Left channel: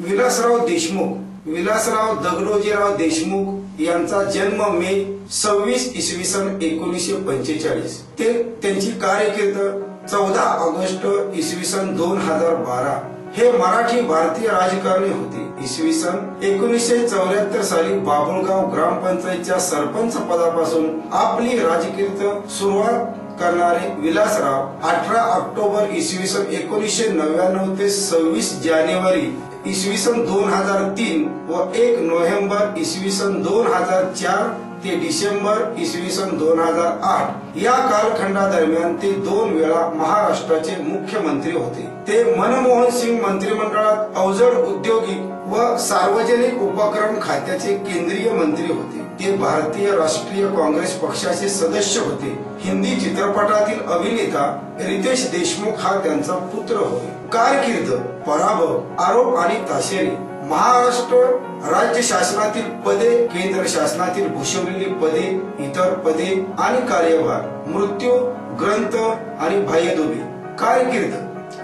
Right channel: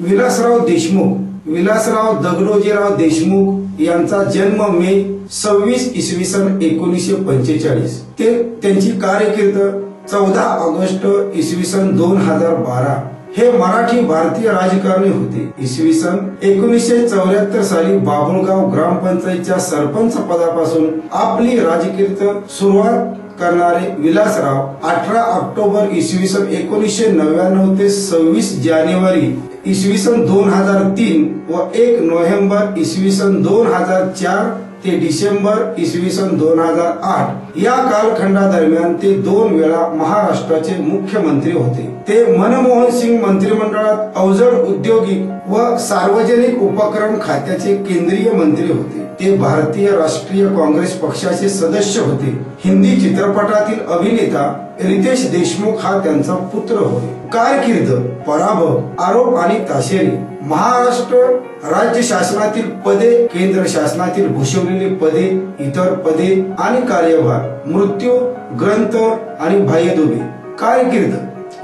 विलासराव दगडोजीराव देशमुख यांचा जन्म मे 26 इसवी सन 1945 ते त्यांची कारकीर्द 14 ऑगस्ट इसवी सन 2012 हे मराठी भारतीय राजकारणी होते। इसवी सन 1974 साली बाबुळगाव ग्रामपंचायतच्या सरपंच पदापासून आपली राजकीय सुरुवात करणारे विलासराव 18 ऑक्टोबर इसवी सन 1999 ते 26 जानेवारी इसवी सन 2003 व 1 नोव्हेंबर इसवी सन 2004 ते डिसेंबर इसवी सन 2008 या कालखंडादरम्यान ते 2 वेळा महाराष्ट्राचे मुख्यमंत्री होते। ते मनमोहन सिंग मंत्रिमंडळात अवजड औद्योगिक व सार्वजनिक उपक्रम खात्याचे केंद्रीय मंत्री होते। ते भारतीय राष्ट्रीय काँग्रेस पक्षाचे सदस्य होते। हिंदी चित्रपटातील अभिनेता रितेश देशमुख हा त्यांचा पुत्र होय। कारकीर्द, पराभव, आरोप आणि ताशेरे, महाराष्ट्र राज्य शासनातील पदे, केंद्र शासनातील भूषवलेली पदे, इतर पदे आणि कार्यभार, मृत्यू, ग्रंथ आणि बाह्यदुबे। कारकीर्द,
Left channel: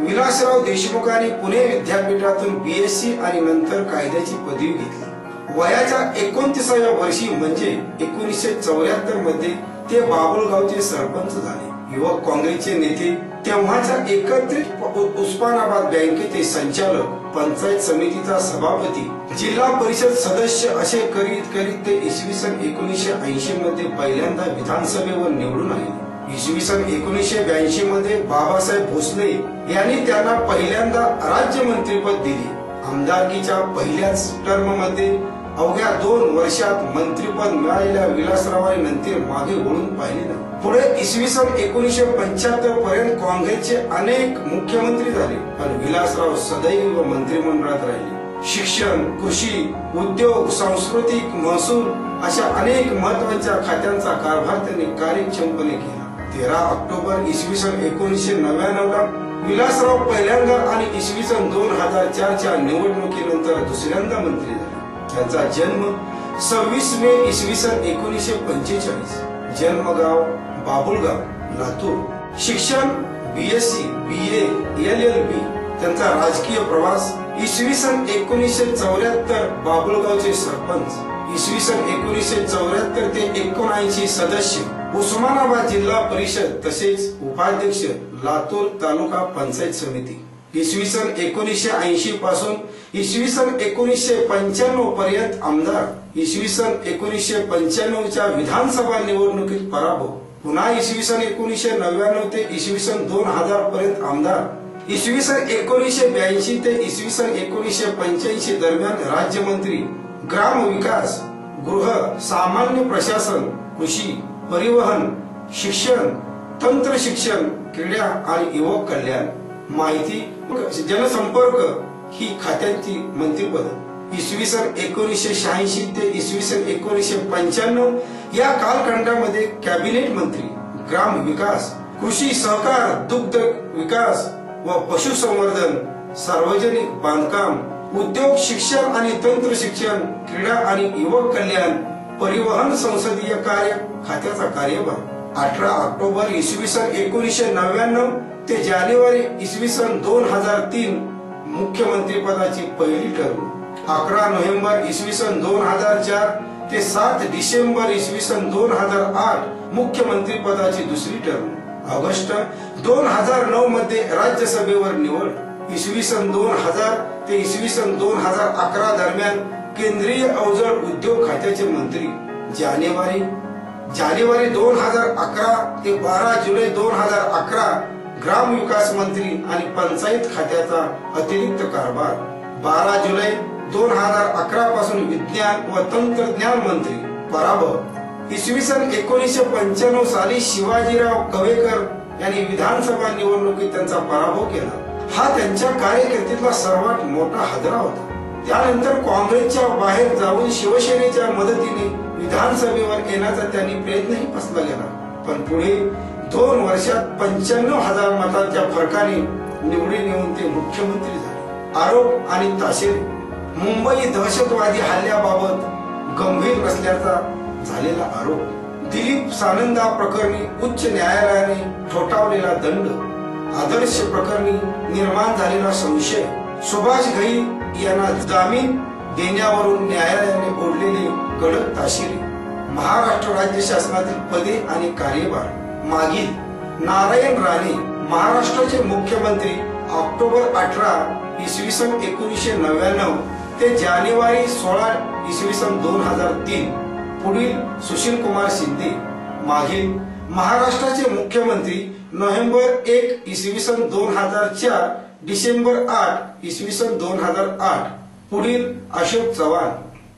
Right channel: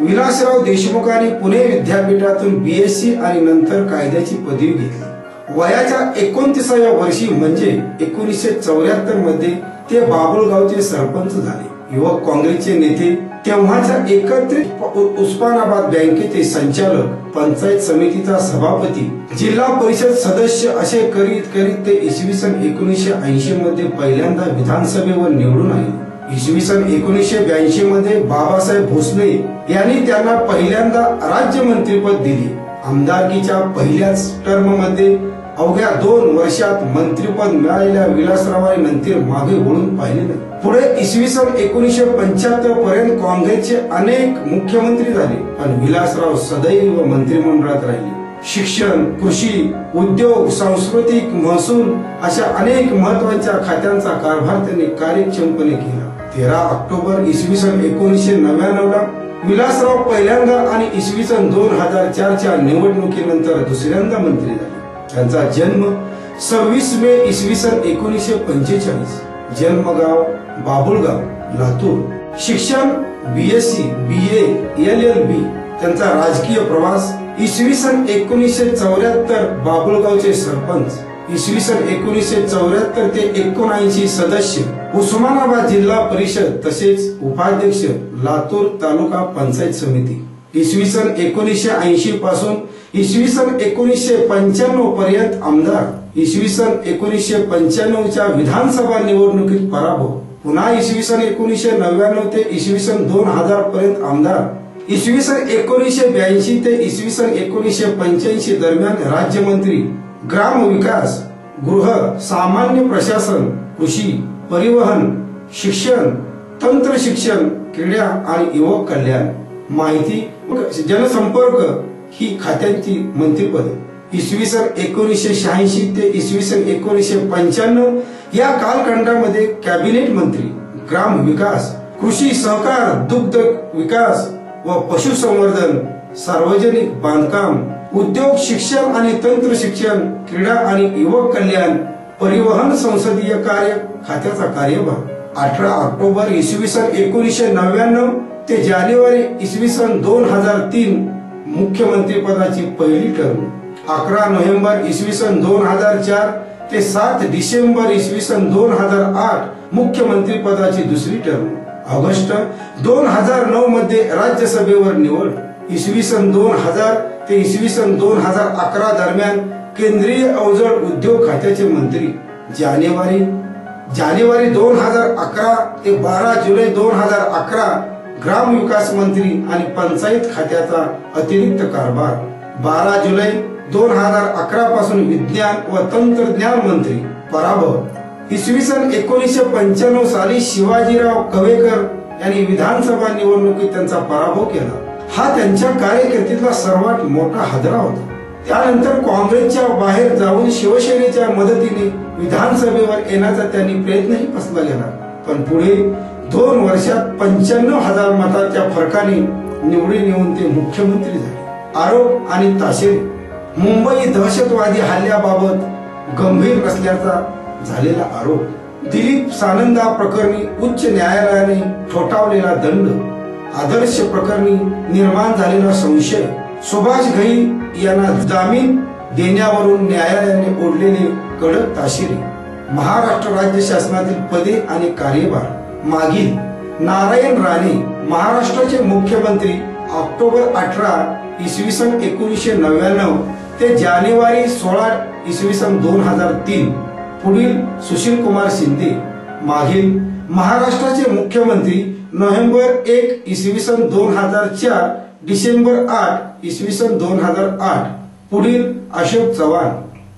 विलासराव देशमुखांनी पुणे विद्यापीठातून बीएससी आणि नंतर कायद्याची पदवी घेतली। वयाच्या 29व्या वर्षी म्हणजे 1974 मध्ये ते बाबुळगावचे सरपंच झाले। युवक काँग्रेसचे नेते, तेव्हाच्या एकत्रित उस्मानाबाद बँकेचे संचालक, पंचायत समितीचा सभापती, जिल्हा परिषद सदस्य असे करीत करीत ते इसवी सन 1980 मध्ये पहिल्यांदा विधानसभेवर निवडून आले। इसवी सन 1982 मध्ये बाबासाहेब भोसले यांनी त्यांना पहिल्यांदा राज्यमंत्रीपद दिले। आमदारकीच्या पहिल्याच टर्म मध्ये अवघ्या 2 वर्षात मंत्रिपद मिळालेल्या विलासरावांनी नंतर मागे वळून पाहिले नाही। पुढे इसवी सन 1975 पर्यंत काँग्रेसचे अनेक मुख्यमंत्री झाले, पण विलासराव सदैव मंत्रिमंडळात राहिले। शिक्षण, कृषी, उद्योग, सांस्कृतिक, महसूल अशा अनेक महत्त्वाच्या खात्यांचा कारभार त्यांनी कार्यक्षमपणे केला। 13 ऑक्टोबर इसवी सन 1999 ला विलासराव पहिल्यांदा आणि इसवी सन 2004 च्या निवडणुकीनंतर दुसऱ्यांदा मंत्री झाले। त्यांचा जन्म 26 मे इसवी सन 1945, जन्मगाव बाबुळगाव, लातूर। शिक्षण बीएससी, बीए, एलएलबी। त्यांचा राजकीय प्रवास इसवी सन 1974 बाबुळगावचे सरपंच, इसवी सन 1974 ते 1979 सदस्य, उस्मानाबाद जिल्हा परिषद तसेच उपाध्यक्ष, लातूर तालुका पंचायत समिती। इसवी सन 1980 पासून इसवी सन 1995 पर्यंत आमदार, इसवी सन 1995 च्या विधानसभा निवडणुकीत पराभव, पुन्हा इसवी सन 1999 ते इसवी सन 2000 पर्यंत आमदार, इसवी सन 1982 ते इसवी सन 1985 दरम्यान राज्यमंत्री, ग्राम विकास, गृह, सामान्य प्रशासन, कृषी, परिवहन, शिक्षण, तंत्र शिक्षण, क्रीडा आणि युवक कल्याण, माहिती जनसंपर्क ही खात्यांची मंत्रिपद। इसवी सन 1986 ते इसवी सन 1995 या कालखंडामध्ये कॅबिनेट मंत्री, ग्राम विकास, कृषी सहकार, दुग्ध विकास व पशुसंवर्धन, सार्वजनिक बांधकाम, उद्योग, शिक्षण आणि तंत्र शिक्षण, क्रीडा आणि युवक कल्याण, परिवहन, संसदीय कार्य खात्याचा कार्यभार। 18 ऑक्टोबर इसवी सन 1999 ते जानेवारी इसवी सन 2003 मुख्यमंत्री पदाची पहिली टर्म। 11 नोव्हेंबर इसवी सन 2004 ते 7 डिसेंबर इसवी सन 2008 मुख्यमंत्री पदाची दुसरी टर्म। ऑगस्ट 2009 मध्ये राज्यसभेवर निवड। इसवी सन 2000 ते इसवी सन 2011 दरम्यान केंद्रीय अवजड उद्योग खात्याचे मंत्री। जानेवारी 2011 ते 12 जुलै 2011 ग्राम विकास मंत्री आणि पंचायत खात्याचा अतिरिक्त कारभार। 12 जुलै 2011 पासून विज्ञान व तंत्रज्ञान मंत्री। पराभव, इसवी सन 1995 साली शिवाजीराव कवेकर यांनी विधानसभा निवडणुकीत त्यांचा पराभव केला। हा त्यांच्या कारकिर्दीतला सर्वात मोठा हादरा होता। त्यानंतर काँग्रेसच्या बाहेर जाऊन शिवसेनेच्या मदतीने विधानसभेवर येण्याचा त्यांनी प्रयत्नही फसला गेला, पण पुढे 2 वर्षात 95,000 मतांच्या फरकाने निवडून येऊन ते मुख्यमंत्री झाले। आरोप आणि ताशेरे, मुंबई दहशतवादी हल्ल्याबाबत गंभीर नसल्याचा झालेला आरोप, दिलीप सानंदा प्रकरणी उच्च न्यायालयाने ठोठावलेला दंड, आदर्श प्रकरणी निर्माण झालेला संशय, सुभाष घई यांना जामीन देण्यावरून न्यायालयाने ओढलेली कडक ताशेरे, महाराष्ट्र राज्य शासनातील पदे आणि कार्यभार मागील नारायण राणे महाराष्ट्राचे मुख्यमंत्री ऑक्टोबर 18 इसवी सन 1999 ते जानेवारी 16 इसवी सन 2003 पुढील सुशील कुमार शिंदे मागील महाराष्ट्राचे मुख्यमंत्री नोव्हेंबर 1 इसवी सन 2004 डिसेंबर 8 इसवी सन 2008 पुढील अशोक चव्हाण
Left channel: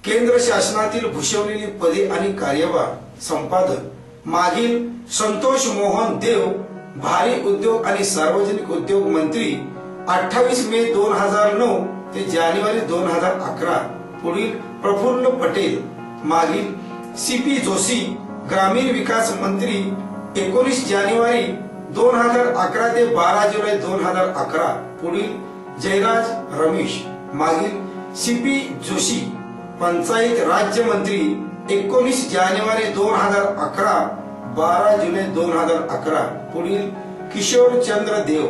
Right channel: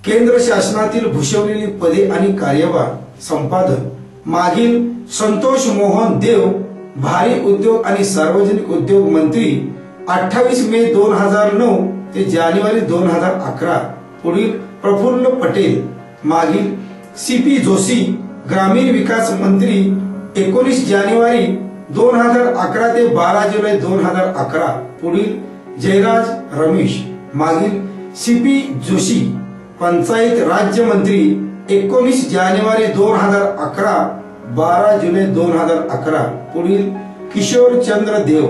केंद्र शासनातील भूषवलेली पदे आणि कार्यभार संपादक मागील संतोष मोहन देव भारी उद्योग आणि सार्वजनिक उद्योग मंत्री 28 मे 2009 ते जानेवारी 2011 पुढील प्रफुल्ल पटेल मागील सीपी जोशी ग्रामीण विकास मंत्री 19 जानेवारी 2011 ते 12 जुलै 2011 पुढील जयराज रमेश मागील सीपी जोशी पंचायत राज्य मंत्री 19 जानेवारी 2011 12 जुलै 2011 पुढील किशोर चंद्र देव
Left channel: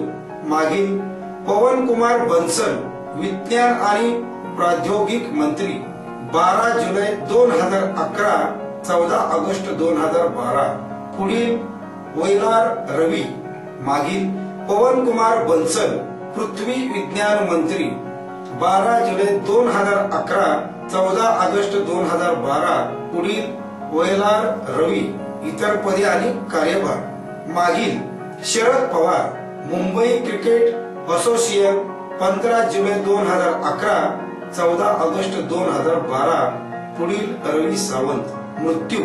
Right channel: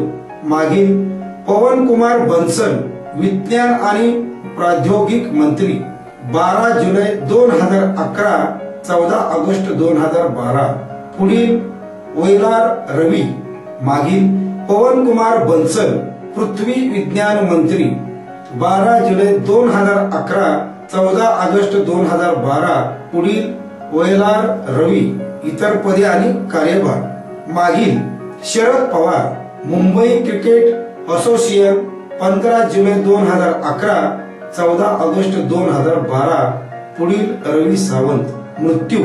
मागील पवन कुमार बन्सल विज्ञान आणि प्रौद्योगिक मंत्री 12 जुलै 2011 14 ऑगस्ट 2012 पुढील वैलार रवी मागील पवन कुमार बन्सल पृथ्वी विज्ञान मंत्री 12 जुलै 2011 14 ऑगस्ट 2012 पुढील वैलार रवी इतर पदे आणि कार्यभार मागील शरद पवार मुंबई क्रिकेट असोसिएशन 15 जुलै 2011 14 ऑगस्ट 2012 पुढील रवी सावंत मृत्यू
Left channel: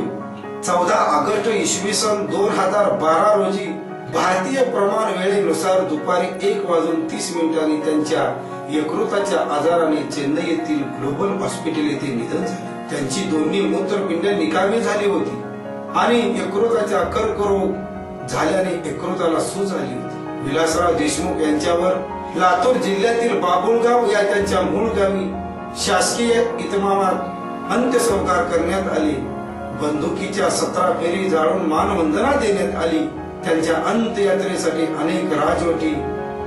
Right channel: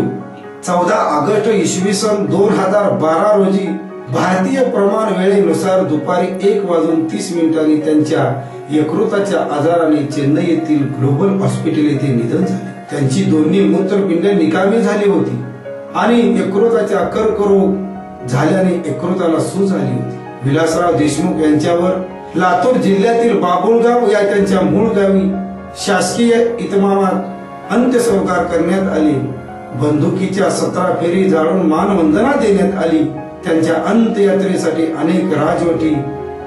14 ऑगस्ट इसवी सन 2012 रोजी भारतीय प्रमाण वेळेनुसार दुपारी 1:30 त्यांच्या यकृताच्या आजाराने चेन्नई येथील ग्लोबल हॉस्पिटल येथे निधन झाले. त्यांची दोन्ही मूत्रपिंड निकामी झाली होती आणि यकृताचा कर्करोग झाल्याने यकृताला सूज आली होती. विलासराव देशमुख यांच्यावर लातूर जिल्ह्यातील बाबुळगाव या त्यांच्या मूळ गावी शासकीय इतमामात अंत्यसंस्कार करण्यात आले. बंदुकीच्या 17 फेरी जाळून मानवंदना देण्यात आली. त्यांच्या अंत्ययात्रेसाठी अनेक राजवटी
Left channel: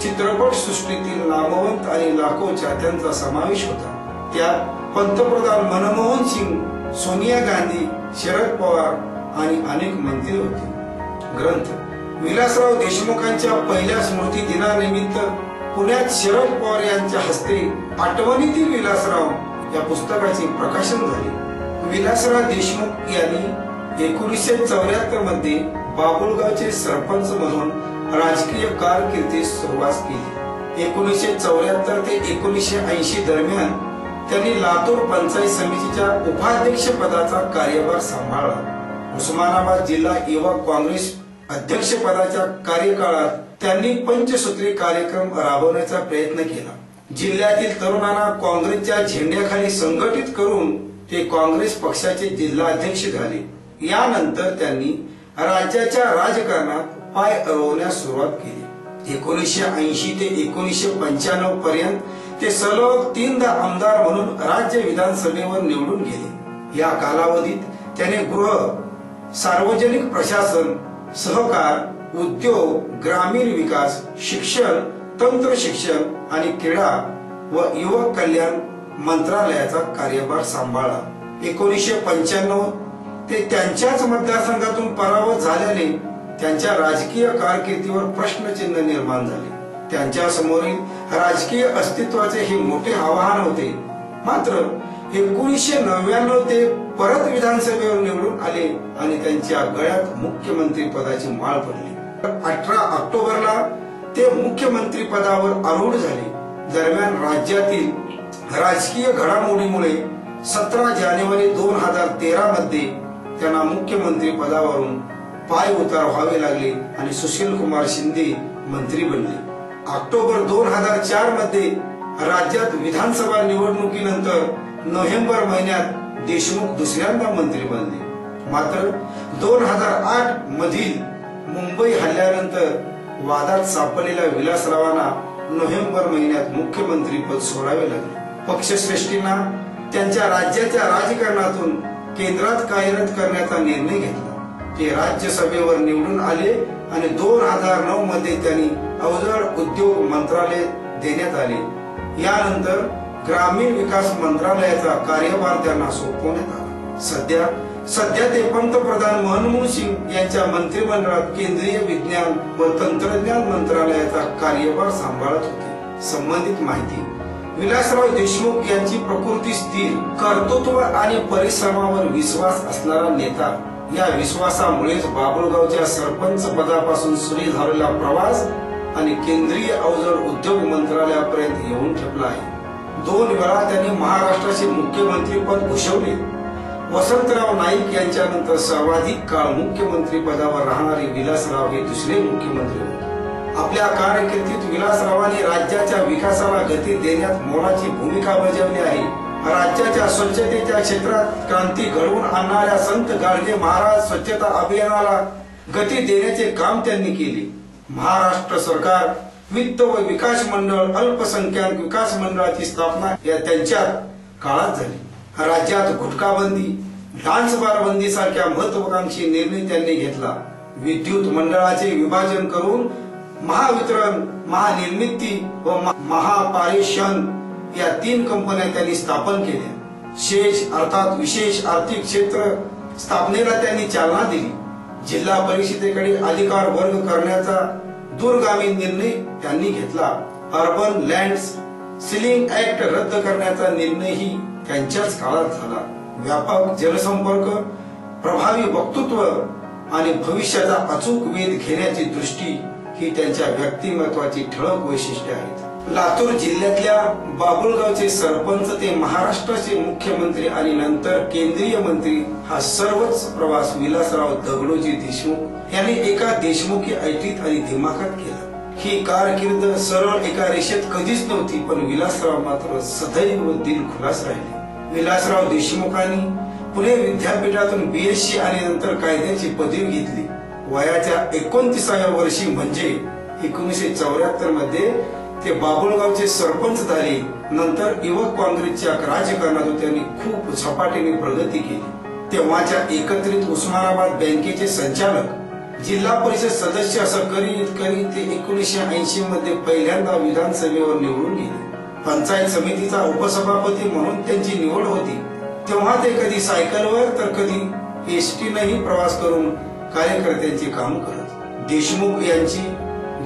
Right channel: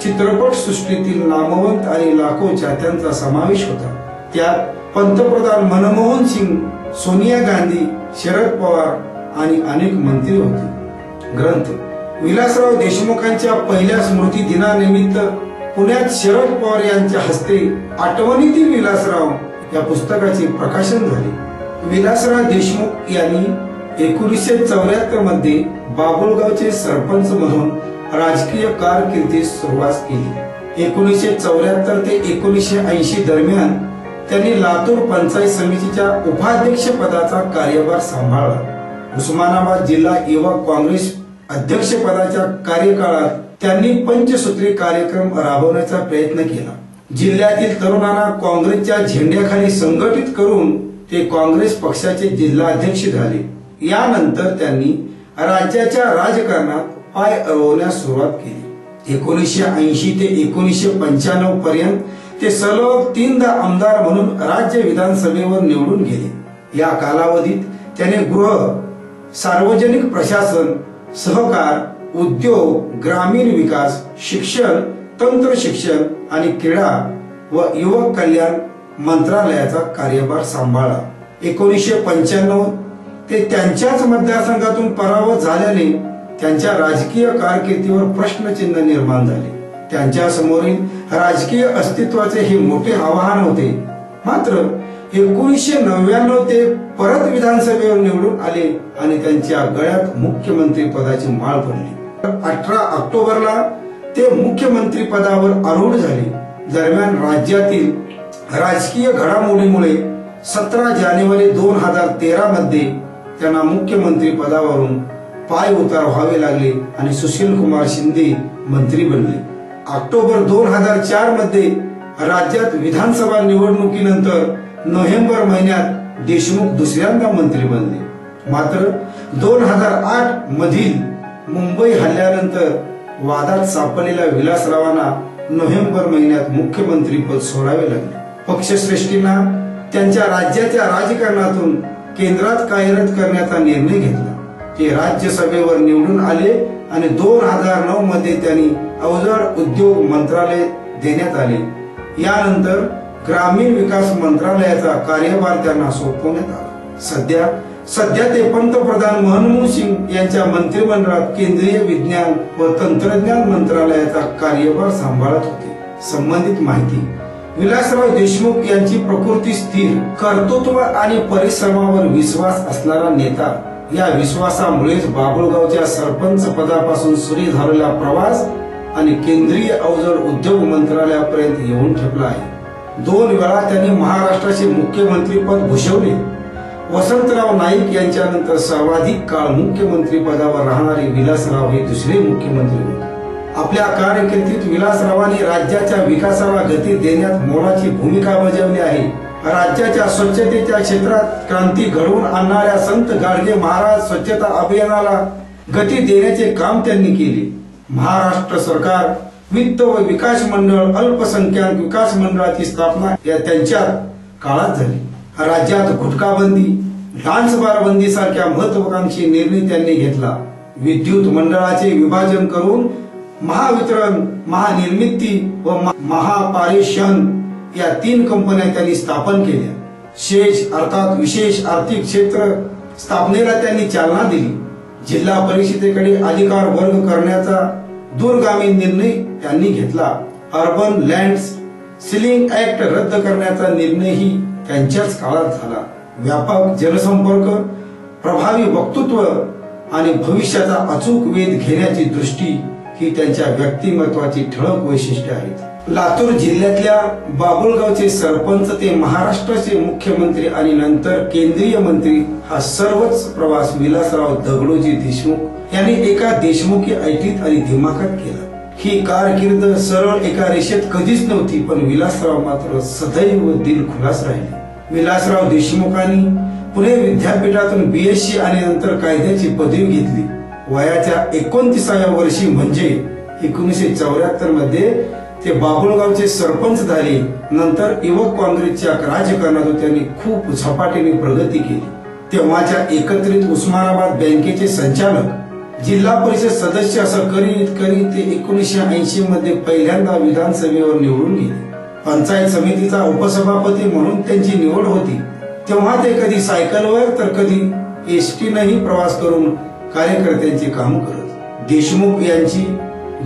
चित्रपट सृष्टीतील नामवंत आणि लाखो चाहत्यांचा समावेश होता. त्यात पंतप्रधान मनमोहन सिंग, सोनिया गांधी, शरद पवार आणि अनेक मंत्री होते. ग्रंथ विलासराव देशमुखांच्या पहिल्या स्मृती दिनानिमित्त पुण्यात शरद पवार यांच्या हस्ते आठवणीतील विलासराव या पुस्तकाचे प्रकाशन झाले. विलासराव देशमुख यांनी 1974 मध्ये बाबुळगावचे सरपंच म्हणून राजकीय कारकिर्दीस सुरुवात केली. 1974 ते 1980 दरम्यान त्यांनी लातूर पंचायत समितीच्या उपाध्यक्ष पदाचा कार्यभार सांभाळला. उस्मानाबाद जिल्हा युवा काँग्रेस अध्यक्ष पदाच्या कार्यकाळात त्यांनी पंचसूत्री कार्यक्रम राबवण्याचा प्रयत्न केला. जिल्ह्यातील तरुणांना काँग्रेसच्या झेंड्याखाली संघटित करून ते काँग्रेस पक्षाचे जिल्हाध्यक्ष झाले. यानंतर त्यांनी राज्याच्या राजकारणात पाय रोवण्यास सुरुवात केली. 1980 ते 1995 पर्यंत ते सलग 3दा आमदार म्हणून राज्य विधानसभेवर निवडून गेले. या कालावधीत त्याने गृह, सार्वजनिक प्रशासन, सहकार, उद्योग, ग्रामीण विकास, शिक्षण, तंत्र शिक्षण आणि क्रीडा व युवक कल्याण मंत्रालयाचा कार्यभार सांभाळला. 1995 ते त्यांच्याच मतदारसंघातून पराभूत झाल्याने त्यांच्या राजकीय कारकिर्दीवर प्रश्नचिन्ह निर्माण झाले. त्यांच्या समोरील राजकीय अस्तित्वाचे हे मोठे आव्हान होते. मात्र 1999 ते परत विधानसभेवर निवडून आले आणि त्यांच्या गळ्यात मुख्यमंत्री पदाची माळ पडली. 18 ऑक्टोबरला ते मुख्यमंत्री पदावर आरूढ झाले. दरम्यान राज्यातील राजकीय घडामोडीमुळे 17 जानेवारी 2013 मध्ये त्यांना मुख्यमंत्री पदावरून पाय उतार व्हावे लागले आणि सुशील कुमार शिंदे मंत्री बनले. ऑक्टोबर 2004 मध्ये राज्यात विधानसभा निवडणुकीनंतर नोव्हेंबर महिन्यात देशमुख दुसऱ्यांदा मंत्री बनले. मात्र 2008 मधील मुंबई हल्ल्यानंतर वादात सापडलेल्या विलासरावांना नोव्हेंबर महिन्यात मुख्यमंत्री पद सोडावे लागले. पक्षश्रेष्ठींना त्यांच्या राज्याच्या राजकारणातून केंद्रात कार्यरत करण्याचा निर्णय घेतला. ते राज्यसभेवर निवडून आले आणि 2009 मध्ये त्यांनी अवजड उद्योग मंत्रालय देण्यात आले. यानंतर ग्रामीण विकास मंत्रालयाचा कार्यभार त्यांना सोपवण्यात आला. सध्या ते पंतप्रधान मनमोहन सिंग यांच्या मंत्रिमंडळात केंद्रीय विज्ञान व तंत्रज्ञान मंत्रालयाचा कार्यभार सांभाळत होते. संबंधित माहिती: विलासराव देशमुख यांची प्रकृती स्थिर, कर्तृत्व आणि परिश्रमावर विश्वास असणारा नेता. या विश्वासामुळेच बाभुळगावच्या सरपंच पदापासून सुरू झालेला प्रवास आणि केंद्रीय अवजड उद्योग मंत्रालयापर्यंत येऊन ठेपला आहे. 2 वेळा त्यांनी महाराष्ट्राचे मुख्यमंत्री पद भूषवले. वसंतराव नाईक यांच्यानंतर सर्वाधिक काळ मुख्यमंत्री पदावर राहणारे विलासराव हे दुसरे मुख्यमंत्री होते. आपल्या कारकिर्दीत विलासरावांनी राज्याच्या विकासाला गती देण्यात मोलाची भूमिका बजावली आहे. राज्याच्या स्वच्छतेच्या क्षेत्रात क्रांती घडवून आणणाऱ्या संत गाडगे महाराज स्वच्छता अभियानाला गती देण्याचे काम त्यांनी केले. महाराष्ट्र सरकार वित्त व विकास मंडळ अल्पसंख्याक विकास मंडळाची स्थापना या त्यांच्या काळात झाली. राज्यात गुटखाबंदी, डान्सबार बंदी सारख्या महत्त्वाकांक्षी निर्णय त्यांनी घेतला. विद्युत मंडळाचे विभाजन करून महावितरण, महानिर्मिती व महापारेषण या 3 कंपन्या त्यांनी स्थापन केल्या. शेष अर्थात विशेष आर्थिक क्षेत्र स्थापनेला त्यांनी चालना दिली. जिल्हा परिषदेकडे अधिकार वर्ग करण्याचा दूरगामी निर्णय त्यांनी घेतला. अर्बन लँड सीलिंग ऍक्ट रद्द करण्याचा निर्णयही त्यांच्याच काळात झाला. व्यापक जनसंपर्क, प्रभावी वक्तृत्व आणि भविष्याचा अचूक वेध घेण्याची दृष्टी ही त्यांच्या व्यक्तिमत्वाची ठळक वैशिष्ट्ये आहेत. लातूर जिल्ह्यातल्या बाभुळगावचे सरपंच ते महाराष्ट्राचे मुख्यमंत्री आणि नंतर केंद्रीय मंत्री हा सर्वच प्रवास विलासराव दगडोजी देशमुख यांनी एका देशमुखी ऐटीत आणि दिमाखात केला. ही कारकीर्द सरळ एका रेषेत कधीच नव्हती, पण विलासराव मात्र सदैव दिलखुलास राहिले. विलासराव देशमुखांनी पुणे विद्यापीठातून BSc आणि नंतर कायद्याची पदवी घेतली. वयाच्या 29व्या वर्षी म्हणजे 1974 मध्ये ते बाभुळगावचे सरपंच झाले. नंतर युवक काँग्रेसच्या राजकारणात त्यांनी खूप झपाट्याने प्रगती केली. तेव्हाच्या एकत्रित उस्मानाबाद बँकेचे संचालक, जिल्हा परिषद सदस्य असं करीत करीत ते 1980 मध्ये पहिल्यांदा विधानसभेवर निवडून गेले. पंचायत समितीचा उपसभापती म्हणून त्यांची निवड होती. तेव्हा ते कधी सायकलवर तर कधी एसटीनेही प्रवास करून कार्यकर्त्यांचे काम करत. देशमुख यांची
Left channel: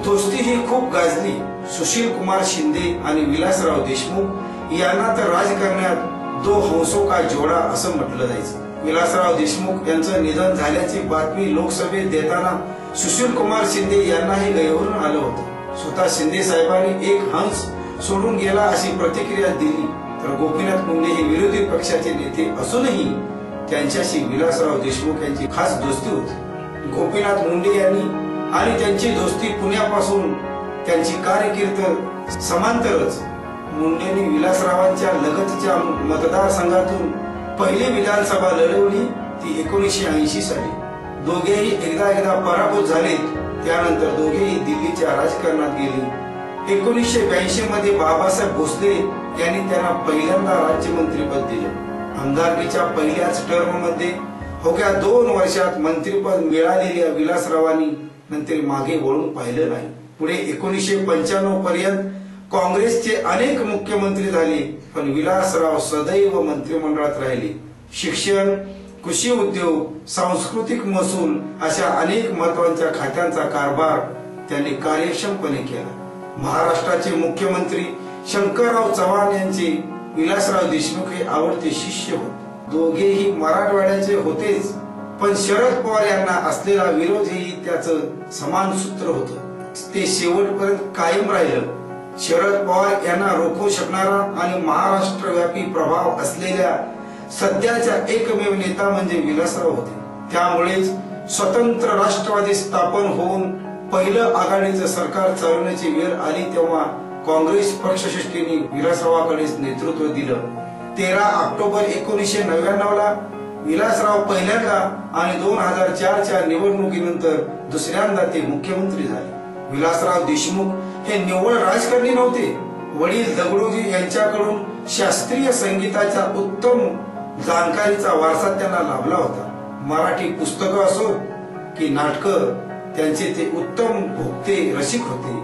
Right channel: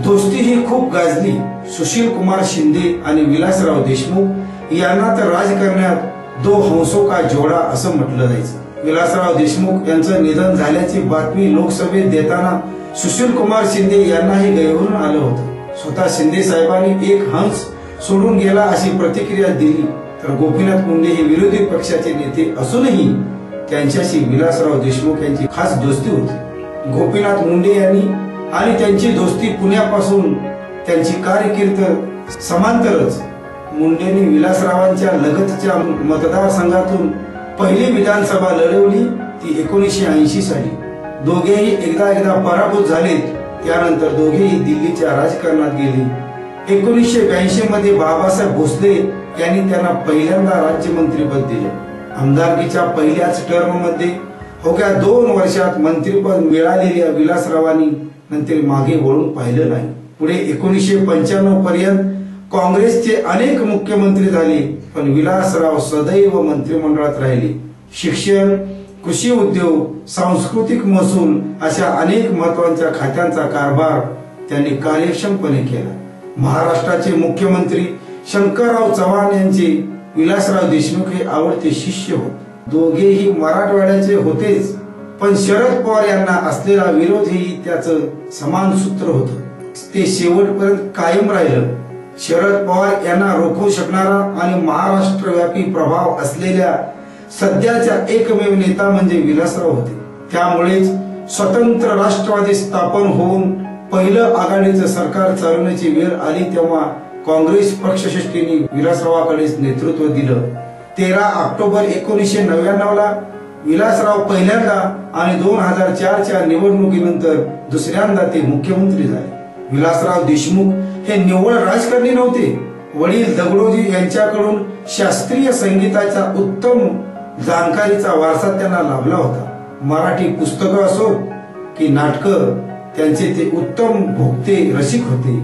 दोस्ती ही खूप गाजली. सुशील कुमार शिंदे आणि विलासराव देशमुख यांना तर राजकारणात 2 हंसों का जोडा असं म्हटलं जायचं. विलासराव देशमुख यांचं निधन झाल्याची बातमी लोकसभेत देताना सुशील कुमार शिंदे यांनाही गैरवरून आलं होतं. स्वतः शिंदे साहेबांनी 1 हंस सोडून गेला अशी प्रतिक्रिया दिली. तर गोपीनाथ मुंडे हे विरोधी पक्षाचे नेते असूनही त्यांच्याशी विलासराव देशमुख यांची खास दोस्ती होती. गोपीनाथ मुंडे यांनी आणि त्यांची दोस्ती पुण्यापासून त्यांची कारकीर्द समांतरच. मुंडेंनी विलासरावांच्या लगतच्या मतदारसंघातून पहिली विधानसभा लढवली, ती 1980 साली. दोघेही एकदा पराभूत झाले. त्यानंतर दोघेही दिल्लीच्या राजकारणात गेले. 1982 मध्ये बाबासाहेब भोसले यांनी त्यांना पहिल्यांदा राज्यमंत्रीपद दिले. आमदारकीच्या पहिल्याच टर्म मध्ये अवघ्या 2 वर्षात मंत्रीपद मिळालेल्या विलासरावांनी नंतर मागे वळून पाहिलं नाही. पुढे 1995 पर्यंत काँग्रेसचे अनेक मुख्यमंत्री झाले, पण विलासराव सदैव मंत्रिमंडळात राहिले. शिक्षण, कृषी उद्योग, सांस्कृतिक महसूल अशा अनेक महत्वाच्या खात्यांचा कारभार त्यांनी कार्यक्षमपणे केला. महाराष्ट्राचे मुख्यमंत्री शंकरराव चव्हाण यांचे विलासराव देशमुख हे आवडते शिष्य होते. दोघेही मराठवाड्याचे होतेच, पण शरद पवार यांना असलेला विरोधही त्याचं समान सूत्र होतं. ते शेवटपर्यंत कायम राहिलं. शरद पवार यांना रोखू शकणारा आणि महाराष्ट्रव्यापी प्रभाव असलेल्या सध्याचा एकमेव नेता म्हणजे विलासराव होते. त्यामुळेच स्वतंत्र राष्ट्रवादी स्थापन होऊन पहिलं आघाडीचं सरकार चालवण्याची वेळ आली तेव्हा काँग्रेस पक्षश्रेष्ठींनी विलासरावाकडेच नेतृत्व दिलं. 13 ऑक्टोबर 1999 ला विलासराव पहिल्यांदा आणि 2004च्या निवडणुकीनंतर दुसऱ्यांदा ते मुख्यमंत्री झाले. विलासराव देशमुख हे निव्वळ राजकारणी नव्हते. वडील दगडोजी यांच्याकडून शास्त्रीय संगीताच्या उत्तम जाणकारीचा वारसा त्यांना लाभला होता. मराठी पुस्तकं असोत की नाटकं, त्यांचे ते उत्तम भोगते रसिक होते.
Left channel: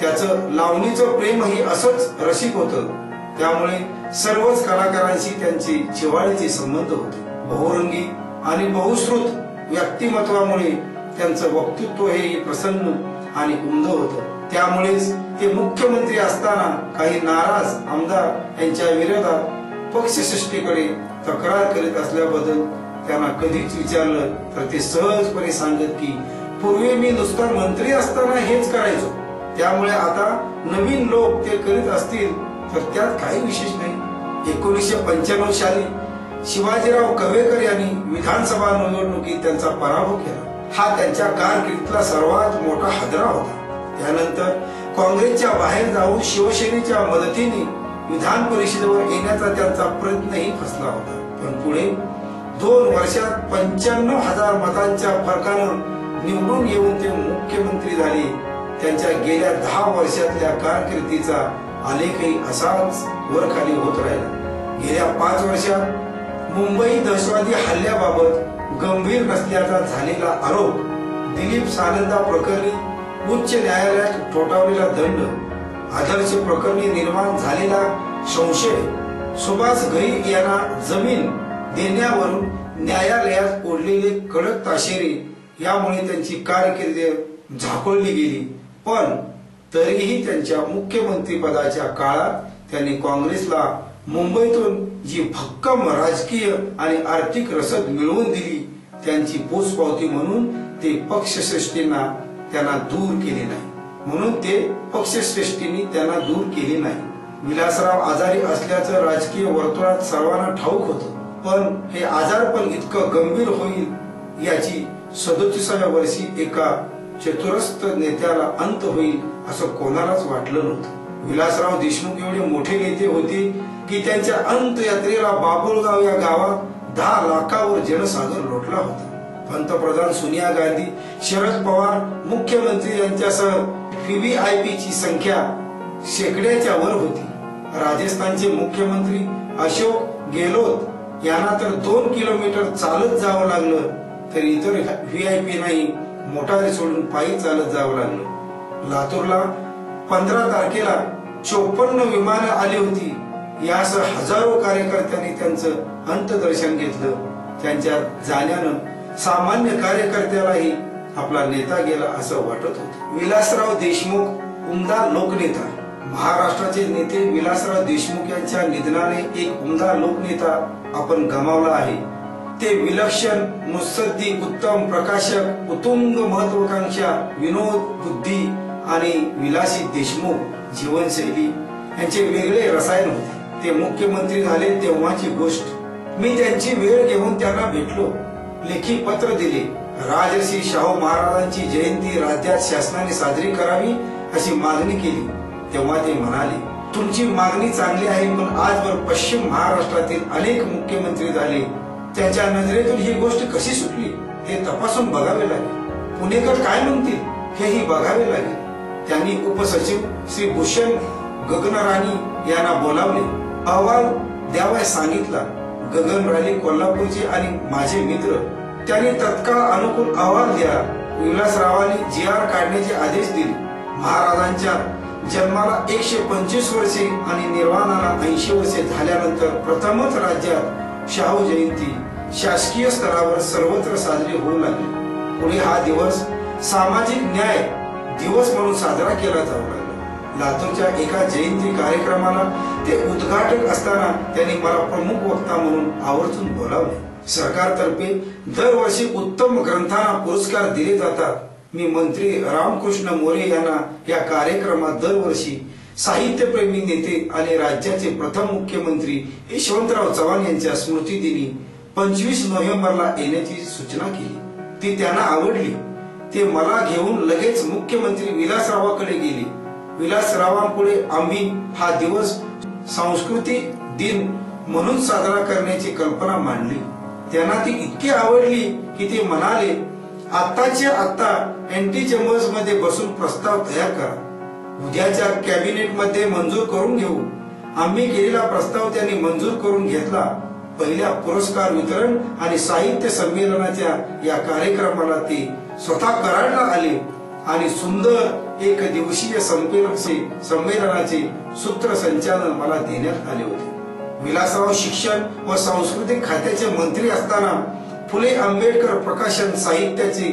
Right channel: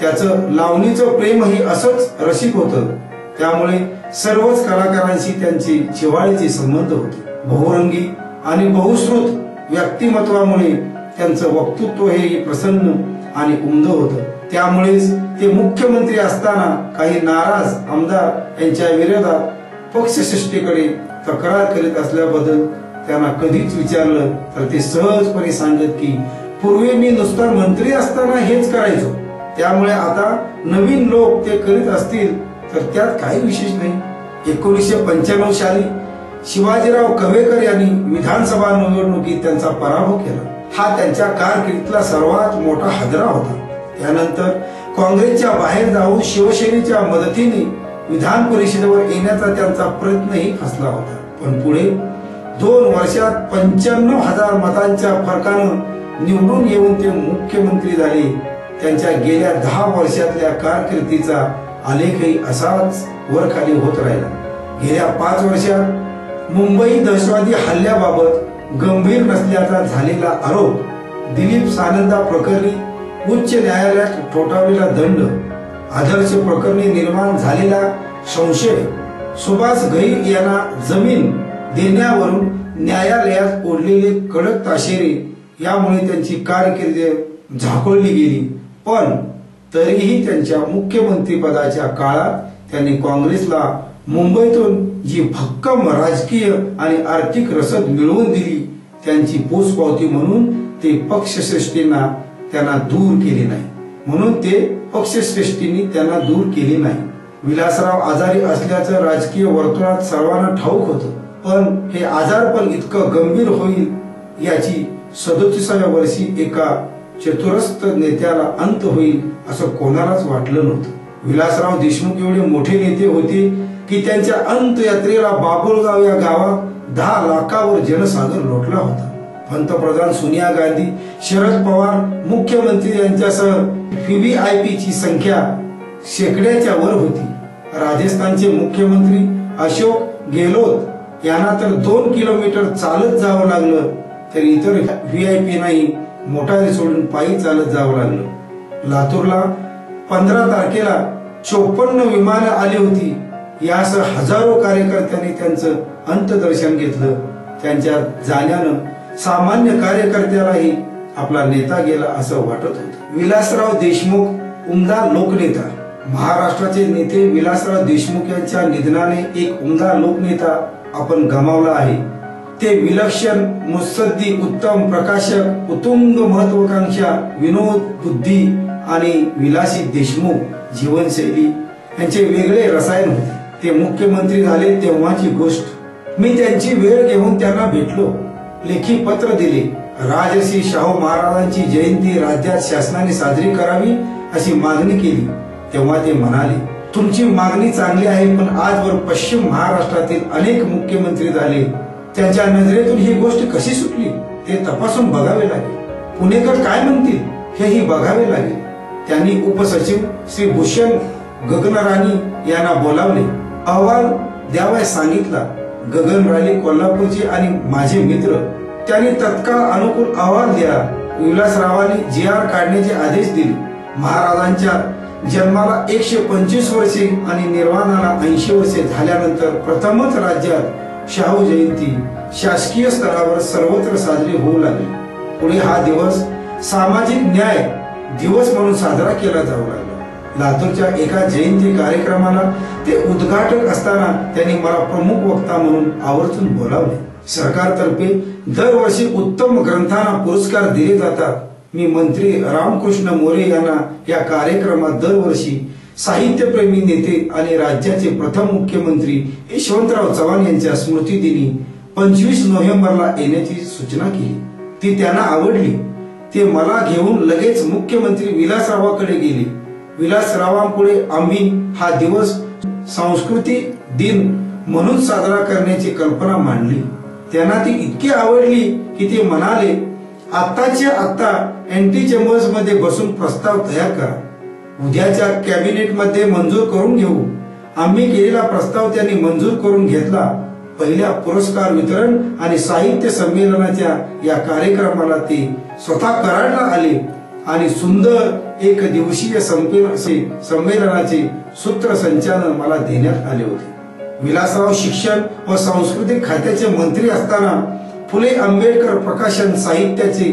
त्याचं लावणीचं प्रेमही असंच रसिक होतं. त्यामुळे सर्वच कलाकारांशी त्यांचे जिव्हाळ्याचे संबंध होते. बहुरंगी आणि बहुश्रुत व्यक्तिमत्वामुळे त्यांचं वक्तृत्व हे प्रसन्न आणि उमद होतं. त्यामुळेच ते मुख्यमंत्री असताना काही नाराज आमदार यांच्या विरोधात पक्षश्रेष्ठीकडे तक्रार करीत असल्याबद्दल त्यांना कधीच विचारलं तर ते सहजपणे सांगत की पूर्वी मी नुसता मंत्री असताना हेच करायचो, त्यामुळे आता नवीन लोक ते करीत असतील तर त्यात काही विशेष नाही. 1995 साली शिवाजीराव कवेकर यांनी विधानसभा निवडणुकीत त्यांचा पराभव केला. हा त्यांच्या कारकिर्दीतला सर्वात मोठा हादरा होता. त्यानंतर काँग्रेसच्या बाहेर जाऊन शिवसेनेच्या मदतीने विधान परिषदेवर येण्याचा त्यांचा प्रयत्नही फसला होता. पण पुढे 2 वर्षात 95,000 मतांच्या फरकानं निवडून येऊन ते मुख्यमंत्री झाले. त्यांच्या गेल्या 10 वर्षातल्या कारकिर्दीचा आलेखही असाच वरखाली होत राहिला. गेल्या 5 वर्षात मुंबई दहशतवादी हल्ल्याबाबत गंभीर नसल्याचा झालेला आरोप, दिलीप सानंदा प्रकरणी उच्च न्यायालयात ठोठावलेला दंड, आदर्श प्रकरणी निर्माण झालेला संशय, सुभाष घई यांना जमीन देण्यावरून न्यायालयात ओढलेले कडक ताशेरे यामुळे त्यांची कारकीर्द झाकोळली गेली. पण तरीही त्यांच्या मुख्यमंत्री पदाच्या काळात त्यांनी काँग्रेसला मुंबईतून जी भक्कम राजकीय आणि आर्थिक रसद मिळवून दिली त्यांची पोचपावती म्हणून ते पक्षश्रेष्ठींना त्यांना दूर केले नाही. म्हणून ते पक्षश्रेष्ठींनी त्यांना दूर केले नाही. विलासराव आजारी असल्याचं राजकीय वर्तुळात सर्वांना ठाऊक होतं. पण हे आजारपण इतकं गंभीर होईल याची 37व्या वर्षी एका चतुरस्र नेत्याला अंत होईल असं कोणालाच वाटलं नव्हतं. विलासराव देशमुख एवढे मोठे नेते होते की त्यांच्या अंतयात्रेला बाबुळगाव या गावात 10 लाखावर जनसागर लोटला होता. पंतप्रधान सोनिया गांधी, शरद पवार मुख्यमंत्री यांच्यासह VVIP ची संख्या शेकड्याच्या वर होती. राजस्थानचे मुख्यमंत्री अशोक गेहलोत यांना तर 2 किलोमीटर चालत जावं लागलं, तर इतर VIP नाही मोटारी सोडून पायी चालत जावं लागलं. लातूरला 15 तारखेला 54 विमानं आली होती. यासह हजारो कार्यकर्त्यांनी त्यांचं अंत्यदर्शन घेतलं. त्यांच्या जाण्यानं सामान्य कार्यकर्त्यालाही आपला नेता गेला असं वाटत होतं. विलासराव देशमुख उमदा लोकनेता. महाराष्ट्राचे नेते विलासराव देशमुख यांच्या निधनाने एक उमदा लोकनेता आपण गमावला आहे. ते विलक्षण, मुत्सद्दी, उत्तम प्रकाशक, उत्तुंग महत्वाकांक्षा, विनोद, बुद्धी आणि विलासी देशमुख जीवनशैली यांचे वेगळे रसायन होते. ते मुख्यमंत्री झाले तेव्हाची गोष्ट. मी त्यांची वेळ घेऊन त्यांना भेटलो, लेखी पत्र दिले. राजर्षी शाहू महाराजांची जयंती राज्यात शासनाने साजरी करावी अशी मागणी केली. तेव्हा ते म्हणाले, तुमची मागणी चांगली आहे, पण आजवर पश्चिम महाराष्ट्रातील अनेक मुख्यमंत्री झाले, त्यांच्या नजरेतून ही गोष्ट कशी सुटली ते तपासून बघावे लागेल. पुणेकर काय म्हणतील हेही बघावे लागेल. त्यांनी उपसचिव श्री भूषण गगनराणी यांना बोलावले, अहवाल द्यावयास सांगितला. गगनराणी कोल्हापूरचे आणि माझे मित्र. त्यांनी तत्काळ अनुकूल अहवाल दिला. विलासरावांनी GR काढण्याचे आदेश दिले. महाराजांच्या जन्माला 125 वर्षे आणि निर्वाणाला 80 वर्षे झाल्यानंतर प्रथमच राज्यात शाहू जयंती शासकीय स्तरावर सर्वत्र साजरी होऊ लागली. पुढे हा दिवस सामाजिक न्याय दिवस म्हणून साजरा केला जाऊ लागला. लातूरच्या एका जयंती कार्यक्रमाला ते उद्घाटक असताना त्यांनी मला प्रमुख वक्ता म्हणून आवर्जून बोलावले. सरकारतर्फे दरवर्षी उत्तम ग्रंथांना पुरस्कार दिले जातात. मी मंत्री रामकृष्ण मोरे यांना या कार्यक्रमात दरवर्षी साहित्यप्रेमी नेते आणि राज्याचे प्रथम मुख्यमंत्री यशवंतराव चव्हाण यांच्या स्मृतिदिनी 25 नोव्हेंबरला येण्याची सूचना केली. ती त्यांना आवडली. ते मला घेऊन लगेच मुख्यमंत्री विलासरावांकडे गेले. विलासरावांपुढे आम्ही हा दिवस सांस्कृतिक दिन म्हणून साजरा करण्याची कल्पना मांडली. त्यांना ती इतकी आवडली की ते म्हणाले, आत्ताच्या आत्ता एंटी चेंबर्स मध्ये बसून प्रस्ताव तयार करा. उद्याच्या कॅबिनेट मध्ये मंजूर करून घेऊ. आम्ही केलेला प्रस्ताव त्यांनी मंजूर करून घेतला. पहिल्या पुरस्कार वितरण आणि साहित्य संमेलनाच्या या कार्यक्रमाला ते स्वतः कराडला आले. आणि सुंदर एक दिवसीय संमेलनाचे सूत्रसंचालन मला देण्यात आले होते. विलासराव शिक्षण व सांस्कृतिक खात्याचे मंत्री असताना फुले आंबेडकर प्रकाशन साहित्याचे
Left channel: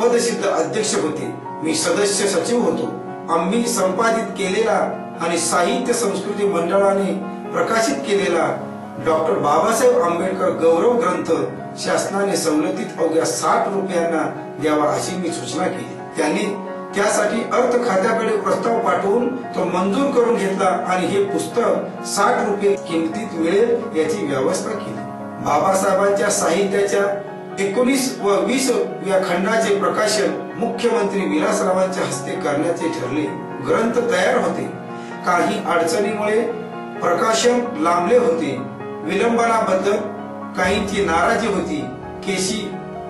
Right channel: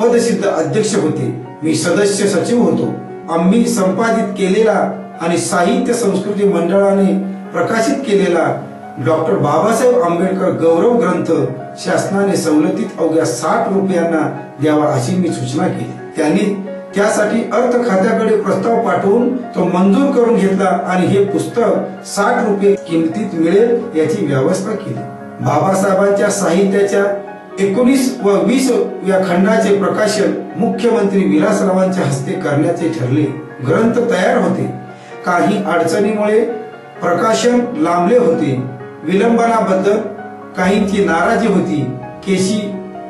पदसिद्ध अध्यक्ष होते. मी सदस्य सचिव होतो. आम्ही संपादित केलेला आणि साहित्य संस्कृती मंडळाने प्रकाशित केलेला डॉक्टर बाबासाहेब आंबेडकर गौरव ग्रंथ शासनाने सवलतीत अवघ्या 60 रुपयांना द्यावा अशी मी सूचना केली. त्यांनी त्यासाठी अर्थ खात्याकडे प्रस्ताव पाठवून तो मंजूर करून घेतला आणि हे पुस्तक 60 रुपये किमतीत मिळेल याची व्यवस्था केली. बाबासाहेबांच्या साहित्याच्या 19 व 20 या खंडाचे प्रकाशन मुख्यमंत्री विलासरावांच्या हस्ते करण्याचे ठरले. ग्रंथ तयार होते. काही अडचणीमुळे प्रकाशन लांबले होते. विलंबनाबद्दल काहींची नाराजी होती. केसी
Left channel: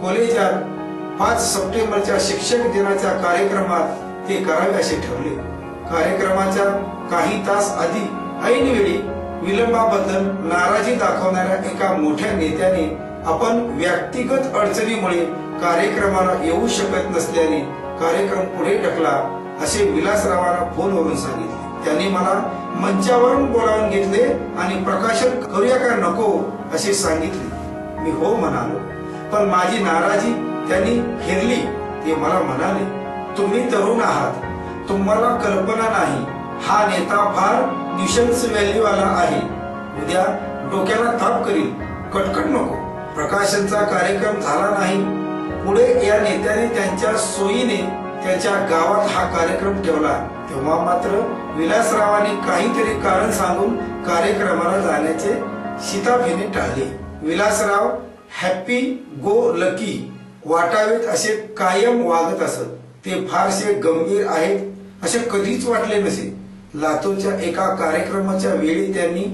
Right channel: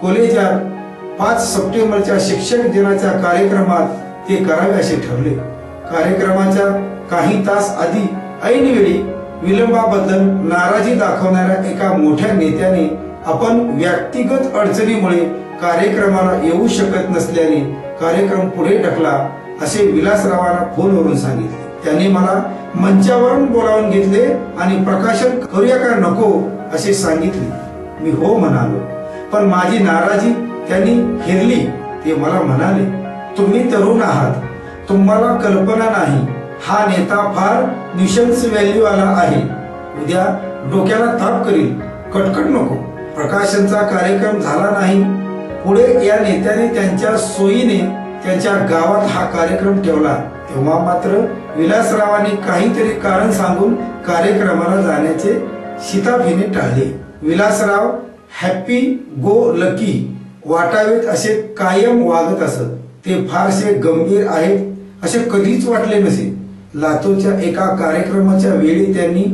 कॉलेजात 5 सप्टेंबरच्या शिक्षक दिनाच्या कार्यक्रमात ते करावे असे ठरले. कार्यक्रमाच्या काही तास आधी ऐनवेळी विलंबाबद्दल नाराजी दाखवणाऱ्या एका मोठ्या नेत्याने आपण व्यक्तिगत अडचणीमुळे कार्यक्रमाला येऊ शकत नसल्याने कार्यक्रम पुढे ढकला असे विलासरावांना फोनवरून सांगितले. त्यांनी मला मंचावरून बोलावून घेतले आणि प्रकाशन करूया का नको असे सांगितले. मी हो म्हणालो, पण माझी नाराजी त्यांनी हेरली. ते मला म्हणाले, तुम्ही तरुण आहात, तुम्हाला कल्पना नाही, हा नेता फार न्यूशन्स व्हॅल्यू आला आहे, उद्या डोक्याला ताप करील, कटकट नको. प्रकाशनचा कार्यक्रम झाला नाही. पुढे या नेत्याने त्यांच्या सोयीने त्यांच्या गावात हा कार्यक्रम ठेवला. तेव्हा मात्र विलासरावांनी काहीतरी कारण सांगून कार्यक्रमाला जाण्याचे शिताफीने टाळले. विलासराव हॅपी गो लकी वाटावेत असे कायम वागत असत. ते फारसे गंभीर आहेत असे कधीच वाटले नसे. लातूरच्या एका कार्यक्रमाच्या वेळी त्यांनी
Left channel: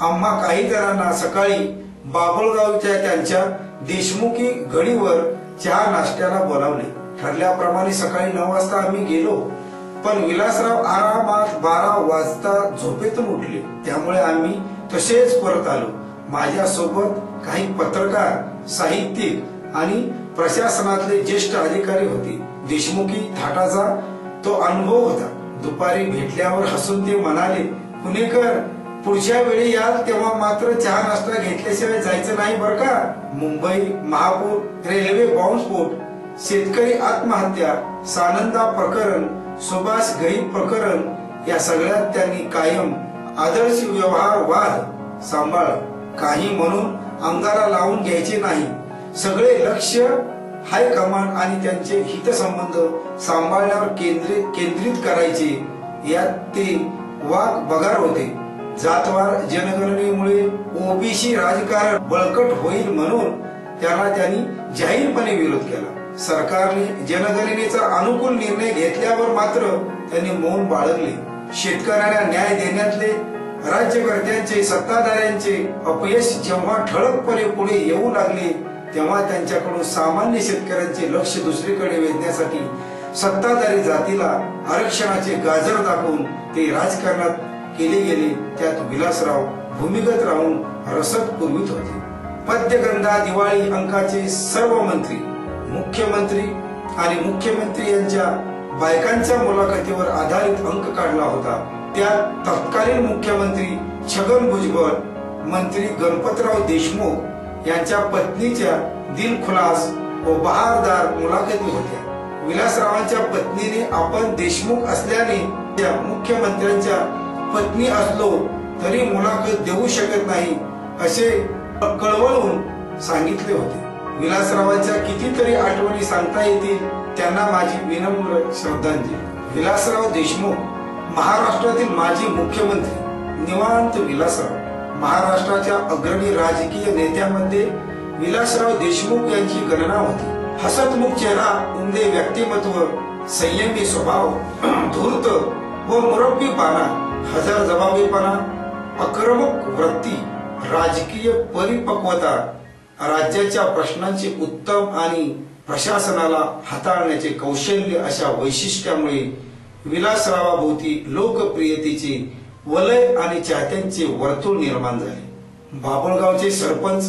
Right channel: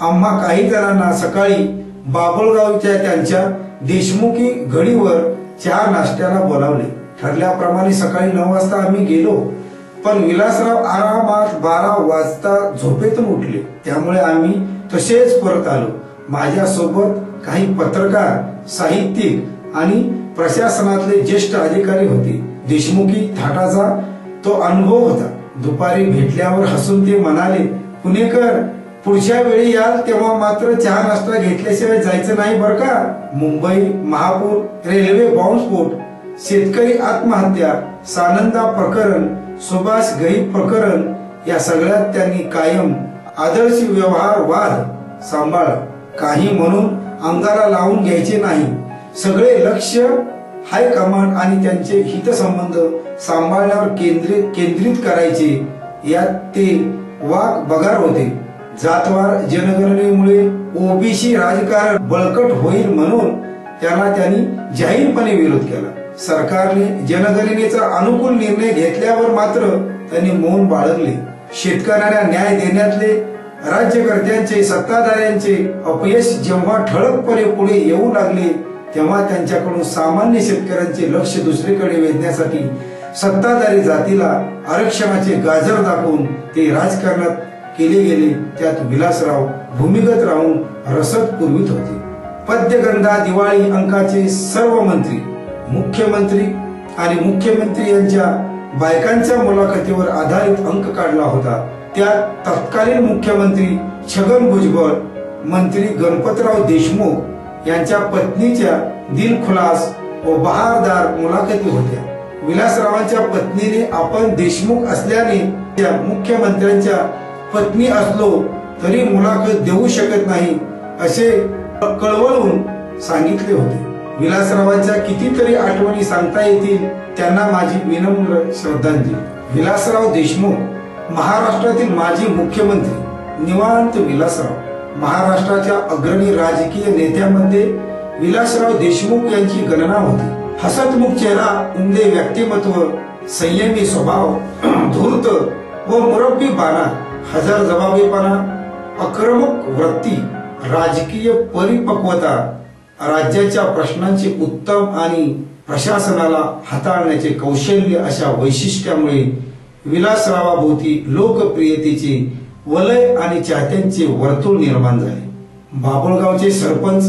आम्हा काही जणांना सकाळी बाभळगावच्या त्यांच्या देशमुखी घडीवर चहा नाश्त्याला बोलावले. ठरल्याप्रमाणे सकाळी 9 वाजता आम्ही गेलो, पण विलासराव आरामात 12 वाजता झोपेतून उठले. त्यामुळे आम्ही तसेच परत आलो. माझ्या सोबत काही पत्रकार, साहित्यिक आणि प्रशासनातले ज्येष्ठ अधिकारी होते. देशमुखी थाटाचा तो अनुभव होता. दुपारी भेटल्यावर हसून ते म्हणाले, पुणेकर, पुढच्या वेळी याल तेव्हा मात्र चहा नाश्ता घेतल्याशिवाय जायचं नाही बरं का. मुंबई महापूर, रेल्वे बॉम्बस्फोट, शेतकरी आत्महत्या, सानंदा प्रकरण, सुभाष गरीब प्रकरण या सगळ्यात त्यांनी कायम आदर्श व्यवहार वाद सांभाळला. काही म्हणून अंगाला लावून घ्यायचे नाही. सगळे लक्ष हायकमांड आणि त्यांचे हितसंबंध सांभाळण्यावर केंद्रित करायचे. यात ते वाक बगार होते. जातवार जनगणनेमुळे ओबीसी राजकारण बळकट होईल म्हणून त्याला त्यांनी जाहीरपणे विरोध केला. सरकारने जनगणनेचा अनुकूल निर्णय घेतल्यावर मात्र त्यांनी मौन बाळगले. शेतकऱ्यांना न्याय देण्यातले राज्यकर्त्यांचे, सत्ताधाऱ्यांचे अपयश जेव्हा ठळकपणे पुढे येऊ लागले तेव्हा त्यांच्याकडून सामान्य शेतकऱ्यांचे लक्ष दुसरीकडे वेधण्यासाठी सत्ताधारी जातीला आरक्षणाचे गाजर दाखवून ते राजकारणात केले गेले. त्यात विलासराव भूमिगत राहून रसद पुरवित होते. पद्यगंधा दिवाळी अंकाचे सर्व मंत्री, मुख्यमंत्री आणि मुख्यमंत्री यांच्या बायकांच्या मुलाखतीवर आधारित अंक काढला होता. त्यात तत्कालीन मुख्यमंत्री छगन भुजबळ, मंत्री गणपतराव देशमुख यांच्या पत्नीच्या दिलखुलास व बहारदार मुलाखती होत्या. विलासरावांच्या पत्नीने आपण देशमुख असल्याने त्या मुख्यमंत्र्यांच्या पत्नी असलो तरी मुलाखत देऊ शकत नाही असे कळवळून सांगितले होते. विलासरावांच्या कितीतरी आठवणी सांगता येतील. त्यांना माझी विनम्र श्रद्धांजली. विलासराव देशमुख महाराष्ट्रातील माजी मुख्यमंत्री निवांत विलासराव. महाराष्ट्राच्या अग्रणी राजकीय नेत्यांमध्ये विलासराव देशमुख यांची गणना होती. हसतमुख चेहरा, उमदे व्यक्तिमत्व, संयमी स्वभाव, धूर्त व मुरब्बी बाणा, हजरजबाबीपणा, आक्रमक वृत्ती, राजकीय परिपक्वता, राज्याच्या प्रश्नांचे उत्तम आणि प्रशासनाला हाताळण्याचे कौशल्य अशा वैशिष्ट्यामुळे विलासरावाभोवती लोकप्रियतेचे वलय आणि चाहत्यांचे वर्तुळ निर्माण झाले. बाभळगावचे सरपंच,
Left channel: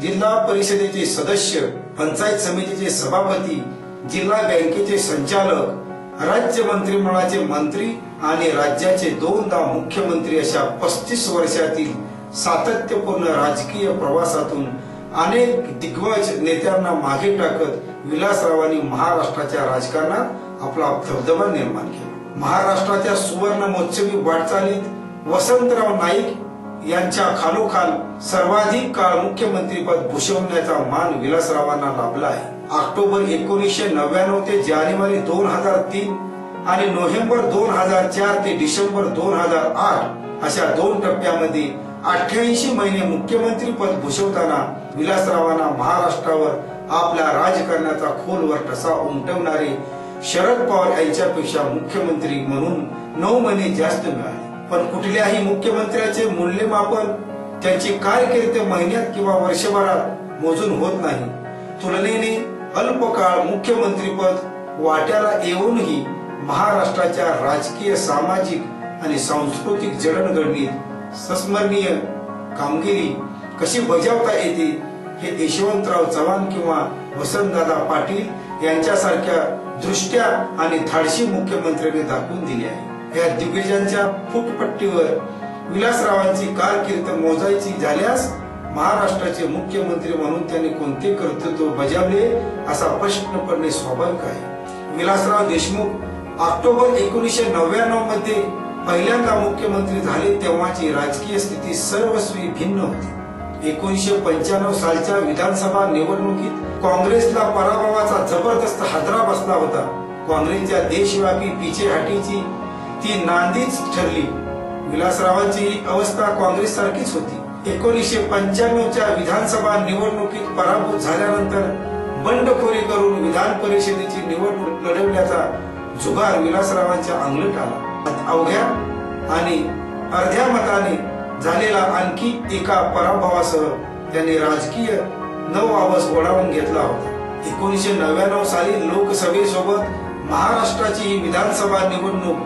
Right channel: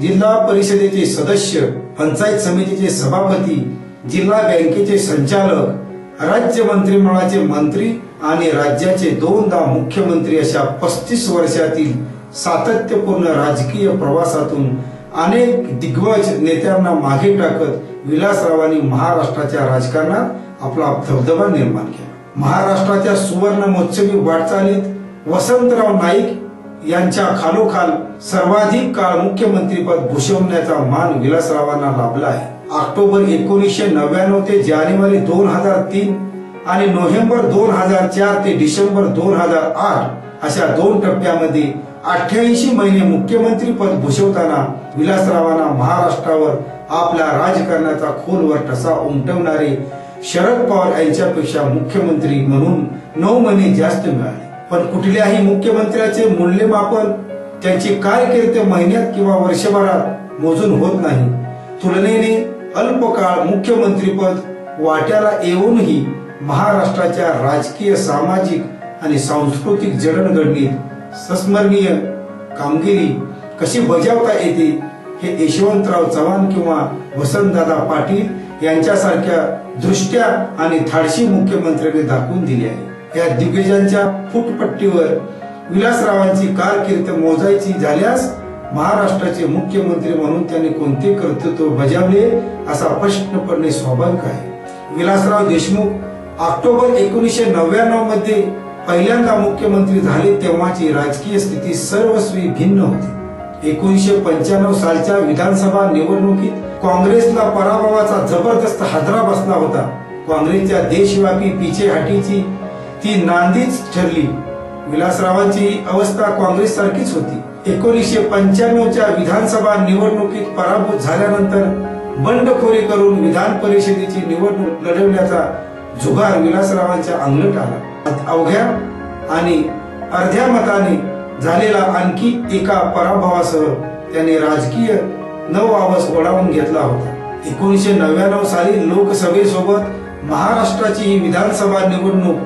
जिल्हा परिषदेचे सदस्य, पंचायत समितीचे सभापती, जिल्हा बँकेचे संचालक, राज्य मंत्रिमंडळाचे मंत्री आणि राज्याचे 2दा मुख्यमंत्री अशा 35 वर्षातील सातत्यपूर्ण राजकीय प्रवासातून अनेक दिग्गज नेत्यांना मागे टाकत विलासरावांनी महाराष्ट्राच्या राजकारणात आपला दबदबा निर्माण केला. महाराष्ट्राच्या सुवर्ण महोत्सवी वाटचालीत वसंतराव नाईक यांच्या खालोखाल सर्वाधिक काळ मुख्यमंत्रीपद भूषवण्याचा मान विलासरावांना लाभला आहे. ऑक्टोबर 1999 ते जानेवारी 2003 आणि नोव्हेंबर 2004 ते डिसेंबर 2008 अशा 2 टप्प्यामध्ये 88 महिने मुख्यमंत्री पद भूषवताना विलासरावांना महाराष्ट्रावर आपला राजकारणाचा खोलवर ठसा उमटवणारे शरद पवार यांच्यापेक्षा मुख्यमंत्री म्हणून 9 महिने जास्त मिळाले. पण कुठल्याही मुख्यमंत्र्याचे मूल्यमापन त्यांची कारकीर्द महिन्यात किंवा वर्षभरात मोजून होत नाही. तुलनेने अल्पकाळ मुख्यमंत्रीपद वाट्याला येऊनही महाराष्ट्राच्या राजकीय, सामाजिक आणि सांस्कृतिक जडणघडणीत संस्मरणीय कामगिरी कशी बजावता येते हे यशवंतराव चव्हाण किंवा वसंतदादा पाटील यांच्यासारख्या दृष्ट्या आणि धाडशी मुख्यमंत्र्यांनी दाखवून दिले आहे. या दिग्गजांच्या फुटपट्टीवर विलासरावांची कारकीर्द मोजायची झाल्यास महाराष्ट्राचे मुख्यमंत्री म्हणून त्यांनी कोणते कर्तृत्व बजावले असा प्रश्न पडणे स्वाभाविक आहे. विलासराव देशमुख ऑक्टोबर 1999 मध्ये पहिल्यांदा मुख्यमंत्री झाले तेव्हाची राजकीय स्थिती सर्वस्वी भिन्न होती. 1995 सालच्या विधानसभा निवडणुकीत काँग्रेसला पराभवाचा जबरदस्त हादरा बसला होता. काँग्रेसच्या देशव्यापी पिछेहाटीची ती नांदीच ठरली. विलासरावांची अवस्था काँग्रेस सारखीच होती. 1995च्या विधानसभा निवडणुकीत पराभूत झाल्यानंतर बंडखोरी करून विधान परिषदेची निवडणूक लढवण्याचा जुगार विलासरावांच्या अंगलट आला. अवघ्या आणि अर्ध्या मताने झालेला आणखी एका पराभवासह त्यांनी राजकीय नवआवस ओढावून घेतला होता. 1999 साली लोकसभेसोबत महाराष्ट्राची ही विधानसभा निवडणूक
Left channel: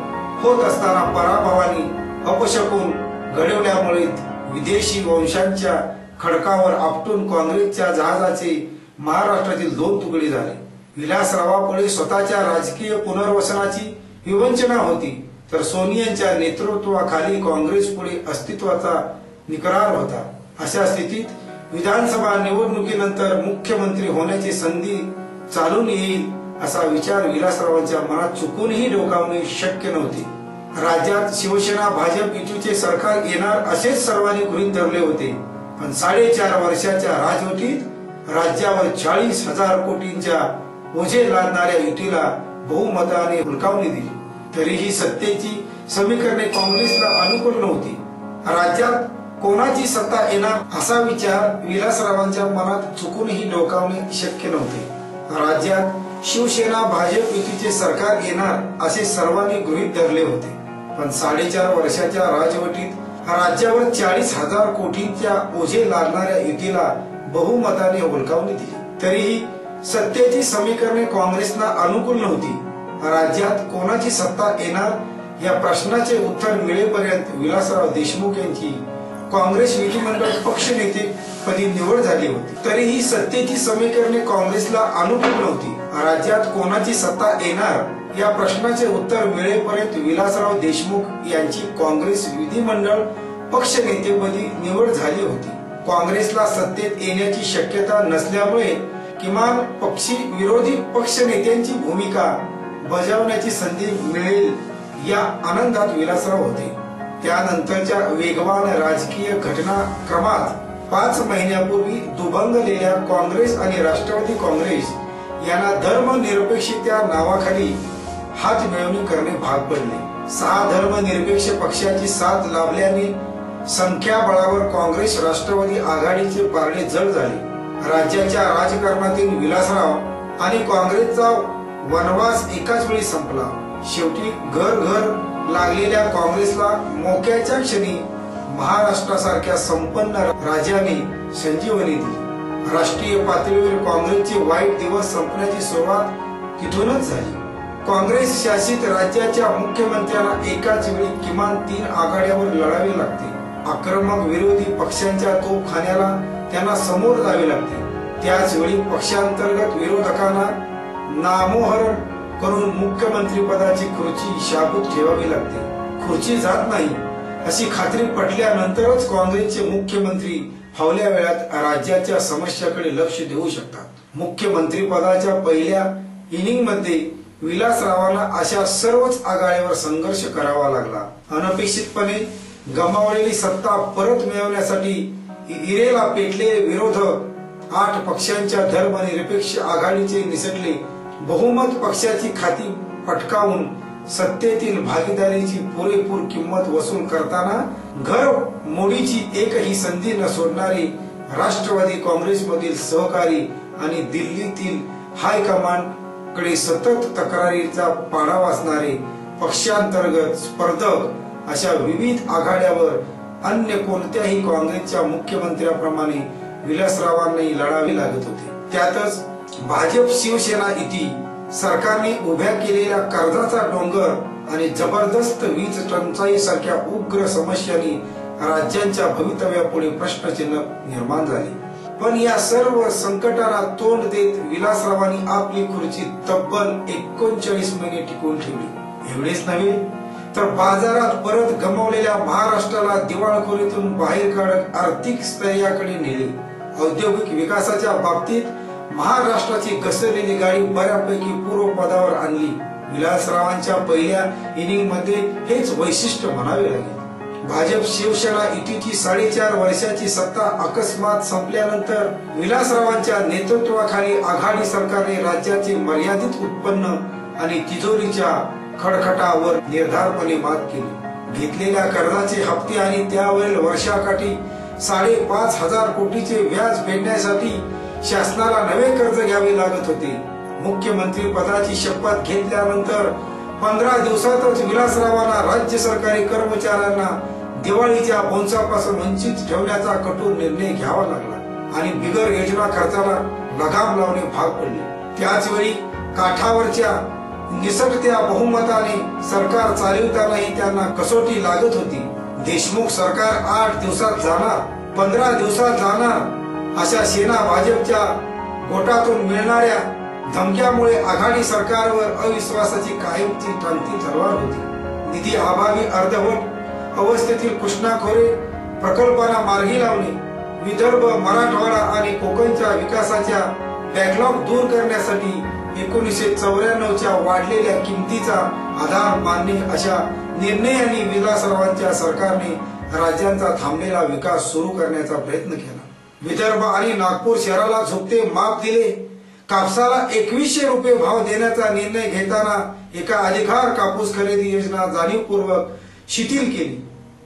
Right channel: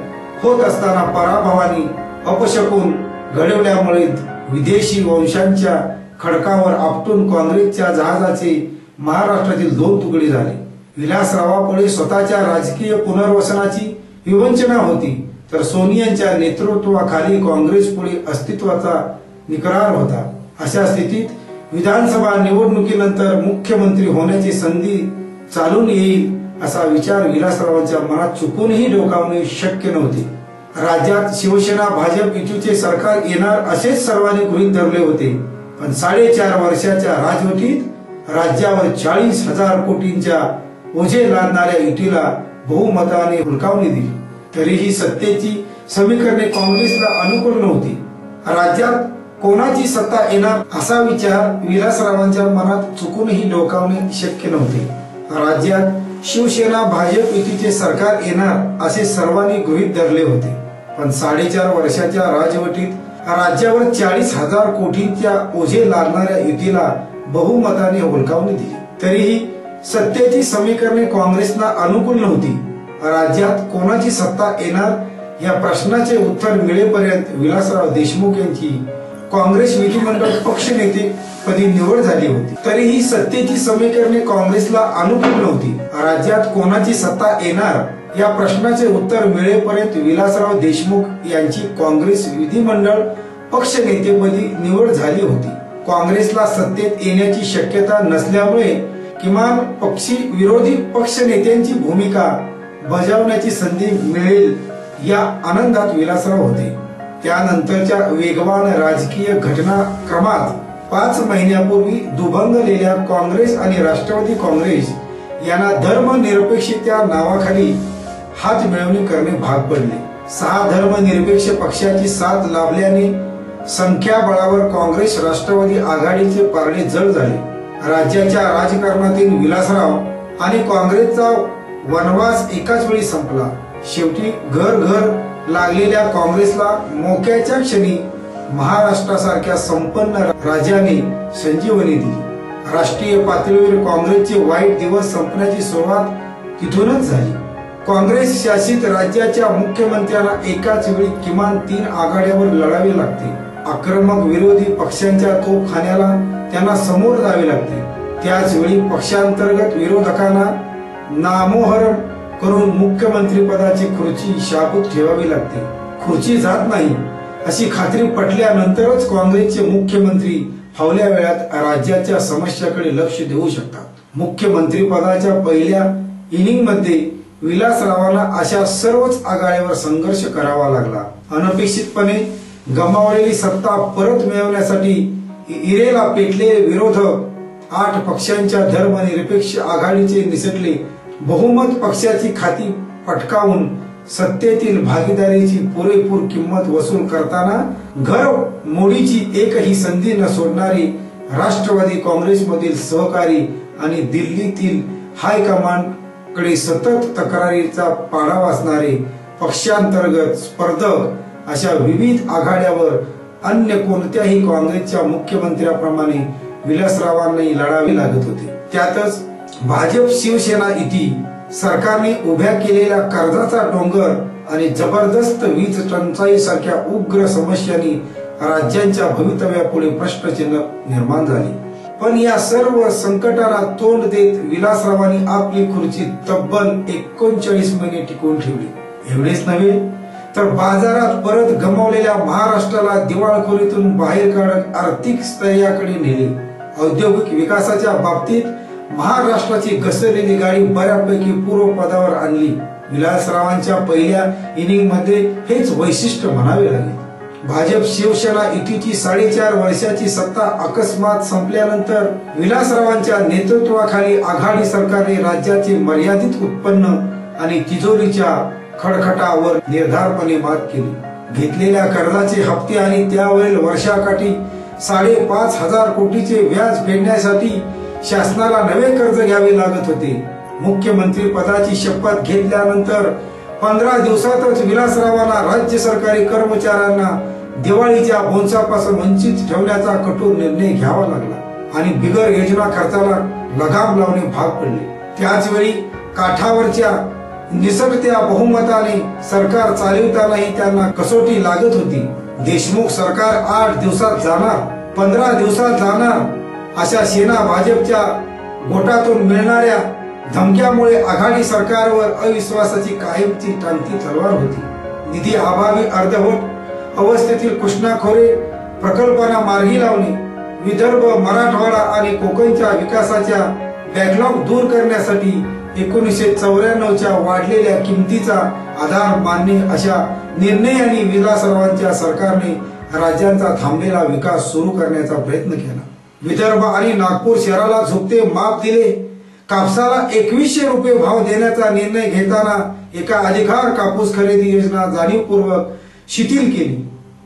होत असताना पराभवाने अपशकुन घडवल्यामुळे विदेशी वंशांच्या खडकावर आपटून काँग्रेसच्या जहाजाचे महाराष्ट्रातील 2 तुकडे झाले. विलासरावापुढे स्वतःच्या राजकीय पुनर्वसनाची विवंचना होती, तर सोनियांच्या नेतृत्वाखाली काँग्रेस पुढे अस्तित्वाचा निकरार होता. अशा स्थितीत विधानसभा निवडणुकीनंतर मुख्यमंत्री होण्याची संधी चालून येईल असा विचार विलासरावांच्या मनात चुकूनही डोकावणे शक्य नव्हते. राज्यात शिवसेना भाजप युतीचे सरकार येणार असेच सर्वांनी गृहीत धरले होते. पण 4.5 वर्षाच्या राजवटीत राज्यावर 40,000 कोटींच्या ओझे लादणाऱ्या युतीला बहुमताने हुलकावणी दिली. तरीही सत्तेची समीकरणे काँग्रेसला अनुकूल नव्हती. राज्यात कोणाची सत्ता येणार असा विचार विलासरावांच्या मनात चुकूनही डोकावणे शक्य नव्हते. राज्यात शिवसेना भाजप युतीचे सरकार येणार असे सर्वांनी गृहीत धरले होते. पण 4.5 वर्षाच्या राजवटीत राज्यावर 40,000 कोटींच्या ओझे लादणाऱ्या युतीला बहुमताने हुलकावणी दिली. तरीही सत्तेची समीकरणे काँग्रेसला अनुकूल नव्हती. राज्यात कोणाची सत्ता येणार या प्रश्नाचे उत्तर मिळेपर्यंत विलासराव देशमुख यांची काँग्रेस विधिमंडळ पक्षनेते पदी निवड झाली होती. तरीही सत्तेची समीकरणे काँग्रेसला अनुकूल नव्हती. राज्यात कोणाची सत्ता येणार या प्रश्नाचे उत्तर मिळेपर्यंत विलासराव देशमुख यांची काँग्रेस विधिमंडळ पक्षनेतेपदी निवड झाली होती. काँग्रेसला सत्तेत येण्याची शक्यता नसल्यामुळे किमान पक्षी विरोधी पक्षनेत्यांची भूमिका बजावण्याची संधी मिळेल या आनंदात विलासराव होते. त्यानंतरच्या वेगवान राजकीय घटनाक्रमात 5 महिन्यापूर्वी दुभंगलेल्या काँग्रेस आणि राष्ट्रवादी काँग्रेस यांना धर्मनिरपेक्षतेच्या नावाखाली हात मिळवणी करणे भाग पडले. 6 धर्मनिरपेक्ष पक्षाची साथ लाभल्याने संख्याबळावर काँग्रेस राष्ट्रवादी आघाडीचे पारडे जड झाले. राज्याच्या राजकारणातील विलासराव आणि काँग्रेसचा वनवास एकाच वेळी संपला. शेवटी घर घर लागलेल्या काँग्रेसला मोक्याच्या क्षणी महाराष्ट्रासारख्या संपन्न राज्याने संजीवनी दिली. राष्ट्रीय पातळीवर काँग्रेसचे वाईट दिवस संपण्याची सुरुवात तिथूनच झाली. काँग्रेस शासित राज्याच्या मुख्यमंत्र्यांना एकाच वेळी किमान 3 आघाड्यावर लढावे लागते. आक्रमक विरोधी पक्षांच्या तोफखान्याला त्यांना समोर जावे लागते. त्याच वेळी पक्षांतर्गत विरोधकांना नामोहरण करून मुख्यमंत्री पदाची खुर्ची शाबूत ठेवावी लागते. खुर्ची जात नाही अशी खात्री पटल्यानंतरच काँग्रेसचे मुख्यमंत्री फावल्या वेळात राज्याच्या समस्याकडे लक्ष देऊ शकतात. मुख्यमंत्री पदाच्या पहिल्या इनिंग मध्ये विलासरावांना अशा सर्वच आघाड्यावर संघर्ष करावा लागला. अनपेक्षितपणे गमावलेली सत्ता परत मिळवण्यासाठी इरेला पेटलेले विरोधक 8 पक्षांच्या धर्मनिरपेक्ष आघाडीचे निसटले बहुमत पक्षाची खाती पटकावून सत्तेतील भागीदारीची पुरेपूर किंमत वसूल करताना घर मोडीची एकही संधी न सोडणारे राष्ट्रवादी काँग्रेसमधील सहकारी आणि दिल्लीतील हायकमांड कडे सतत तक्रारीचा पाडा वाचणारे पक्षांतर्गत स्पर्धक अशा विविध आघाड्यावर अन्य कोणत्याही काँग्रेसच्या मुख्यमंत्र्याप्रमाणे विलासरावांनाही लढावे लागत होते. त्यातच भाजप शिवसेना युती सरकारने उभ्या केलेल्या कर्जाचा डोंगर आणि जबरदस्त वीज टंचाई सारख्या उग्र समस्यांनी राज्यांच्या भवितव्यापुढे प्रश्नचिन्ह निर्माण झाले. पण या सर्व संकटांना तोंड देत विलासरावांनी आपली खुर्ची तब्बल 39 महिने टिकवून ठेवली. एवढेच नव्हे तर बाजारात परत गमावलेल्या महाराष्ट्राला दिवाळखोरीतून बाहेर काढत आर्थिक स्थैर्याकडे नेले. औद्योगिक विकासाच्या बाबतीत महाराष्ट्राची घसरलेली गाडी बऱ्यापैकी पूर्वपदावर आणली. विलासरावांच्या पहिल्या इनिंग मध्ये हेच वैशिष्ट्य म्हणावे लागेल. भाजप शिवसेना युतीची 4.5 वर्षाची सत्ता अकस्मात संपल्यानंतर विलासरावांच्या नेतृत्वाखाली आघाडी सरकारने राज्याचे मर्यादित उत्पन्न आणि तिजोरीच्या खडखटावर निर्धारपणे मात केली. घेतलेल्या कर्जाचे हप्ते आणि त्यावरील वर्षाकाठी 5,500 कोटीचे व्याज फेडण्यासाठी शासनाला नवे कर्ज घ्यावे लागत होते. मुख्यमंत्री पदाची शपथ घेतल्यानंतर 15 दिवसातच विलासरावांना राज्य सरकारी कर्मचाऱ्यांना दिवाळीच्या बोनसापासून वंचित ठेवण्याचा कठोर निर्णय घ्यावा लागला आणि बिगर योजना खर्चाला लगाम लावणे भाग पडले. त्याचवेळी काठावरच्या निसटत्या बहुमताने सरकार चालवितानाही त्यांना कसोटी लागत होती. देशमुख सरकार 8 दिवसात जाणार, 15 दिवसात जाणार अशा सेना भाजपच्या गोटातून मिळणाऱ्या धमक्यामुळे आघाडी सरकारवर अविश्वासाची कायमची टांगती तलवार होती. निधी अभावी अर्धवट अवस्थेतील कृष्णा खोरे प्रकल्पांना मार्गी लावणे, विदर्भ, मराठवाडा आणि कोकणच्या विकासाच्या बॅकलॉग दूर करण्यासाठी 1994च्या वाढलेल्या किमतीचा आधार मानणे अशा निर्णयांनी विलासरावांच्या सरकारने राज्यांचा थांबलेला विकास सुरू करण्याचा प्रयत्न केला. विदर्भ आणि नागपूर शहराला झुकते माप दिले. कापसाला 2100 रुपये भाव देण्याचा निर्णय घेताना एका अधिकार कापूस खरेदी योजना जाणीवपूर्वक शिथिल केली.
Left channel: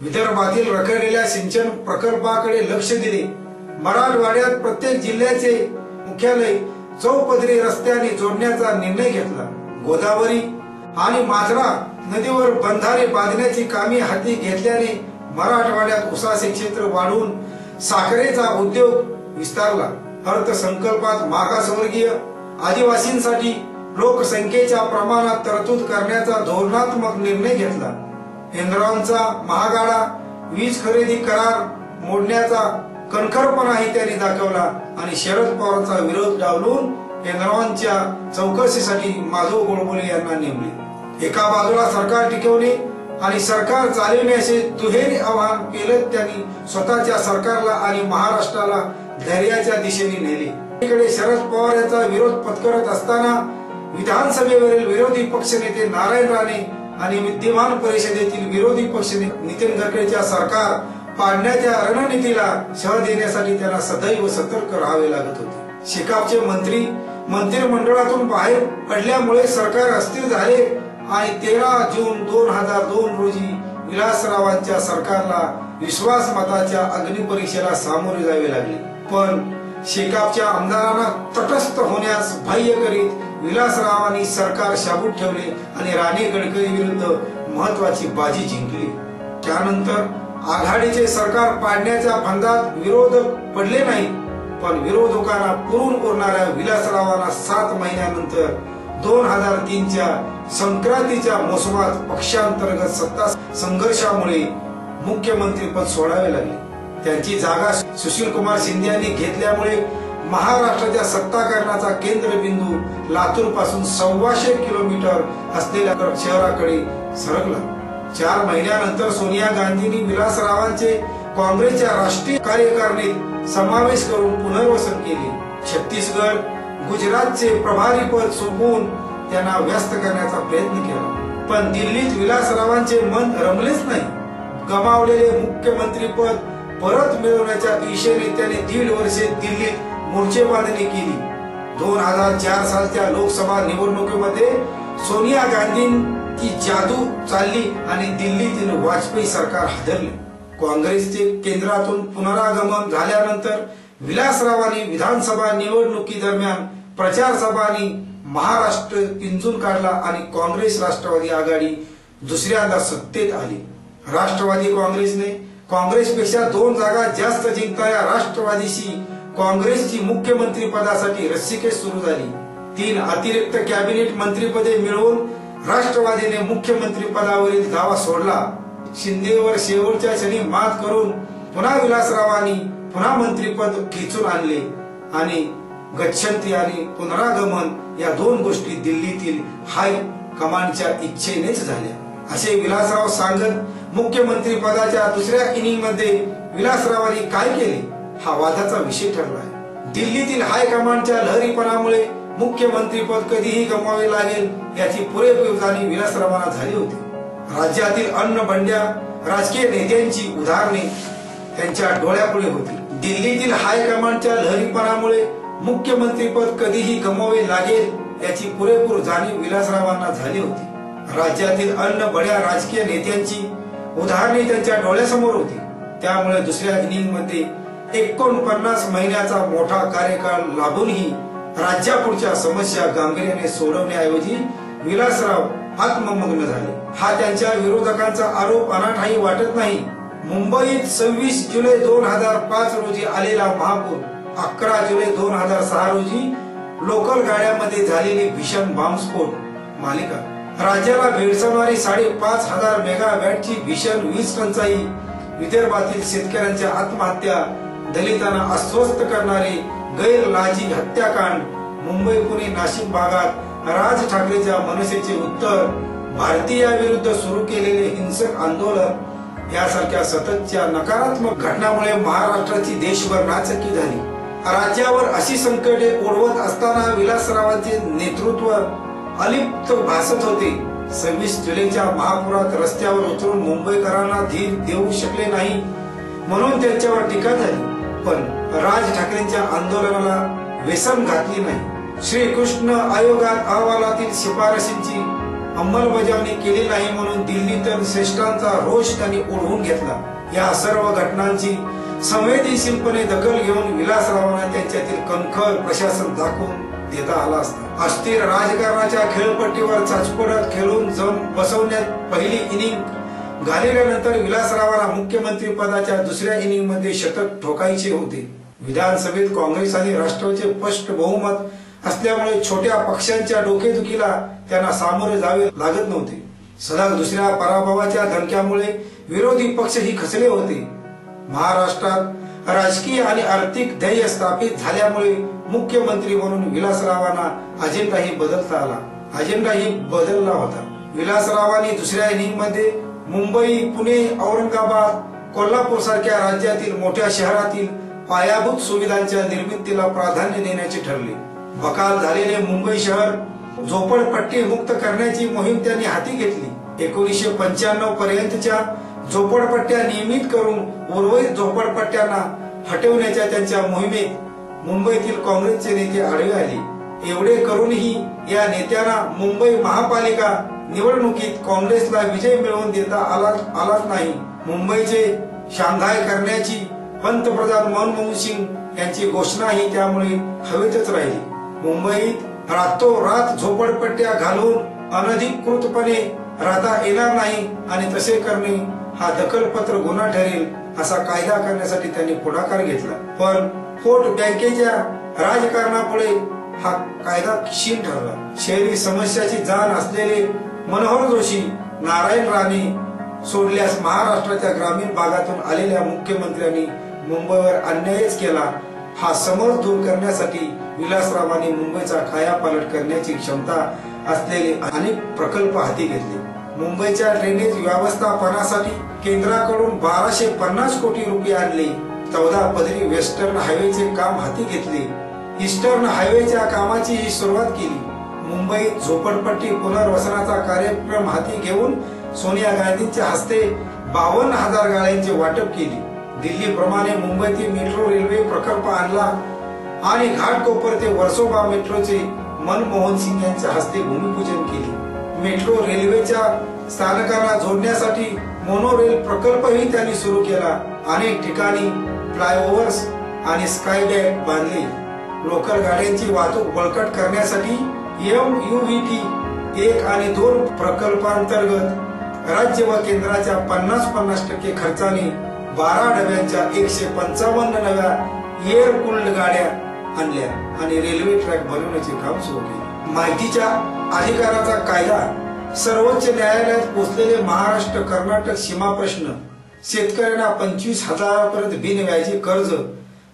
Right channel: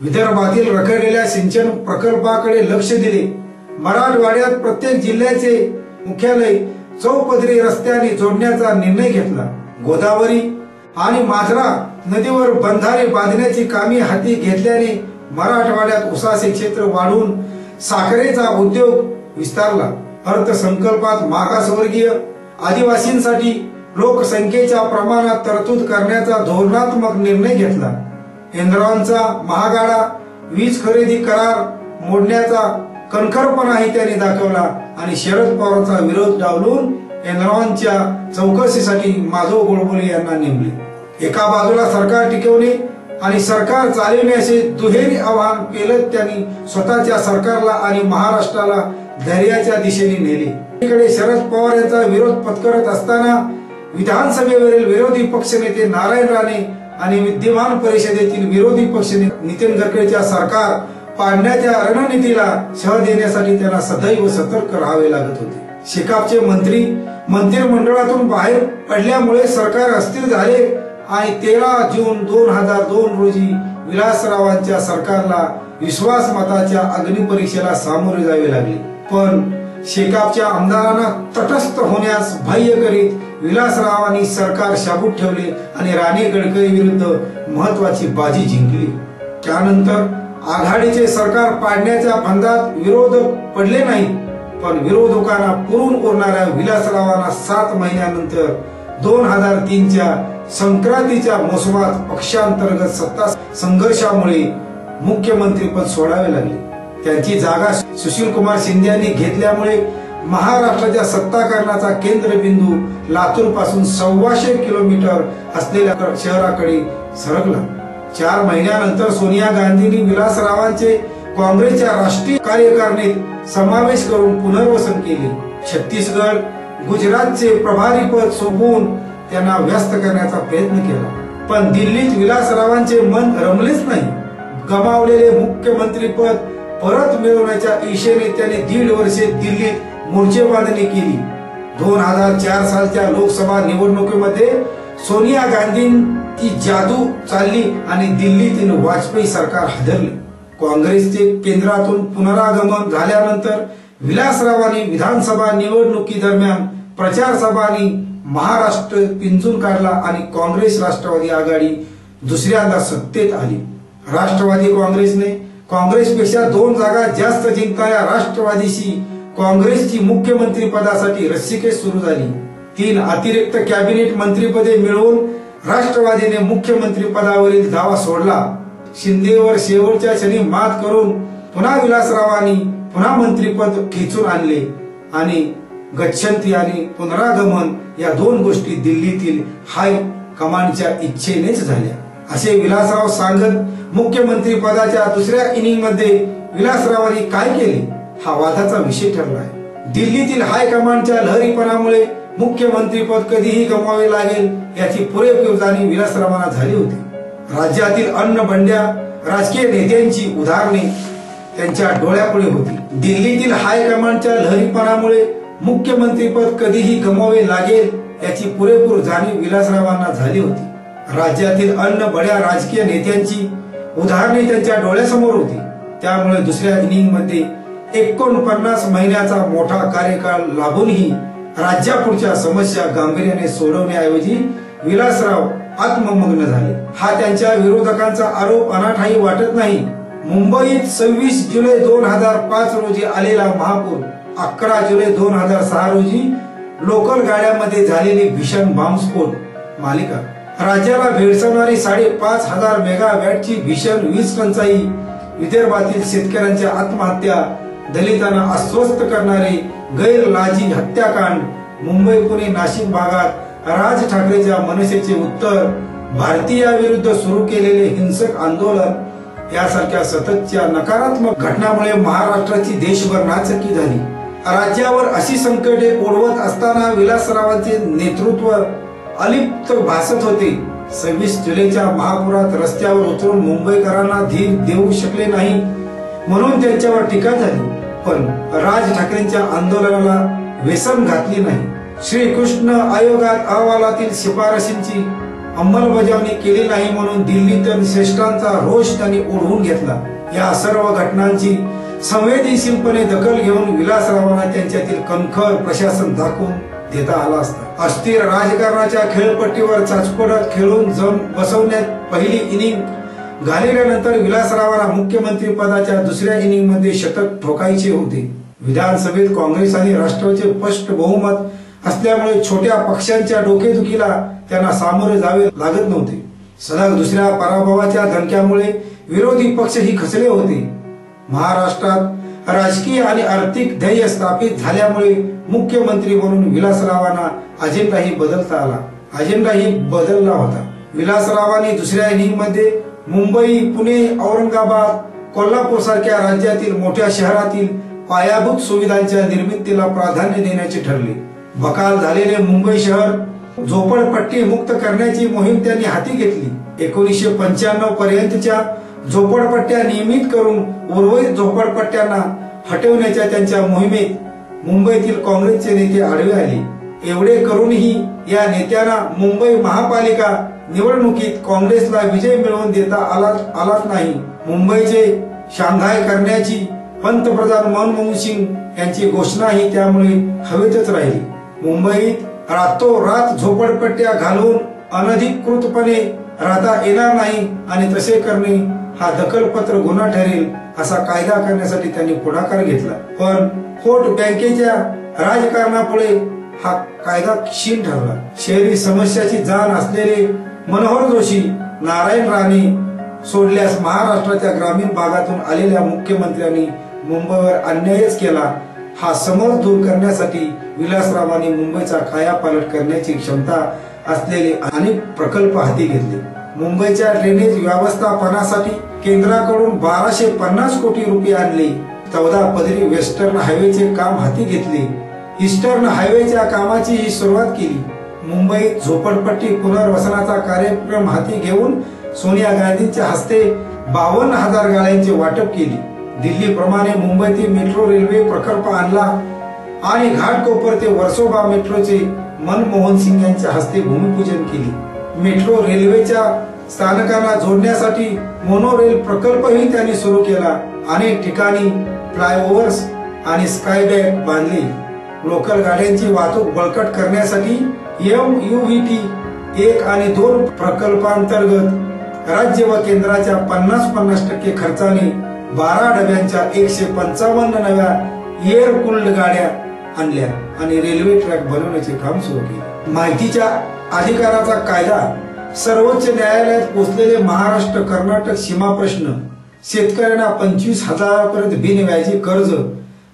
विदर्भातील रखडलेल्या सिंचन प्रकल्पाकडे लक्ष दिले. मराठवाड्यात प्रत्येक जिल्ह्याचे मुख्यालय चौपदरी रस्त्याने जोडण्याचा निर्णय घेतला. गोदावरी आणि मांजरा नदीवर बंधारे बांधण्याची कामे हाती घेतल्याने मराठवाड्यात ऊसाचे क्षेत्र वाढून साखरेचा उद्योग विस्तारला. अर्थसंकल्पात मागासवर्गीय आदिवासींसाठी लोकसंख्येच्या प्रमाणात तरतूद करण्याचा धोरणात्मक निर्णय घेतला. एनरॉनचा महागाडा वीज खरेदी करार मोडण्याचा कणखरपणाही त्यांनी दाखवला आणि शरद पवारांचा विरोध डावलून एनरॉनच्या चौकशीसाठी माधव गोडबोले यांना नेमले. एका बाजूला सरकार टिकवणे आणि सरकार चालविणे असे दुहेरी आव्हान पेलत त्यांनी स्वतःच्या सरकारला आणि महाराष्ट्राला धैर्याच्या दिशेने नेले. एकीकडे शरद पवार यांचा विरोध पत्करत असताना विधानसभेवरील विरोधी पक्षनेते नारायण राणे आणि विद्यमान परिषदेतील विरोधी पक्षनेते नितीन गडकरींच्या सरकार पाडण्याच्या रणनीतीला शह देण्यासाठी त्यांना सदैव सतर्क राहावे लागत होते. शेकापचे मंत्री मंत्रिमंडळातून बाहेर पडल्यामुळे सरकार अस्थिर झाले आणि 13 जून 2002 रोजी विलासरावांच्या सरकारला विश्वासमताच्या अग्निपरीक्षेला सामोरे जावे लागले. पण शेकापच्या आमदारांना तटस्थ होण्यास बाह्य करीत विलासरावांनी सरकार शाबूत ठेवले आणि राणे गडकरी विरुद्ध महत्वाची बाजी जिंकली. त्यानंतर आघाडीचे सरकार पाडण्याच्या फंदात विरोधक पडले नाहीत, पण विरोधकांना पुरून उरणाऱ्या विलासरावांना 7 महिन्यानंतर 2003च्या संक्रांतीच्या मोसमात पक्षांतर्गत सत्ता संघर्षामुळे मुख्यमंत्रीपद सोडावे लागले. त्यांची जागा सुशील कुमार शिंदे यांनी घेतल्यामुळे महाराष्ट्राच्या सत्ताकरणाचा केंद्रबिंदू लातूर पासून 125 किलोमीटर असलेल्या शहराकडे सरकला. 4 महिन्यानंतर सोनिया गांधींनी विलासरावांचे काँग्रेसच्या राष्ट्रीय कार्यकारिणीत समावेश करून पुनर्वसन केले. छत्तीसगड, गुजरातचे प्रभारीपद सोपवून त्यांना व्यस्त करण्याचा प्रयत्न केला, पण दिल्लीत विलासरावांचे मन रमलेच नाही. गमावलेले मुख्यमंत्रीपद परत मिळवण्याच्या इशेने त्यांनी 1.5 वर्षे दिल्लीत मोर्चेबांधणी केली. 2004 सालच्या लोकसभा निवडणुकीमध्ये सोनिया गांधींची जादू चालली आणि दिल्लीतील वाजपेयी सरकार हादरले. काँग्रेसचे केंद्रातून पुनरागमन झाल्यानंतर विलासरावांनी विधानसभा निवडणुकी दरम्यान प्रचार सभांनी महाराष्ट्र पिंजून काढला आणि काँग्रेस राष्ट्रवादी आघाडी दुसऱ्यांदा सत्तेत आली. राष्ट्रवादी काँग्रेसने काँग्रेसपेक्षा 2 जागा जास्त जिंकणाऱ्या राष्ट्रवादीशी काँग्रेसची मुख्यमंत्री पदासाठी रस्सीखेच सुरू झाली. 3 अतिरिक्त कॅबिनेट मंत्रीपदे मिळवून राष्ट्रवादीने मुख्यमंत्री पदावरील दावा सोडला. शिंदेवर शेवटच्या क्षणी मात करून पुन्हा विलासरावांनी पुन्हा मंत्रीपद खेचून आणले आणि गच्छंती आणि पुनरागमन या 2 गोष्टी दिल्लीतील हाय कमांडच्या इच्छेनेच झाल्या असे विलासराव सांगत मुख्यमंत्री पदाच्या दुसऱ्या इनिंग मध्ये विलासरावांनी काय केले हा वादाचा विषय ठरला आहे. दिल्लीतील हाय कमांडच्या लहरीपणामुळे मुख्यमंत्रीपद कधीही गमवावे लागेल याची पुरेपूर जाणीव विलासरावांना झाली होती. राज्यातील अन्न बंड्या राजकीय नेत्यांची उदाहरणे त्यांच्या डोळ्यापुढे होती. दिल्लीतील हाय कमांडच्या लहरीपणामुळे मुख्यमंत्रीपद कधीही गमवावे लागेल याची पुरेपूर जाणीव विलासरावांना झाली होती. राज्यातील अन्न बड्या राजकीय नेत्यांची उदाहरणे त्यांच्या डोळ्यासमोर होती. त्यामुळे दुसऱ्या इनिंग मध्ये 49 महिन्याचा मोठा कार्यकाळ लाभूनही राज्यापुढच्या समस्या गांभीर्याने सोडवण्याऐवजी विलासराव आत्ममग्न झाले. हा त्यांच्या विरोधकांचा आरोप अनाठाही वाटत नाही. मुंबईत 26 जुलै 2005 रोजी आलेला महापूर, 11 जुलै 2006 रोजी लोकल गाड्यांमध्ये झालेली भीषण बॉम्बस्फोट मालिका, राज्याला भेडसावणारी 5,500 मेगावॅटची भीषण वीज टंचाई, विदर्भातील शेतकऱ्यांच्या आत्महत्या, दलितांना अस्वस्थ करणारे गैरलाजी हत्याकांड, मुंबई पुणे नाशिक भागात राज ठाकरेच्या मनसेचे उत्तर, भारतीयाविरुद्ध सुरू केलेले हिंसक आंदोलन यासारख्या सततच्या नकारात्मक घटनांमुळे महाराष्ट्राची देशभर नाचक्की झाली. राज्यावर अशी संकटे ओढवत असताना विलासरावांचे नेतृत्व अलिप्त भासत होते. 26 जुलैच्या महापुरात रस्त्यावर उतरून मुंबईकरांना धीर देऊ शकले नाही म्हणून त्यांच्यावर टीका झाली, पण राज ठाकरेंच्या आंदोलनाला वेसम घातली नाही. श्रीकृष्ण आयोगात अहवालातील शिफारशींची अंमलबजावणी केली नाही म्हणून दिल्लीतील श्रेष्ठांचा रोष त्यांनी ओढवून घेतला. या सर्व घटनांची संवेदनशीलपणे दखल घेऊन विलासरावांना त्यांच्यातील कणखर प्रशासन दाखवून देता आला असता. अस्थिर राजकारणाच्या खेळपट्टीवर चाचपडत खेळून जम बसवण्यात पहिली इनिंग घालवल्यानंतर विलासरावांना मुख्यमंत्री पदाच्या दुसऱ्या इनिंग मध्ये शतक ठोकायचे होते. विधानसभेत काँग्रेस आणि राष्ट्रवादीचे स्पष्ट बहुमत असल्यामुळे छोट्या पक्षांच्या डोकेदुखीला त्यांना सामोरे जावे लागत नव्हते. सलग दुसऱ्या पराभवाच्या धमक्यामुळे विरोधी पक्षही खचले होते. महाराष्ट्रात राजकीय आणि आर्थिक ध्येय स्थापित झाल्यामुळे मुख्यमंत्री म्हणून विलासरावांना अजेंडाही बदलला होता. विलासरावांनी दुसऱ्या इनिंग मध्ये मुंबई, पुणे, औरंगाबाद, कोल्हापूर सारख्या राज्यातील मोठ्या शहरातील पायाभूत सुविधांच्या निर्मितीला प्राधान्य देण्याचे ठरले. बकाल झालेले मुंबई शहर झोपडपट्टी मुक्त करण्याची मोहीम त्यांनी हाती घेतली. 1995 पर्यंतच्या झोपडपट्ट्या नियमित करून उर्वरित झोपडपट्ट्यांना हटवण्याच्या त्यांच्या मोहिमेत मुंबईतील काँग्रेसचे नेते आडवे आले. एवढे करूनही या नेत्यांना मुंबई महापालिका निवडणुकीत काँग्रेसला विजय मिळवून देता आलाच नाही. मुंबईचे शांघाय करण्याची पंतप्रधान मनमोहन सिंग यांची घोषणाही त्यामुळे हवेतच राहिली. मुंबईत रातोरात झोपडपट्ट्या घालून अनधिकृतपणे राहता येणार नाही आणि तसे करणे हा दखलपत्र गुन्हा ठरेल असा कायदा करण्यासाठी त्यांनी पुढाकार घेतला. पण व्होट बँकेच्या राजकारणापुढे हा कायदा क्षीण ठरला. शहरी समस्याची जाण असलेले मनोहर जोशी, नारायण राणे सोडल्यास महाराष्ट्राच्या ग्रामीण भागातून आलेल्या मुख्यमंत्र्यांनी मुंबईवर अन्यायच केला हा समज दूर करण्यासाठी विलासरावांनी मुंबईचा कायापालट करण्याची क्षमता असलेले अनेक प्रकल्प हाती घेतले. मुंबईच्या ड्रेनेज व्यवस्थापनासाठी केंद्राकडून 1250 कोटी रुपये आणले. 14 पदरी वेस्टर्न हायवेचे काम हाती घेतले. ईस्टर्न हायवेच्या कामाची सुरुवात केली. मुंबईत झोपडपट्टी पुनर्वसनाचा कार्यक्रम हाती घेऊन सोनिया गांधींच्या हस्ते 52,000 गाड्यांचे वाटप केले. दिल्लीप्रमाणे मुंबईतील मेट्रो रेल्वे प्रकल्प आणला आणि घाटकोपर ते वर्सोवा मेट्रोचे मनमोहन सिंग यांच्या हस्ते भूमिपूजन केले. मेट्रो रेल्वेच्या स्थानकांना जोडण्यासाठी मोनोरेल प्रकल्पही त्यांनी सुरू केला. अनेक ठिकाणी फ्लायओव्हर्स आणि स्कायबॅग बांधले. लोकल गाड्यांची वाहतूक बळकट करण्यासाठी MUVT 1 आणि 2 प्रकल्पांतर्गत राज्य व केंद्राच्या 50% खर्चाने 12 डब्यांच्या 155 नव्या एअर कूल्ड गाड्या आणल्या आणि रेल्वे ट्रॅक बनवण्याचे काम सुरू केले. माहितीच्या अधिकाराचा कायदा, सर्वोच्च न्यायालयात पोहोचलेले महाराष्ट्र कर्नाटक सीमा प्रश्न, शेतकऱ्यांना 25,000 पर्यंत बिनव्याजी कर्ज,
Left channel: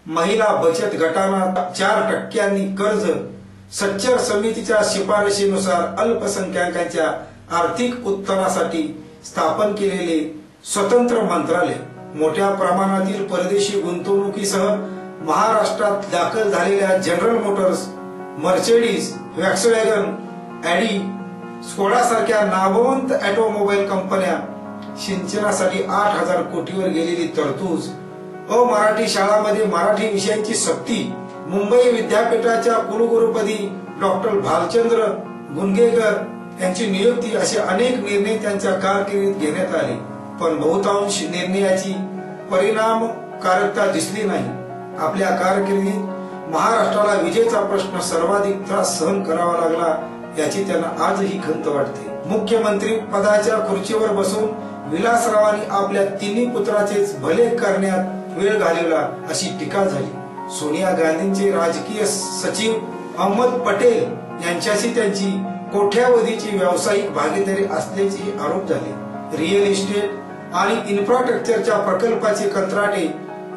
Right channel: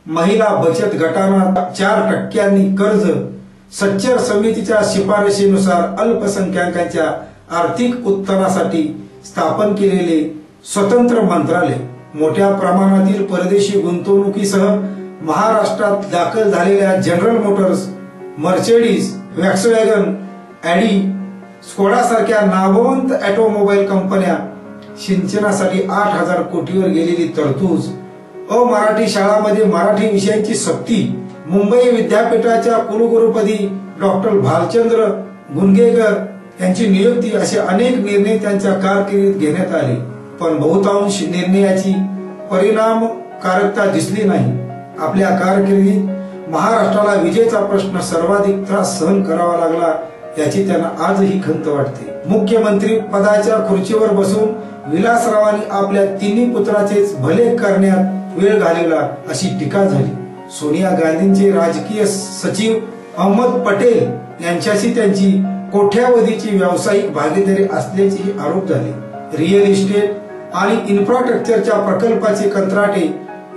महिला बचत गटांना 4% कर्ज, सच्चर समितीच्या शिफारशीनुसार अल्पसंख्याकांच्या आर्थिक उत्थानासाठी स्थापन केलेले स्वतंत्र मंत्रालय, मोठ्या प्रमाणातील परदेशी गुंतवणुकीसह महाराष्ट्रात दाखल झालेल्या जनरल मोटर्स, मर्सिडीज, व्हॉक्सवॅगन, ॲडी, स्कोडा सारख्या नामवंत ऑटोमोबाईल कंपन्या, सिंचनासाठी 8,000 कोटीवर गेलेली तरतूद, अमराठी शाळांमध्ये मराठी विषयांची सक्ती, मुंबई विद्यापीठाच्या कुलगुरुपदी डॉक्टर भालचंद्र गुंगेकर यांची नियुक्ती असे अनेक निर्णय त्यांच्या कारकिर्दीत घेण्यात आले. पण बहुतांश निर्णयाची परिणामकारकता दिसली नाही. आपल्या कारकिर्दीत महाराष्ट्राला विजेचा प्रश्न सर्वाधिक त्रास सहन करावा लागला याची त्यांना आजही खंत वाटते. मुख्यमंत्री पदाच्या खुर्चीवर बसून विलासरावांनी आपल्या तिन्ही पुत्राचेच भले करण्यात वेळ घालवला अशी टीका झाली. सोनिया गांधींचे राजकीय सचिव अहमद पटेल यांच्याशी त्यांची कोट्यावधीची व्यावसायिक भागीदारी असल्याचे आरोप झाले. रिअल इस्टेट आणि इन्फ्रास्ट्रक्चरच्या प्रकल्पाचे कंत्राटे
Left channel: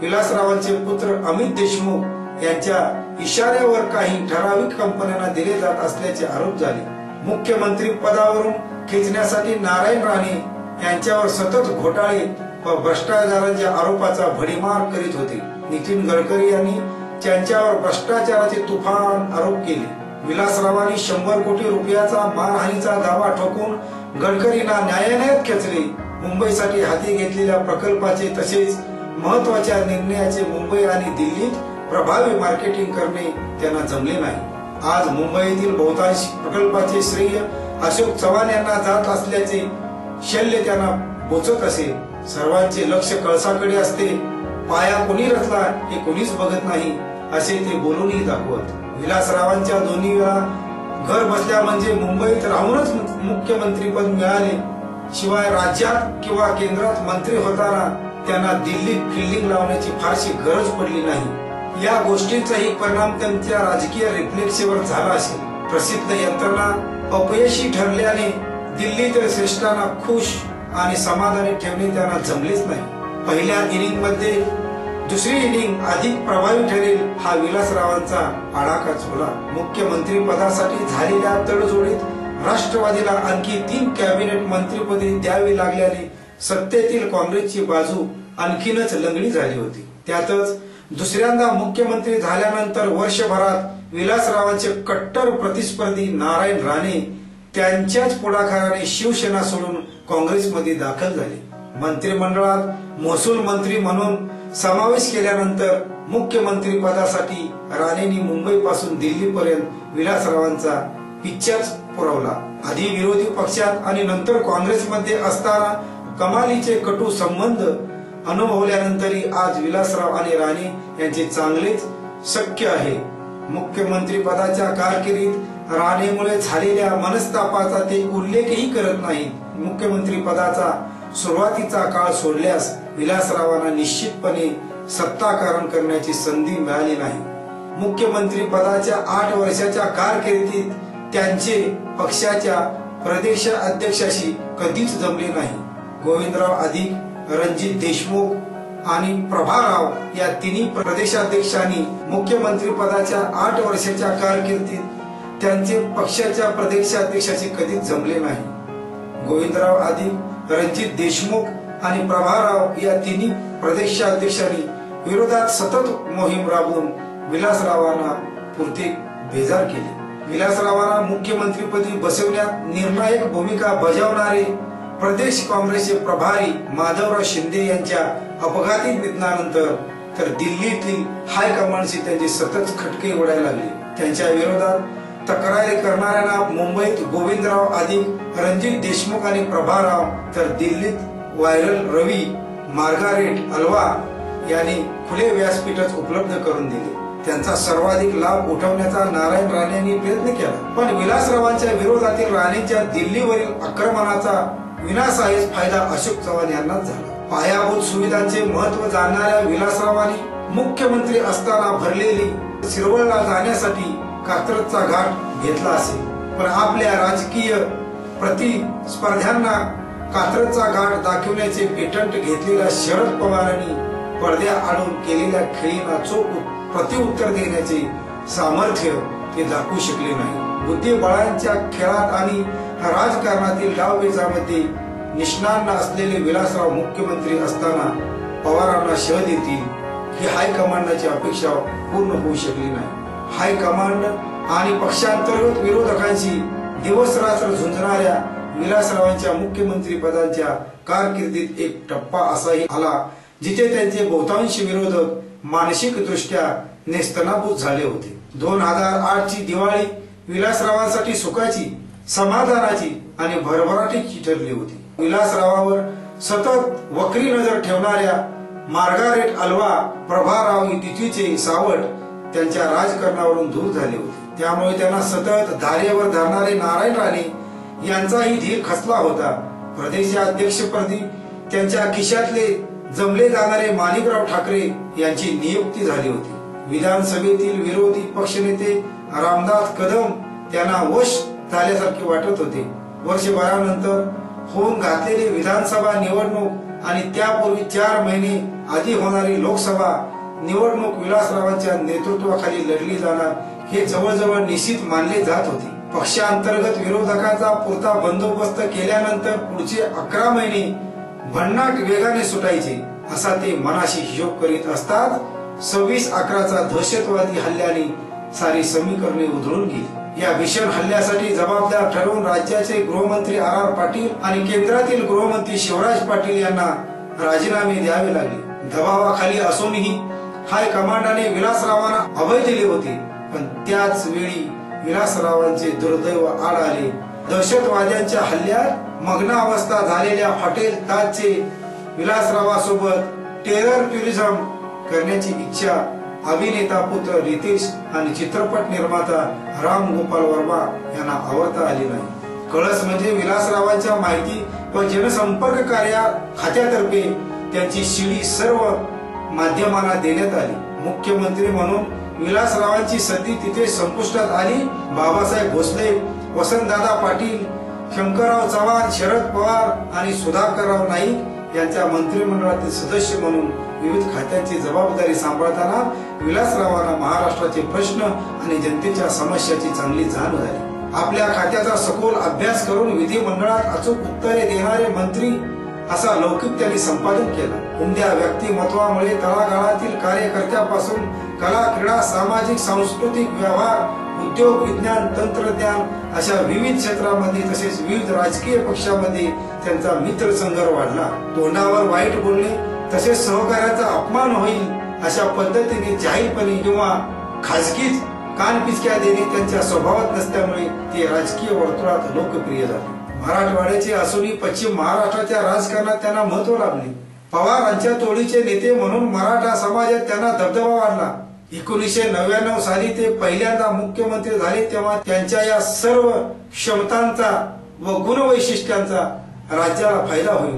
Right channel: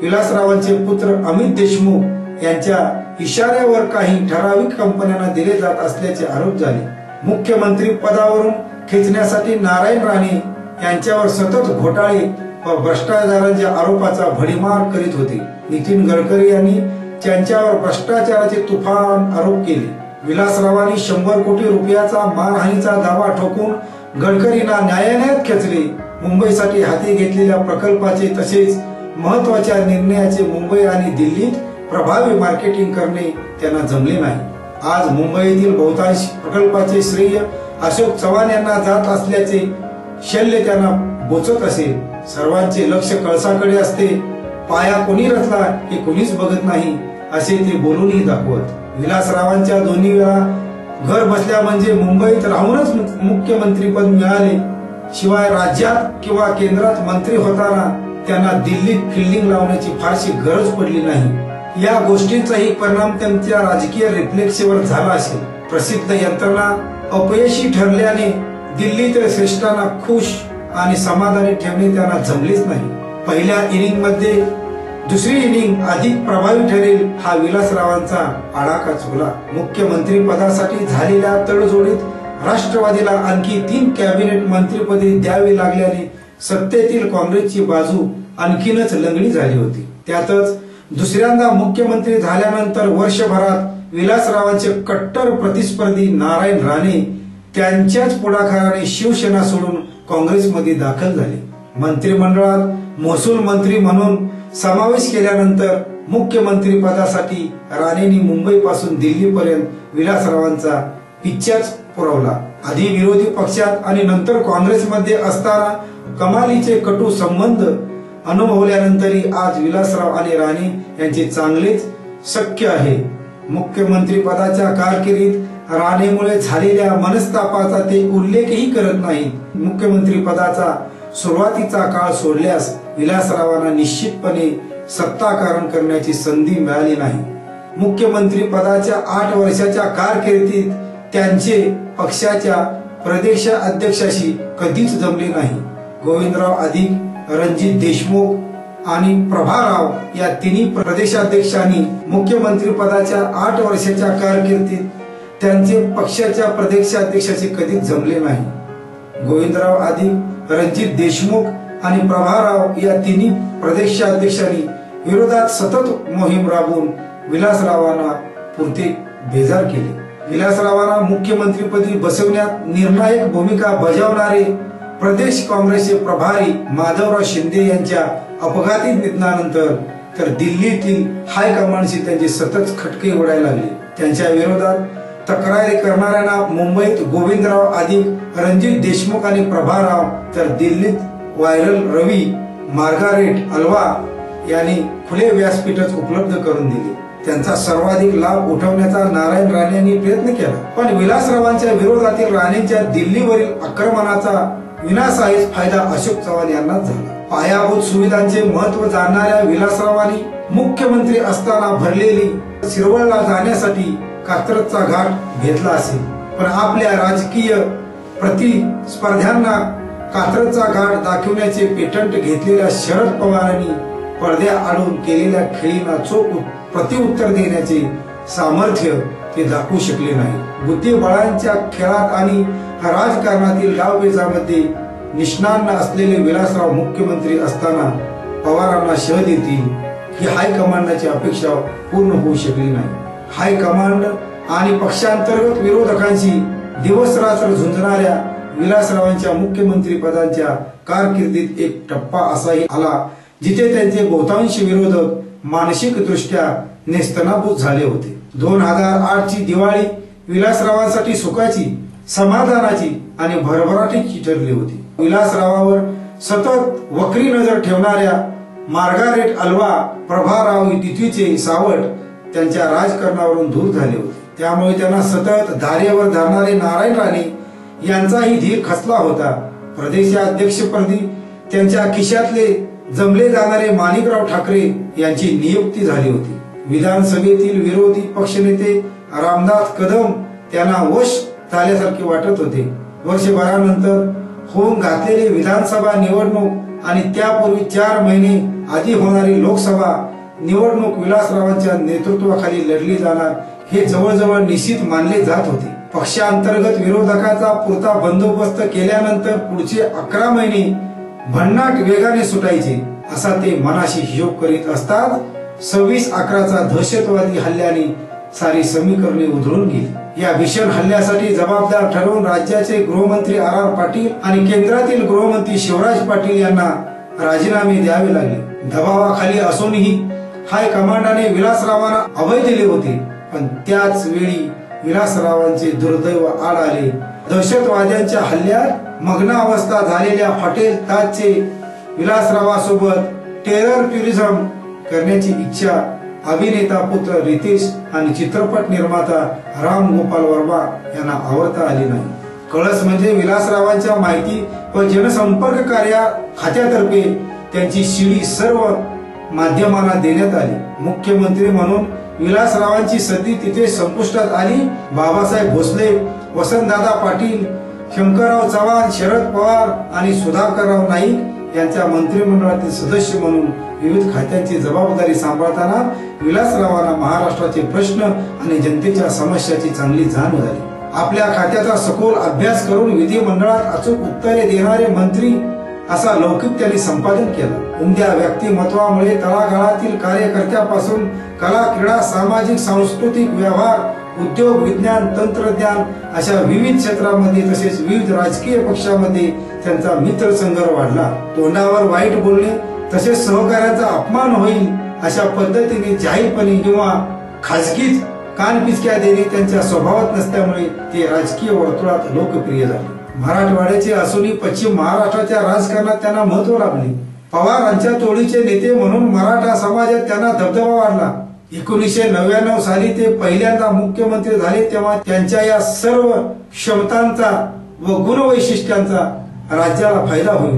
विलासरावांचे पुत्र अमित देशमुख यांच्या इशाऱ्यावर काही ठराविक कंपन्यांना दिले जात असल्याचे आरोप झाले. मुख्यमंत्री पदावरून खेचण्यासाठी नारायण राणे यांच्यावर सतत घोटाळे व भ्रष्टाचारांच्या आरोपाचा भडीमार करीत होते. नितीन गडकरी यांनी त्यांच्यावर भ्रष्टाचाराचे तुफान आरोप केले. विलासरावांनी 100 कोटी रुपयाचा मानहानीचा दावा ठोकून गडकरींना न्यायालयात खेचले. मुंबईसाठी हाती घेतलेल्या प्रकल्पाचे तसेच महत्वाच्या निर्णयाचे मुंबई आणि दिल्लीत प्रभावी मार्केटिंग करणे त्यांना जमले नाही. आज मुंबईतील बहुतांश प्रकल्पाचे श्रेय अशोक चव्हाण यांना जात असल्याचे शल्य त्यांना बोचत असेल. सर्वांचे लक्ष कळसाकडे असते. पाया कोणी रचला हे कोणीच बघत नाही असे ते बोलूनही दाखवत. विलासरावांच्या दोन्ही वेळा घर बसल्या म्हणजे मुंबईत राहूनच मुख्यमंत्रीपद मिळाले. शिवाय राज्यात किंवा केंद्रात मंत्री होताना त्यांना दिल्लीत फिल्डिंग लावण्याची फारशी गरज पडली नाही. या गोष्टींचाही परिणाम त्यांच्या राजकीय रिफ्लेक्सवर झाला असेल. प्रसिद्ध यंत्रणा अपयशी ठरल्याने दिल्लीतील श्रेष्ठांना खुश आणि समाधानी ठेवणे त्यांना जमलेच नाही. पहिल्या इनिंग मध्ये दुसरी इनिंग अधिक प्रभावी ठरेल हा विलासरावांचा आडाखा चुकला. मुख्यमंत्री पदासाठी झालेल्या तडजोडीत राष्ट्रवादीला आणखी 3 कॅबिनेट मंत्रीपदे द्यावी लागल्याने सत्तेतील काँग्रेसची बाजू आणखीनच लंगडी झाली होती. त्यातच दुसऱ्यांदा मुख्यमंत्री झाल्यानंतर वर्षभरात विलासरावांचे कट्टर प्रतिस्पर्धी नारायण राणे त्यांच्याच पुढाकाराने शिवसेना सोडून काँग्रेसमध्ये दाखल झाले. मंत्रिमंडळात महसूल मंत्री म्हणून समावेश केल्यानंतर मुख्यमंत्री पदासाठी राणेंनी मुंबईपासून दिल्लीपर्यंत विलासरावांचा पिच्चाच पुरवला. आधी विरोधी पक्षात आणि नंतर काँग्रेसमध्ये असताना कमालीचे कटू संबंध अनुभवल्यानंतरही आज विलासराव आणि राणे यांचे चांगलेच सख्य आहे. मुख्यमंत्री पदाच्या कारकिर्दीत राणेमुळे झालेल्या मनस्तापाचा ते उल्लेखही करत नाहीत. मुख्यमंत्री पदाचा सुरुवातीचा काळ सोडल्यास विलासरावांना निश्चितपणे सत्ताकारण करण्याची संधी मिळाली नाही. मुख्यमंत्री पदाच्या 8 वर्षाच्या कारकिर्दीत त्यांचे पक्षाच्या प्रदेशाध्यक्षाशी कधीच जमले नाही. गोविंदराव अधिक रणजित देशमुख आणि प्रभाराव या तिन्ही प्रदेशाध्यक्षांनी मुख्यमंत्री पदाच्या 8 वर्षाच्या कारकिर्दीत त्यांचे पक्षाच्या प्रदेशाध्यक्षाचे कधीच जमले नाही। गोविंदराव अधिक रणजित देशमुख आणि प्रभाराव या तिन्ही प्रदेशाध्यक्षांनी विरोधात सतत मोहीम राबवून विलासरावांना पुरते बेजार केले। विलासरावांना मुख्यमंत्रीपदी बसवण्यात निर्णायक भूमिका बजावणारे प्रदेश काँग्रेसचे प्रभारी माधवराव शिंदे यांच्या अपघाती निधनानंतर तर दिल्लीतील हायकमांडशी त्यांचे सतत खटके उडायला लागले। त्यांच्या विरोधात तक्रारी करणाऱ्यांना मुंबईत गोविंदराव अधिक रणजित देशमुख आणि प्रभाराव तर दिल्लीत व्हायरल रवी मार्गारेट अल्वा यांनी खुले व्यासपीठच उपलब्ध करून दिले। त्यांचा सर्वाधिक लाभ उठवण्याचा नारायण राणे यांनी प्रयत्न केला, पण विलासरावांच्या विरोधातील राणेंच्या दिल्लीवरील आक्रमणाचा विनासाहीच फायदा अशोक चव्हाण यांनाच झाला। पायाभूत सुविधांचे महत्त्व जाणणाऱ्या विलासरावांनी मुख्यमंत्री असताना भरलेली शिरवळला जाण्यासाठी कात्रजचा घाट घेतला असेल, पण आपल्या राजकीय प्रतिस्पर्ध्यांना कात्रजचा घाट दाखवण्याचे पेटंट घेतलेल्या शरद पवारांनी पडद्याआडून केलेल्या खेळींना चोख प्रतिउत्तर देण्याचे सामर्थ्य ते दाखवू शकले नाही। बुद्धिबळांच्या खेळात आणि राजकारणातील डावपेचामध्ये निष्णात असलेले विलासराव मुख्यमंत्री असताना पवारांना शह देतील ही हायकमांडची अपेक्षा पूर्ण होऊ शकली नाही। हायकमांड आणि पक्षांतर्गत विरोधकांशी दिवसरात्र झुंजणाऱ्या विलासरावांच्या मुख्यमंत्री पदाच्या कारकिर्दीत एक टप्पा असाही आला जिथे त्यांचे बहुतांश विरोधक मानसिक दृष्ट्या नेस्तनाबूत झाले होते। 2008 ची दिवाळी विलासरावांसाठी सुखाची, समाधानाची आणि भरभराटीची ठरली होती। विलासरावावर सतत वक्री नजर ठेवणाऱ्या मार्गारेट अल्वा प्रभाराव तिथीचे सावट त्यांच्या राजकारणावरून दूर झाले होते, त्यामुळे त्यांना सतत धारेवर धरणारे नारायण राणे यांचाही धीर खचला होता। प्रदेशाध्यक्षपदी त्यांच्या खिशातले जमले जाणारे माणिकराव ठाकरे यांची नियुक्ती झाली होती। विधानसभेतील विरोधी पक्षनेते रामदास कदम त्यांना वश झाल्यासारखे वाटत होते। वर्षभरानंतर होऊन घातलेली विधानसभा निवडणूक आणि त्यापूर्वी 4 महिने आधी होणारी लोकसभा निवडणूक विलासरावांच्या नेतृत्वाखाली लढली जाणार हे जवळजवळ निश्चित मानले जात होते। पक्षांतर्गत विरोधकांचा पुरता बंदोबस्त केल्यानंतर पुढचे 11 महिने भन्नाट वेगाने सुटायचे असा ते मनाशी हिशोब करीत असतात 26/11चा दहशतवादी हल्ल्याने सारी समीकरणे उधळून गेली। या भीषण हल्ल्यासाठी जबाबदार ठरवून राज्याचे गृहमंत्री RR पाटील आणि केंद्रातील गृहमंत्री शिवराज पाटील यांना राजीनामे द्यावे लागले। दबावाखाली असूनही हायकमांडाने विलासरावांना अभय दिले होते, पण त्याच वेळी विलासरावांचे दुर्दैव आड आले। दहशतवाद्यांच्या हल्ल्यात मग्न अवस्था झालेल्या हॉटेल ताजचे विलासरावासोबत टेरर टुरिझम करण्याची इच्छा अभिनेता पुत्र रितेश आणि चित्रपट निर्माता राम गोपाल वर्मा यांना आवरता आली नाही। कळस म्हणजे विलासरावांच्या माहिती व जनसंपर्क कार्य खात्यातर्फे त्यांची शिडी सर्व माध्यमांना देण्यात आली। मुख्यमंत्री म्हणून विलासरावांची सदी तिथे संपुष्टात आली। बाबासाहेब भोसले, वसंतदादा पाटील, शंकरराव चव्हाण, शरद पवार आणि सुधाकरराव नाईक यांच्या मंत्रिमंडळातील सदस्य म्हणून विविध खात्यांची जबाबदारी सांभाळताना विलासरावांना महाराष्ट्राचे प्रश्न आणि जनतेच्या समस्याची चांगली जाण झाली। आपल्या खात्याचा सखोल अभ्यास करून विधिमंडळात अचूक उत्तरे देणारे मंत्री असा लौकिक त्यांनी संपादन केला। उमद्या व्यक्तिमत्वामुळे तळागाळातील कार्यकर्त्यापासून कला, क्रीडा, सामाजिक, सांस्कृतिक, व्यवहार, उद्योग, विज्ञान, तंत्रज्ञान अशा विविध क्षेत्रामध्ये तसेच विविध राजकीय पक्षांमध्ये त्यांचा मित्रसंघ वाढला। तोंडावर वाईट बोलणे तसेच सहकार्याचा अपमान होईल अशा पद्धतीने जाहीरपणे किंवा खाजगीत कानपिचक्या देणे त्यांच्या स्वभावात नसल्यामुळे ते राजकीय वर्तुळात लोकप्रिय झाले। मराठवाड्याचे असूनही पश्चिम महाराष्ट्राच्या राजकारणात त्यांना महत्त्व लाभले। पवारांच्या तोडीचे नेते म्हणून मराठा समाजात त्यांना दबदबा वाढला। 1999 साली ते पहिल्यांदा मुख्यमंत्री झाले तेव्हा त्यांच्या या सर्व क्षमतांचा व गुणवैशिष्ट्यांचा राज्याला फायदा होईल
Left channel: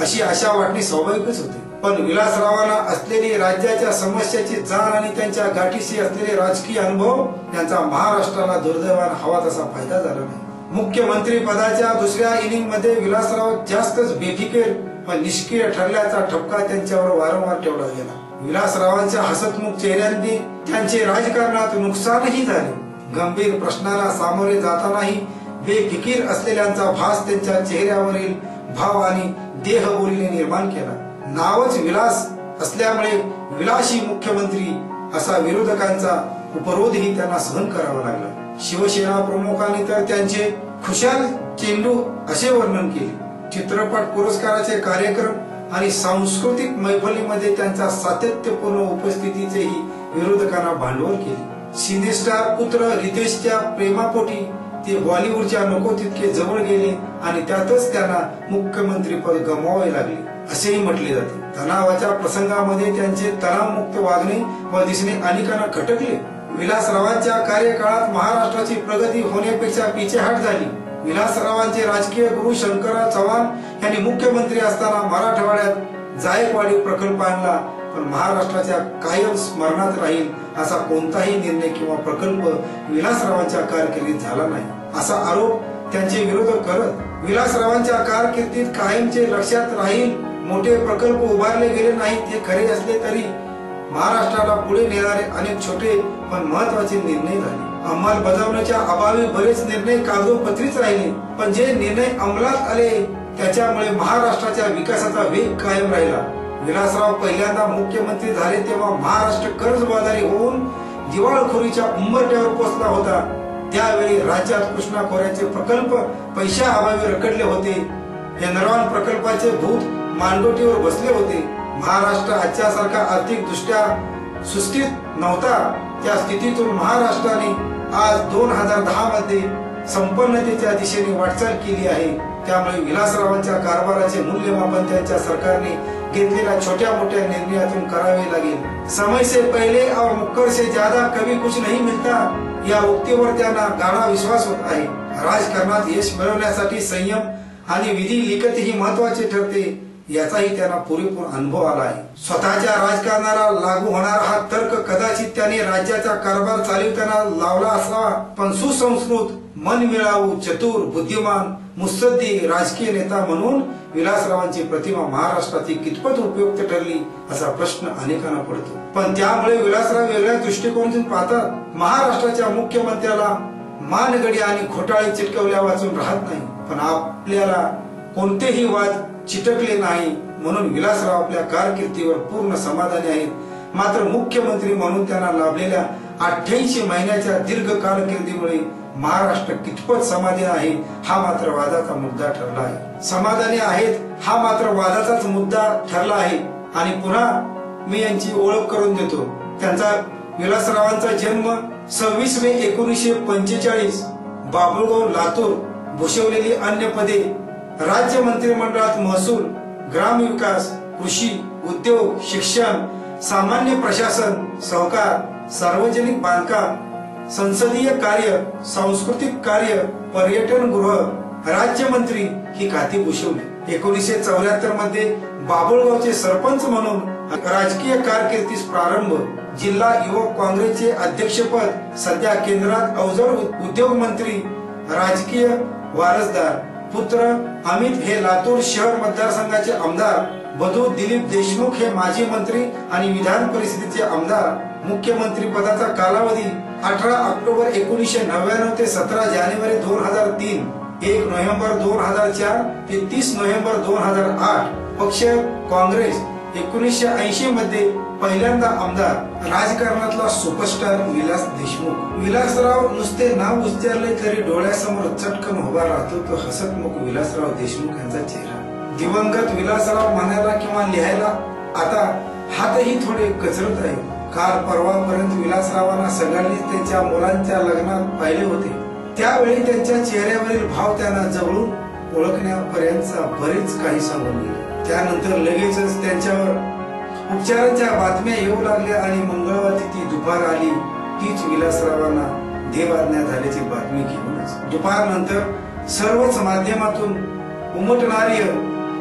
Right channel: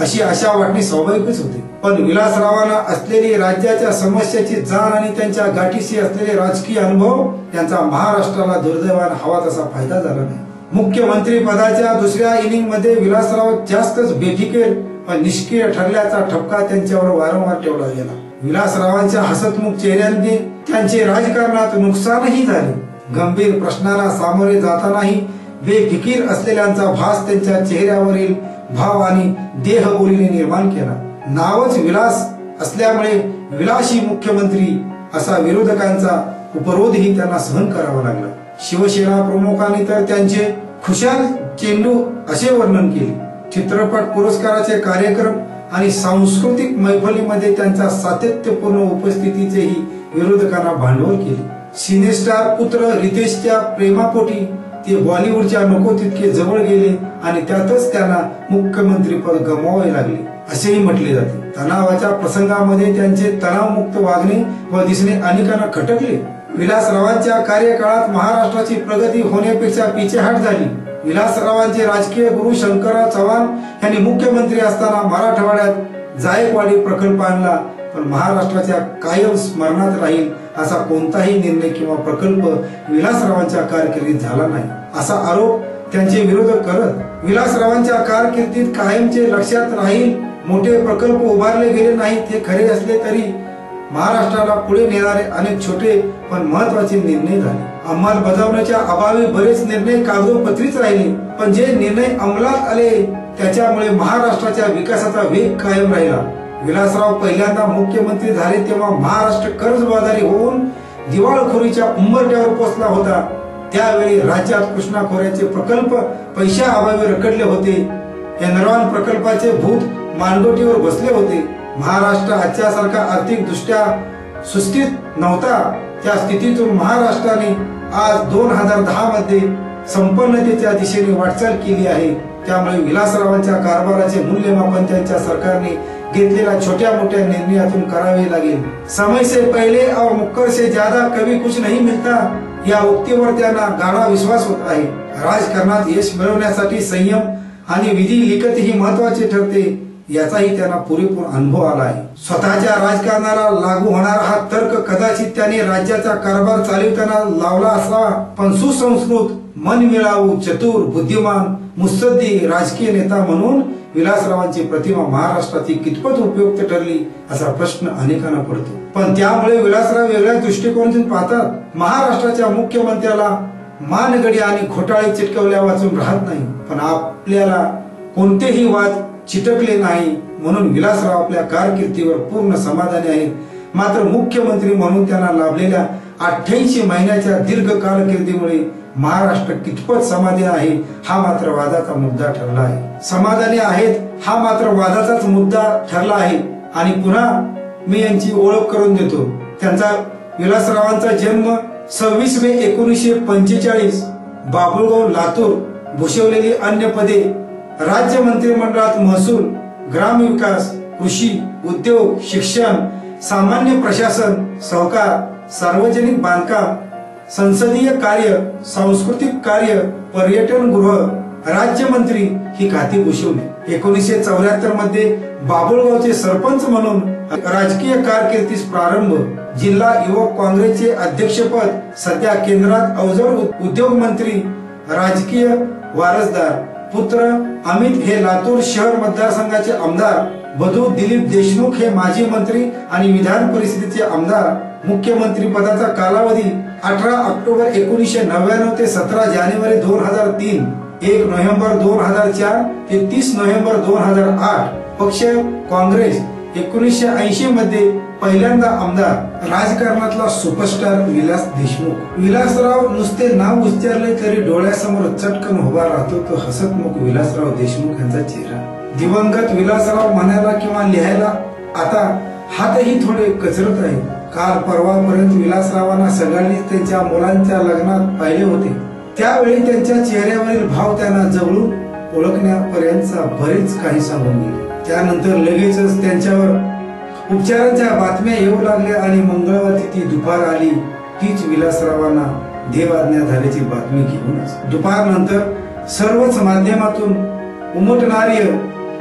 अशी आशा वाटणे स्वाभाविकच होते। पण विलासरावांना असलेली राज्याच्या समस्याची जाण आणि त्यांच्या गाठीशी असलेले राजकीय अनुभव यांचा महाराष्ट्राला दुर्दैवाने हवा तसा फायदा झाला नाही। मुख्यमंत्री पदाच्या दुसऱ्या इनिंग मध्ये विलासराव जास्तच बेफिकीर पण निष्क्रिय ठरल्याचा ठपका त्यांच्यावर वारंवार ठेवला गेला. विलासरावांच्या हसतमुख चेहऱ्यांनी त्यांचे राजकारणात नुकसानही झाले. गंभीर प्रश्नाला सामोरे जातानाही बेफिकीर असलेल्यांचा भास त्यांच्या चेहऱ्यावरील भाव आणि देहबोलीने निर्माण केला. नावच विलास असल्यामुळे विलासी मुख्यमंत्री असा विरोधकांचा उपरोधही त्यांना सहन करावा लागला. शिवसेना प्रमुखांनी तर त्यांचे खुशाल चेंडू असे वर्णन केले. चित्रपट पुरस्काराचे कार्यक्रम आणि सांस्कृतिक मैफलीमध्ये त्यांच्या सातत्यपूर्ण उपस्थितीचेही विरोधकांना भांडवल केले. सिनेस्टार पुत्र रितेशच्या प्रेमापोटी ते बॉलिवूडच्या नको तितके जवळ गेले आणि त्यातच त्यांना मुख्यमंत्री पद गमवावे लागले असेही म्हटले जाते. तणावाच्या प्रसंगामध्ये त्यांचे तणावमुक्त वागणे व दिसणे अनेकांना खटकले. विलासरावांच्या कार्यकाळात महाराष्ट्राची प्रगती होण्यापेक्षा पिछेहाट झाली. विलासरावांचे राजकीय गुरु शंकरराव चव्हाण यांनी मुख्यमंत्री असताना मराठवाड्यात जायकवाडी प्रकल्प आणला, पण महाराष्ट्राच्या कायम स्मरणात राहील असा कोणताही निर्णय किंवा प्रकल्प विलासरावांच्या कारकिर्दीत झाला नाही असा आरोप त्यांचे विरोधक करत विलासरावांच्या कारकिर्दीत कायमचे लक्षात राहील मोठे प्रकल्प उभारले गेले नाहीत हे खरे असले तरी महाराष्ट्राला पुढे नेणारे अनेक छोटे पण महत्वाचे निर्णय झाले. अंमलबजावणीच्या अभावी बरेच निर्णय कागदोपत्रीच राहिले, पण जे निर्णय अंमलात आले त्याच्यामुळे महाराष्ट्राच्या विकासाचा वेग कायम राहिला. विलासराव पहिल्यांदा मुख्यमंत्री झाले तेव्हा महाराष्ट्र कर्जबाजारी होऊन दिवाळखोरीच्या उंबरठ्यावर पोहोचला होता. त्यावेळी राज्यात कृष्णा खोऱ्याचे प्रकल्प पैशाअभावी रखडले होते. एनरॉन प्रकल्पाचे भूत मानगोटीवर बसले होते. महाराष्ट्र आजच्या सारखा आर्थिक दृष्ट्या सुस्थितीत नव्हता. त्या स्थितीतून महाराष्ट्राने आज 2010 मध्ये संपन्नतेच्या दिशेने वाटचाल केली आहे. त्यामुळे विलासरावांच्या कारभाराचे मूल्यमापन त्यांच्या सरकारने घेतलेल्या छोट्या मोठ्या निर्णयातून करावे लागेल. समय से पहले और मुक्कर से ज्यादा कभी कुछ नहीं मिलता या उक्तीवर त्यांना गाढा विश्वास होत आहे. राजकारणात यश मिळवण्यासाठी संयम आणि विधी लिखतही महत्वाचे ठरते याचाही त्यांना पुरेपूर अनुभव आला आहे. स्वतःच्या राजकारणाला लागू होणारा हा तर्क कदाचित त्याने राज्याचा कारभार चालवताना लावला असावा, पण सुसंस्कृत, मनमिळावू, चतुर, बुद्धिमान, मुत्सद्दी राजकीय नेता म्हणून विलासरावांची प्रतिमा महाराष्ट्रातील कितपत उपयुक्त ठरली असा प्रश्न अनेकांना पडतो. पण त्यामुळे विलासराव वेगळ्या दृष्टिकोनातून पाहतात. महाराष्ट्राच्या मुख्यमंत्र्याला मानगडी आणि घोटाळे चिटकवल्या वाचून राहत नाही, पण आपल्याला कोणतेही वाद चिटकले नाही म्हणून विलासराव आपल्या कारकिर्दीवर पूर्ण समाधानी आहेत. मात्र मुख्यमंत्री म्हणून त्यांना लाभलेल्या 88 महिन्याच्या दीर्घ कारकिर्दीमुळे महाराष्ट्र कितपत समाधानी आहे हा मात्र वादाचा मुद्दा ठरला आहे. समाधानी आहेत हा मात्र वादाचाच मुद्दा ठरला आहे. आणि पुन्हा मी यांची ओळख करून देतो. त्यांचा विलासरावांचा जन्म 26 मे 1945 बाबुळगाव लातूर. भूषवलेली अन्य पदे राज्य मंत्रिमंडळात महसूल, ग्रामविकास, कृषी, उद्योग, शिक्षण, सामान्य प्रशासन, सहकार, सार्वजनिक बांधकाम, संसदीय कार्य, सांस्कृतिक कार्य, पर्यटन गृह, राज्यमंत्री ही खाती भूषवली. 1974 मध्ये बाबुळगावचे सरपंच म्हणून राजकीय कारकिर्दीस प्रारंभ. जिल्हा युवक काँग्रेसचे अध्यक्षपद. सध्या केंद्रात अवजड उद्योग मंत्री, राजकीय वारसदार. पुत्र अमित हे लातूर शहर मतदारसंघाचे आमदार. बधू दिलीप देशमुख हे माजी मंत्री आणि विधान परिषदेचे आमदार. मुख्यमंत्री पदाचा कालावधी 18 ऑक्टोबर 1999 ते 17 जानेवारी 2003, 1 नोव्हेंबर 2004 ते 30 नोव्हेंबर 2008. पक्ष काँग्रेस. 1980 मध्ये पहिल्यांदा आमदार. राजकारणातला सुपरस्टार विलास देशमुख. विलासराव नुसते नाव उच्चारले तरी डोळ्यासमोर चटकन उभा राहतो तो हसतमुख विलासराव देशमुख यांचा चेहरा. दिवंगत विलासराव म्हणायला किंवा लिहायला आता हातही थोडे कचरत आहे. काल परवापर्यंत विलासरावांना सगळ्यांनीच त्यांच्या मुलांच्या लग्नात पाहिले होते. त्यावेळी त्यांच्या चेहऱ्यावरील भाव त्यांना जवळून ओळखण्यापर्यंतचा बरेच काही सांगून गेले. त्यानंतर लगेचच त्यांच्यावर उपचारांच्या बातम्या येऊ लागल्या आणि मंगळवारी ती दुपार आली. तीच विलासरावांना देवाज्ञा झाल्याची बातमी घेऊनच दुपारनंतर सर्वच माध्यमातून उमटणारी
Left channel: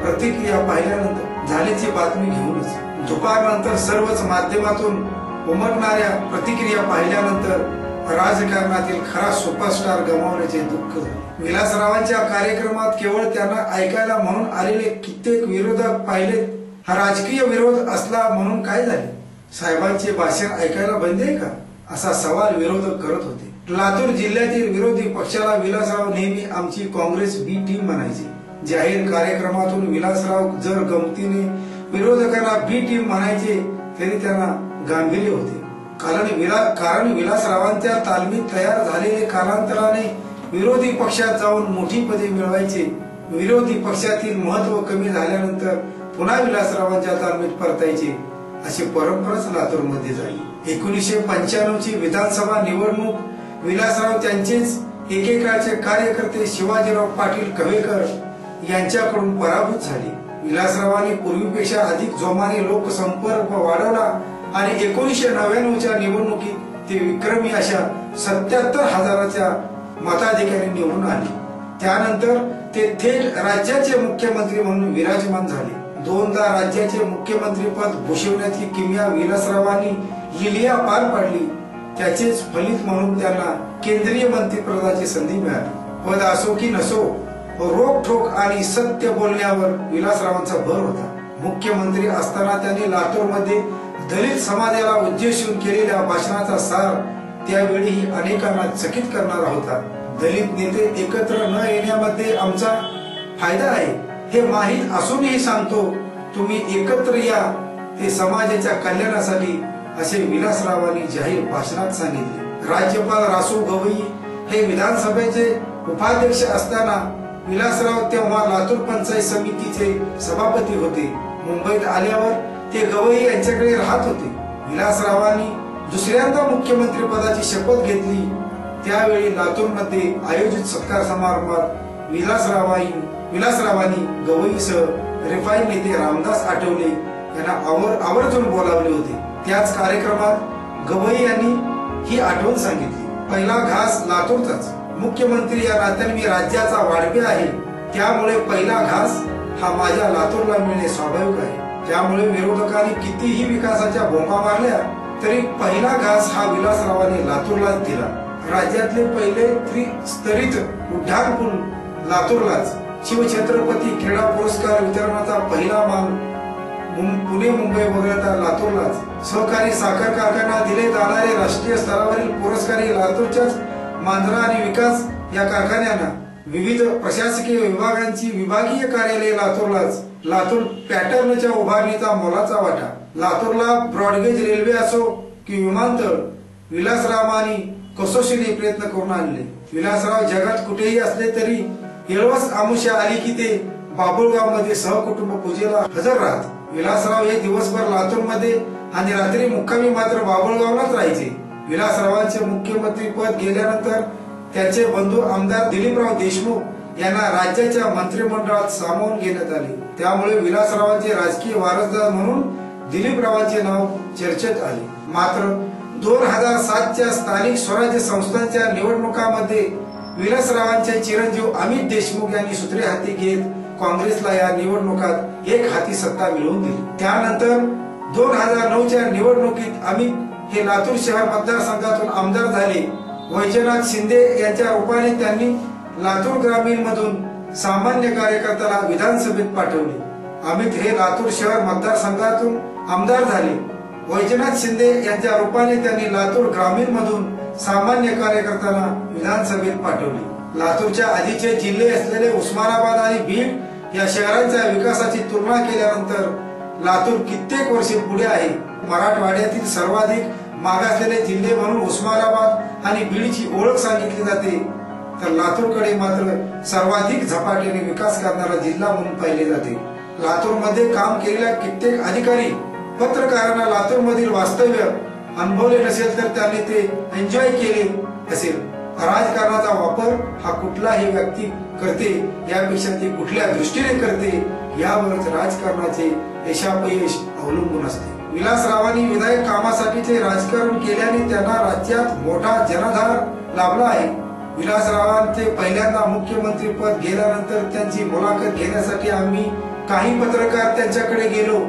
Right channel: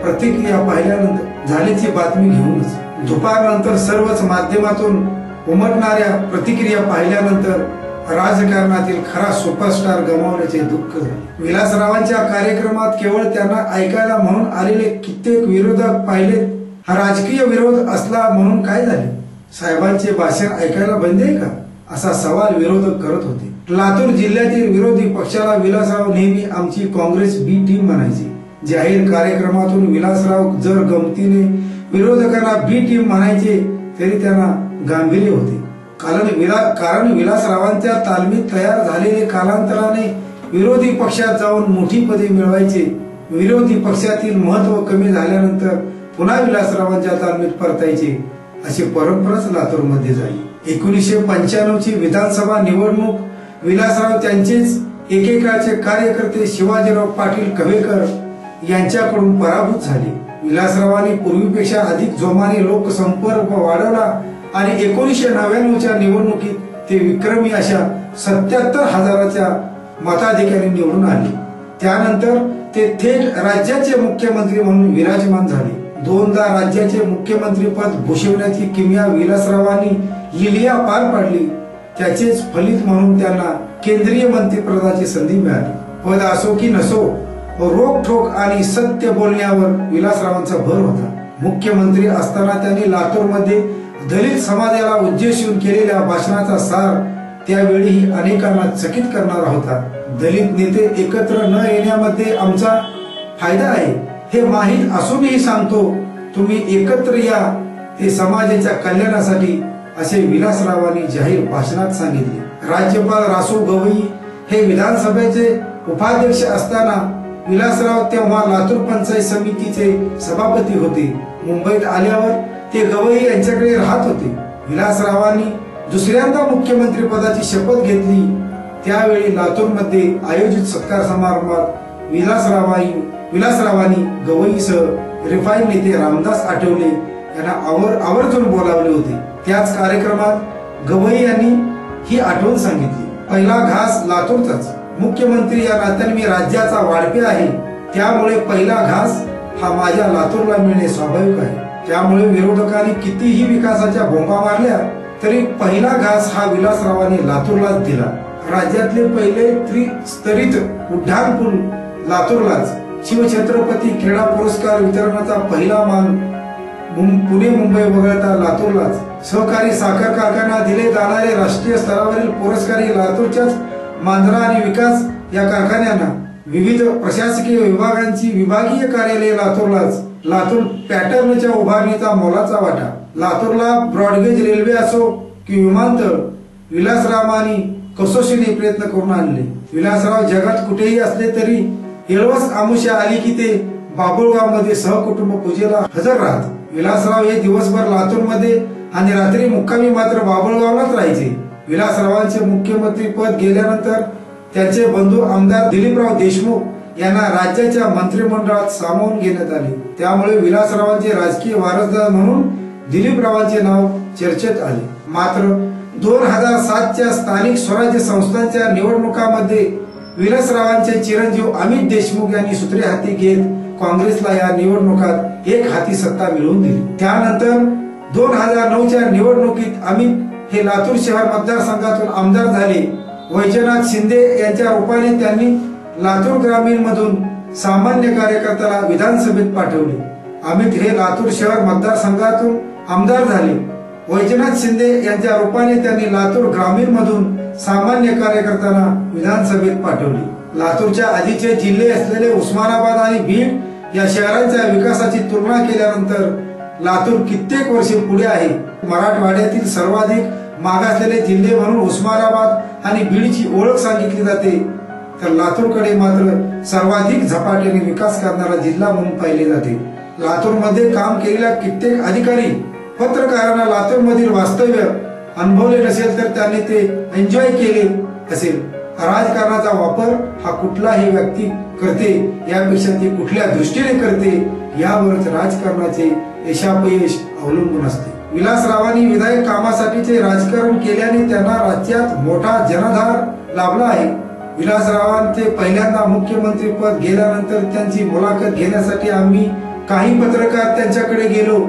प्रतिक्रिया पाहिल्यानंतर झाल्याची बातमी घेऊनच दुपारनंतर सर्वच माध्यमातून उमटणाऱ्या प्रतिक्रिया पाहिल्यानंतर राजकारणातील खरा सुपरस्टार गमावण्याचे दुःख झाले। विलासरावांच्या कार्यक्रमात केवळ त्यांना ऐकायला म्हणून आलेले कित्येक विरोधक पाहिले। हा राजकीय विरोध असला म्हणून काय झाले? साहेबांचे भाषण ऐकायला बंद आहे का, असा सवाल विरोधक करत होते। लातूर जिल्ह्यातील विरोधी पक्षाला विलासराव नेहमी आमची काँग्रेस बी टीम म्हणायचे। जाहीर कार्यक्रमातून विलासराव जर गमतीने विरोधकांना बी टीम म्हणायचे तरी त्यांना गांभीर्य होते। कारण विलासरावांच्या तालमीत तयार झालेले कालांतराने विरोधी पक्षात जाऊन मोठी पदे मिळवायचे। विरोधी पक्षातील महत्व कमी झाल्यानंतर पुन्हा विलासरावांच्या तालमीत परतायचे, अशी परंपराच लातूरमध्ये झाली। 1995 ची विधानसभा निवडणूक विलासराव त्यांचेच एकेकाळचे कार्यकर्ते शिवाजीराव पाटील कवेकर यांच्याकडून पराभूत झाले। विलासरावांनी पूर्वीपेक्षा अधिक जोमाने लोकसंपर्क वाढवला आणि 1999 च्या निवडणुकीत ते विक्रमी अशा 77,000च्या मताधिक्याने निवडून आले। त्यानंतर ते थेट राज्याचे मुख्यमंत्री म्हणून विराजमान झाले। दोनदा राज्याचे मुख्यमंत्री पद भूषवण्याची किमया विलासरावांनी लिलिया पार पाडली। त्याचेच फलित म्हणून त्यांना केंद्रीय मंत्रिपदाची संधी मिळाली। पद असो की नसो, रोखठोक आणि सत्य बोलण्यावर विलासरावांचा भर होता। मुख्यमंत्री असताना त्यांनी लातूरमध्ये दलित समाजाला उद्देशून केलेल्या भाषणाचा सार त्यावेळी अनेकांना चकित करणारा होता। दलित नेते एकत्र न येण्यामध्ये आमचा फायदा आहे हे माहीत असूनही सांगतो, तुम्ही एकत्र या, ते समाजाच्या कल्याणासाठी, असे विलासरावांनी जाहीर भाषणात सांगितले। राज्यपाल रासू गवई हे विधानसभेचे उपाध्यक्ष असताना विलासराव तेव्हा लातूर पंचायत समितीचे सभापती होते। मुंबईत आल्यावर ते गवई यांच्याकडे राहत होते। विलासरावांनी दुसऱ्यांदा मुख्यमंत्री पदाची शपथ घेतली। त्यावेळी लातूरमध्ये आयोजित सत्कार समारंभात विलासरावांनी गवईसह रिफाईन नेते रामदास आठवले यांना आवर्जून बोलावले होते। त्याच कार्यक्रमात गवई यांनी ही आठवण सांगितली, पहिला घास लातूरचाच। मुख्यमंत्री या नात्याने मी राज्याचा वाढपे आहे, त्यामुळे पहिला घास हा माझ्या लातूरला मिळणे स्वाभाविक आहे। त्यामुळे विरोधकांनी कितीही विकासाच्या भोंगा मारल्या तरी पहिला घास हा विलासरावांनी लातूरलाच दिला। राज्यातले पहिले त्रिस्तरीत उड्डाणपूल लातूरलाच, शिवछत्रपती क्रीडा पुरस्कार वितरणाचा पहिला मान पुणे मुंबई वगळता लातूरलाच, सहकारी साखर कारखाना दिले जाणारे राष्ट्रीय स्तरावरील पुरस्कारही लातूरच्याच मांजरा आणि विकास या कारखान्यांना, विविध प्रशासकीय विभागांची विभागीय कार्यालये लातूरलाच, लातूर पॅटर्नच्या उभारणीचा मोलाचा वाटा, लातूरला ब्रॉडगेज रेल्वे असो की विमानतळ विलासरावांनी कसोशीने प्रयत्न करून आणले। विलासराव जगात कुठेही असले तरी येळवस आमुष्या आली की ते बाबुळगाव मध्ये सहकुटुंब पूजेला हजर राहत। विलासराव हे दिवसभर लातूरमध्ये आणि रात्री मुक्कामी मात्र बाबुळगावलाच राहायचे। विलासरावांचे मुख्यमंत्री पद गेल्यानंतर त्यांचे बंधू आमदार दिलीपराव देशमुख यांना राज्याच्या मंत्रिमंडळात सामावून घेण्यात आले। त्यामुळे विलासरावांचे राजकीय वारसदार म्हणून दिलीपरावांचे नाव चर्चेत आले। मात्र 2007च्या स्थानिक स्वराज्य संस्थांच्या निवडणुकांमध्ये विलासरावांचे चिरंजीव अमित देशमुख यांनी सूत्रे हाती घेत काँग्रेसला या निवडणुकात एक हाती सत्ता मिळवून दिली। त्यानंतर 2009च्या निवडणुकीत अमित हे लातूर शहर मतदारसंघातून आमदार झाले। वैजनाथ शिंदे यांच्या रूपाने त्यांनी लातूर ग्रामीण मधून सामान्य कार्यकर्त्याला विधानसभेत पाठवले। अमित हे लातूर शहर मतदारसंघातून आमदार झाले। वैजनाथ शिंदे यांच्या रूपाने त्यांनी लातूर ग्रामीण मधून सामान्य कार्यकर्त्यांना विधानसभेत पाठवले। लातूरच्या आधीचे जिल्हे असलेले उस्मानाबाद आणि बीड या शहरांच्या विकासाची तुलना केल्यानंतर लातूर कित्येक वर्षे पुढे आहे। मराठवाड्यातील सर्वाधिक मागासलेले जिल्हे म्हणून उस्मानाबाद आणि बीडची ओळख सांगितली जाते, तर लातूरकडे मात्र सर्वाधिक झपाट्याने विकास करणारा जिल्हा म्हणून पाहिले जाते। लातूरमध्ये काम केलेल्या कित्येक अधिकारी पत्रकारांना लातूरमधील वास्तव्य अनुभवले नसेल तर त्यांनी ते एन्जॉय केले असेल। राजकारणाचा वापर हा कुठलाही व्यक्ती करते यापेक्षा ती कुठल्या दृष्टीने करते यावरच राजकारणाचे यशापयश अवलंबून असते। विलासरावांनी विधायक कामासाठीचे राजकारण केल्याने त्यांना राज्यात मोठा जनाधार लाभला आहे। विलासरावांचे पहिल्यांदा मुख्यमंत्री पद गेल्यानंतर त्यांची मुलाखत घेण्यासाठी आम्ही काही पत्रकार त्यांच्याकडे गेलो।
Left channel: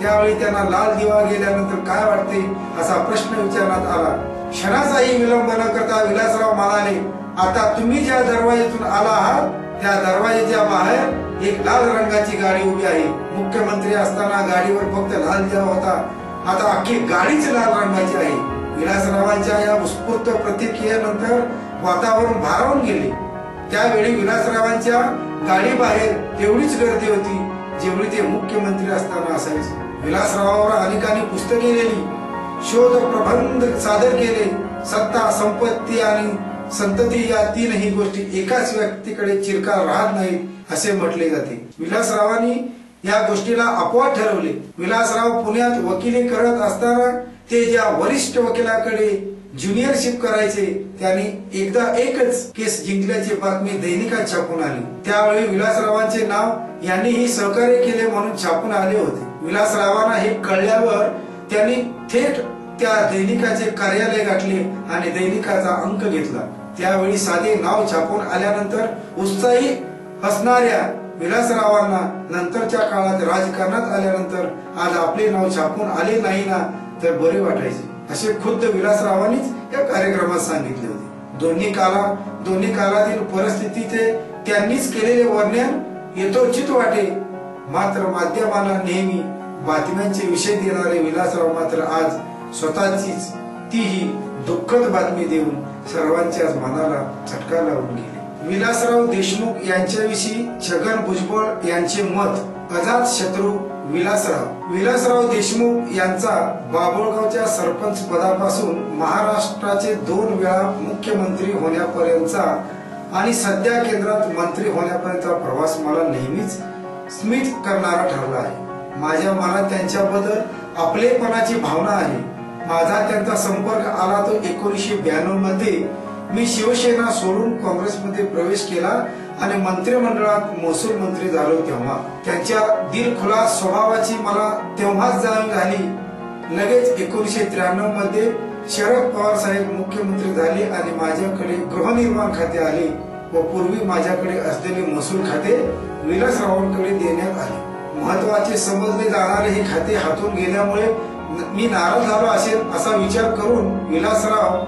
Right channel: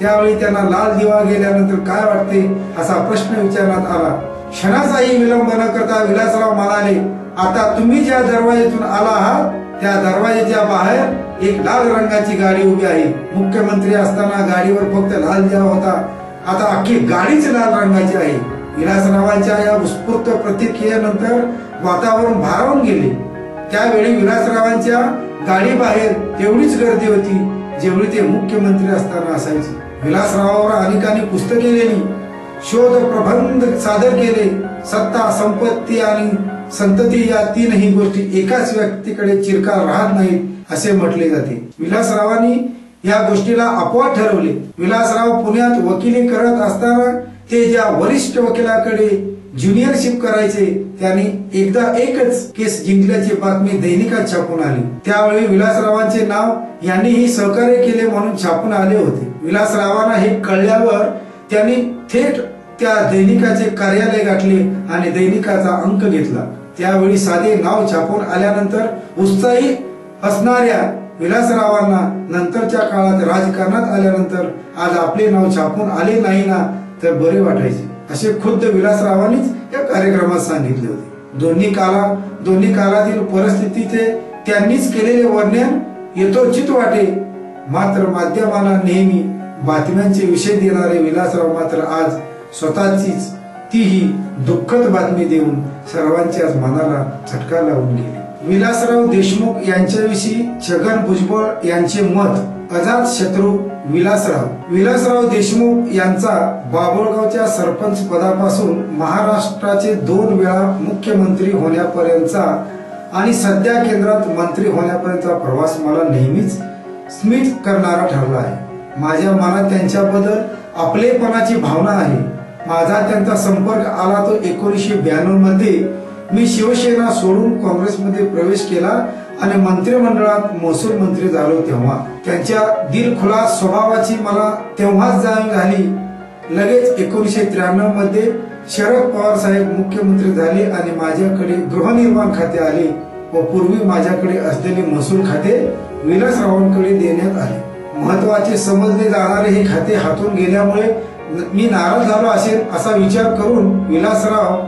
त्यावेळी त्यांना लाल दिवा गेल्यानंतर काय वाटते असा प्रश्न विचारण्यात आला। क्षणाचाही विलंब न करता विलासराव म्हणाले, आता तुम्ही ज्या दरवाजेतून आला आहात त्या दरवाजेच्या बाहेर एक लाल रंगाची गाडी उभी आहे. मुख्यमंत्री असताना गाडीवर फक्त लाल दिवा होता, आता अख्खी गाडीच लाल रंगाची आहे. विलासरावांच्या या उत्स्फूर्त प्रतिक्रियेनंतर वातावरण भारावून गेले. त्यावेळी विलासरावांच्या गाडी बाहेर तेवढीच गर्दी होती जेवढी ते मुख्यमंत्री असताना असायची. विलासरावावर अनेकांनी पुस्तके लिहिली, शोध प्रबंध सादर केले. सत्ता, संपत्ती आणि संतती या तीनही गोष्टी एकाच व्यक्तीकडे चिरकाल राहत नाहीत असे म्हटले जाते. विलासरावांनी या गोष्टीला अपवाद ठरवले. विलासराव पुण्यात वकिली करत असताना ते ज्या वरिष्ठ वकिलाकडे ज्युनियरशिप करायचे त्यांनी एकदा एकच केस जिंकल्याची बातमी दैनिकात छापून आली. त्यावेळी विलासरावांचे नाव यांनीही सहकार्य केले म्हणून छापून आले होते. विलासरावांना हे कळल्यावर त्यांनी थेट त्या दैनिकाचे कार्यालय गाठले आणि दैनिकाचा अंक घेतला. त्यावेळी साधे नाव छापून आल्यानंतर उत्साही असणाऱ्या विलासरावांना नंतरच्या काळात राजकारणात आल्यानंतर आज आपले नाव छापून आले नाही ना तर बरे वाटायचे असे खुद्द विलासरावांनीच या कार्यक्रमात सांगितले होते. दोन्ही काळातील परिस्थितीचे त्यांनीच केलेले वर्णन यथोचित वाटे. मात्र माध्यमांना नेहमी बातम्यांचे विषय देणारे विलासराव मात्र आज स्वतःचीच तीही दुःखद बातमी देऊन सर्वांच्याच मनाला झटका लावून गेले. विलासराव देशमुख यांच्याविषयी छगन भुजबळ यांचे मत. अजातशत्रू विलासराव देशमुख यांचा बाभुळगावच्या सरपंच पदापासून महाराष्ट्राचे 2 वेळा मुख्यमंत्री होण्यापर्यंतचा आणि सध्या केंद्रात मंत्री होण्यापर्यंतचा प्रवास मला नेहमीच स्मित करणारा ठरला आहे. माझ्या मनात त्यांच्याबद्दल आपलेपणाची भावना आहे. माझा त्यांचा संपर्क आला तो 1992 मध्ये. मी शिवसेना सोडून काँग्रेसमध्ये प्रवेश केला आणि मंत्रिमंडळात महसूल मंत्री झालो तेव्हा त्यांच्या दिलखुलास स्वभावाची मला तेव्हाच जाणीव झाली. लगेच 1993 मध्ये शरद पवार साहेब मुख्यमंत्री झाले आणि माझ्याकडे गृहनिर्माण खाते आले व पूर्वी माझ्याकडे असलेले महसूल खाते विलासरावांकडे देण्यात आले. महत्वाचे समजले जाणारे हे खाते हातून गेल्यामुळे मी नाराज झालो असेल असा विचार करून विलासराव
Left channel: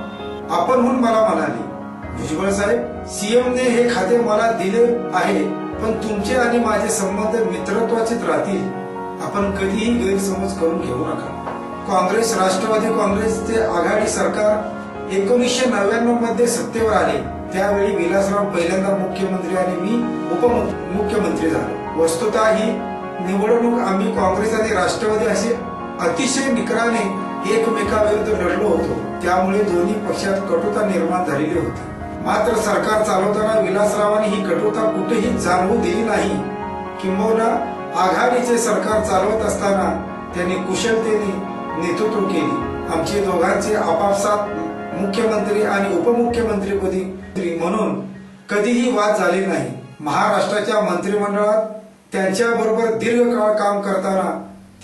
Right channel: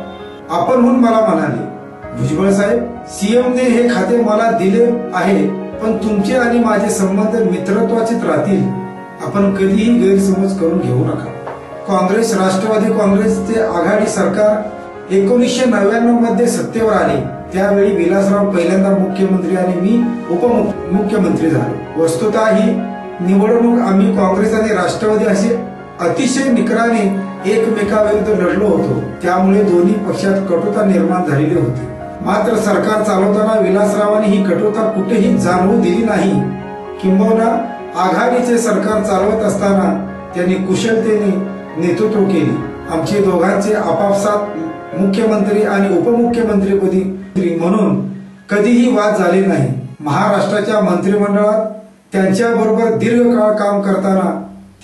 आपणहून मला म्हणाले, भुजबळ साहेब, सीएमने हे खाते मला दिले आहे पण तुमचे आणि माझे संबंध मित्रत्वाचेच राहतील. आपण कधीही गैरसमज करून घेऊ नका. काँग्रेस राष्ट्रवादी काँग्रेसचे आघाडी सरकार 1999 मध्ये सत्तेवर आले. त्यावेळी विलासराव पहिल्यांदा मुख्यमंत्री आणि मी उपमुख्यमंत्री झालो. वस्तुतः ही निवडणूक आम्ही काँग्रेस आणि राष्ट्रवादी असे अतिशय निकराने एकमेकाविरुद्ध लढलो होतो. त्यामुळे दोन्ही पक्षात कटुता निर्माण झालेली होती. मात्र सरकार चालवताना विलासरावांनी ही कटुता कुठेही जाणवू दिली नाही. किंबहुना आघाडीचे सरकार चालवत असताना त्यांनी कुशलतेने नेतृत्व केले. आमचे दोघांचे आपापसात मुख्यमंत्री आणि उपमुख्यमंत्रीपदी म्हणून कधीही वाद झाले नाही. महाराष्ट्राच्या मंत्रिमंडळात त्यांच्याबरोबर दीर्घकाळ काम करताना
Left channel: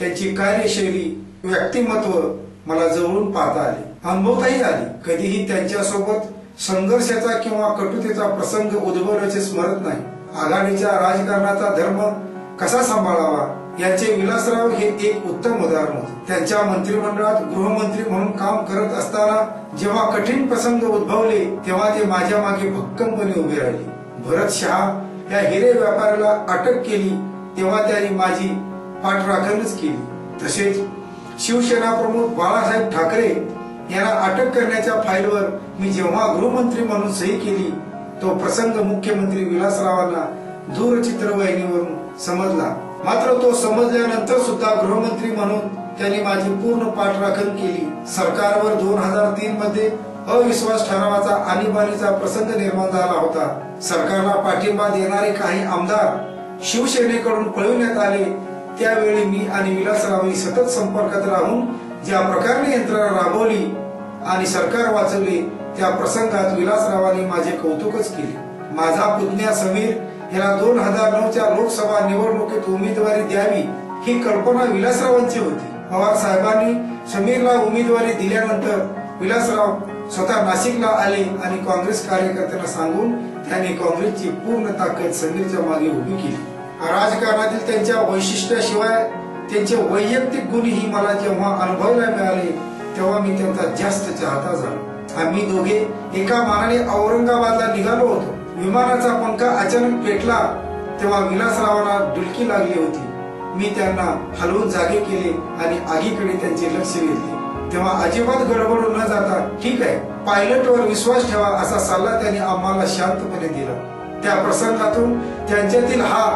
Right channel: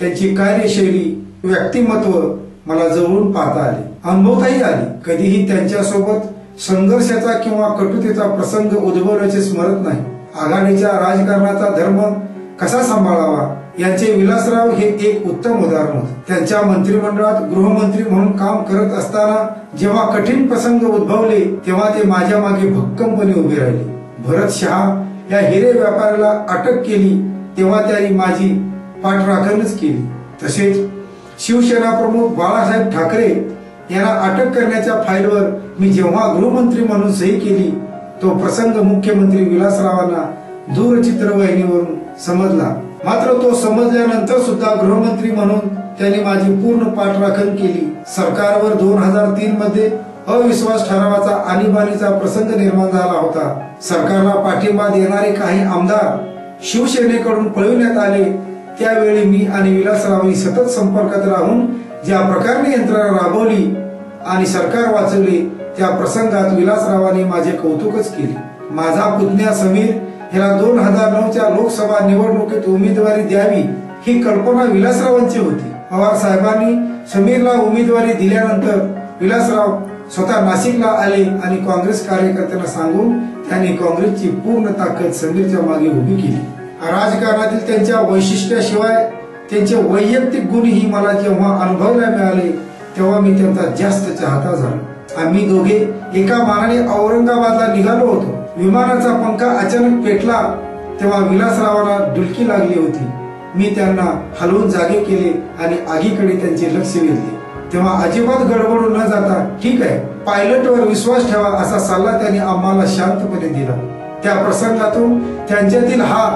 त्यांची कार्यशैली, व्यक्तिमत्व मला जवळून पाहता आले, अनुभवताही आले. कधीही त्यांच्यासोबत संघर्षाचा किंवा कटुतेचा प्रसंग उद्भवल्याचे स्मरत नाही. आघाडीच्या राजकारणाचा धर्म कसा सांभाळावा यांचे विलासराव हे एक उत्तम उदाहरण होते. त्यांच्या मंत्रिमंडळात गृहमंत्री म्हणून काम करत असताना जेव्हा कठीण प्रसंग उद्भवले तेव्हा ते माझ्या मागे भक्कमपणे उभे राहिले. भरत शहा या हिरे व्यापाऱ्याला अटक केली तेव्हा त्यांनी माझी पाठराखणच केली. तसेच शिवसेना प्रमुख बाळासाहेब ठाकरे यांना अटक करण्याच्या फाईलवर मी जेव्हा गृहमंत्री म्हणून सही केली तो प्रसंग मुख्यमंत्री विलासरावांना दूरचित्रवाहिनीवरून समजला. मात्र तो समजल्यानंतर सुद्धा गृहमंत्री म्हणून त्यांनी माझी पूर्ण पाठराखण केली. सरकारवर 2003 मध्ये अविश्वास ठरावाचा आणीबाणीचा प्रसंग निर्माण झाला होता. सरकारला पाठिंबा देणारे काही आमदार शिवसेनेकडून पळविण्यात आले. त्यावेळी मी आणि विलासरावांनी सतत संपर्कात राहून ज्या प्रकारने यंत्रणा राबवली आणि सरकार वाचवले त्या प्रसंगात विलासरावांनी माझे कौतुकच केले. माझा पुतण्या समीर याला 2009च्या लोकसभा निवडणुकीत उमेदवारी द्यावी ही कल्पना विलासरावांची होती. पवार साहेबांनी समीरला उमेदवारी दिल्यानंतर विलासराव स्वतः नाशिकला आले आणि काँग्रेस कार्यकर्त्यांना सांगून त्यांनी काँग्रेसची पूर्ण ताकद समीरच्या मागे उभी केली. राजकारणातील त्यांच्या वैशिष्ट्याशिवाय त्यांचे वैयक्तिक गुणही मला जेव्हा अनुभवायला मिळाले तेव्हा मी त्यांचा जास्त चाहता झालो. आम्ही दोघे एका मानाने औरंगाबादला निघालो होतो. विमानाचा पंखा अचानक पेटला तेव्हा विलासरावांना डुलकी लागली होती. मी त्यांना हलवून जागे केले आणि आगीकडे त्यांचे लक्ष वेधले. तेव्हा अजिबात गडबडून न जाता ठीक आहे, पायलटवर विश्वास ठेवा असा सल्ला त्यांनी आम्हाला शांतपणे दिला. त्या प्रसंगातून त्यांच्यातील हा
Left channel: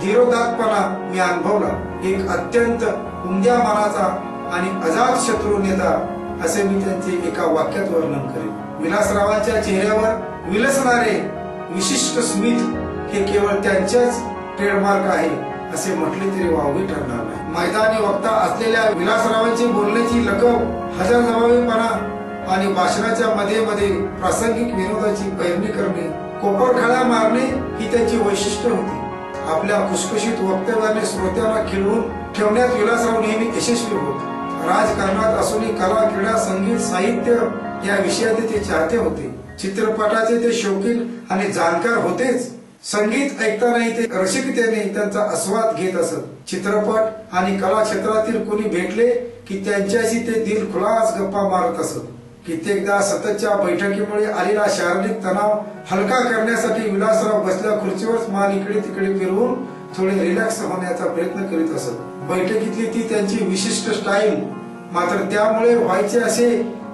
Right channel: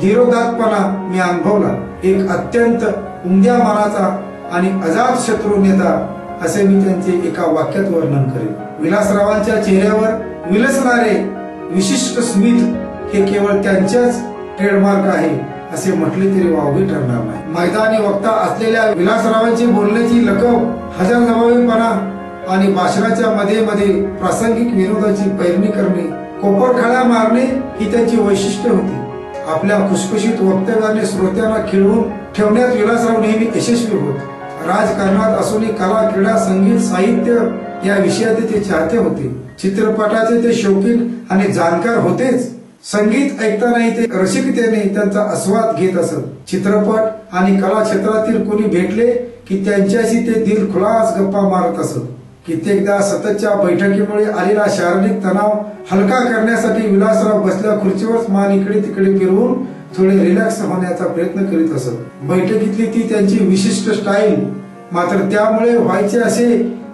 धीरोदात्तपणा मी अनुभवला. एक अत्यंत उमद्या मनाचा आणि अजात शत्रू नेता असे मी त्यांचे एका वाक्यात वर्णन करेन. विलासरावांच्या चेहऱ्यावर विलसणारे विशिष्ट स्मित हे केवळ त्यांच्याच ट्रेडमार्क आहे असे म्हटले तरी वावगे ठरणार नाही. मैदानी वक्ता असलेल्या विलासरावांची बोलण्याची लकब, हजरजबाबीपणा आणि भाषणाच्या मध्ये मध्ये प्रासंगिक विनोदाची पैरणी करणे, कोपरखळ्या मारणे ही त्यांची वैशिष्ट्य होती. आपल्या खुसखुशीत वक्तव्याने श्रोत्यांना खिळवून ठेवण्यात विलासराव नेहमी यशस्वी होत. राजकारणात असूनही कला, क्रीडा, संगीत, साहित्य या विषयाचे ते चाहते होते. चित्रपटाचे ते शौकीन आणि जाणकार होतेच. संगीत ऐकतानाही ते रसिकतेने त्यांचा आस्वाद घेत असत. चित्रपट आणि कला क्षेत्रातील कोणी भेटले की त्यांच्याशी ते दिलखुलास गप्पा मारत असत. कित्येकदा सततच्या बैठकीमुळे आलेला शारीरिक तणाव हलका करण्यासाठी विलासराव बसल्या खुर्चीवर मान इकडे तिकडे फिरवून थोडे रिलॅक्स होण्याचा प्रयत्न करीत असत. बैठकीतली ती त्यांची विशिष्ट स्टाईल. मात्र त्यामुळे व्हायचे असे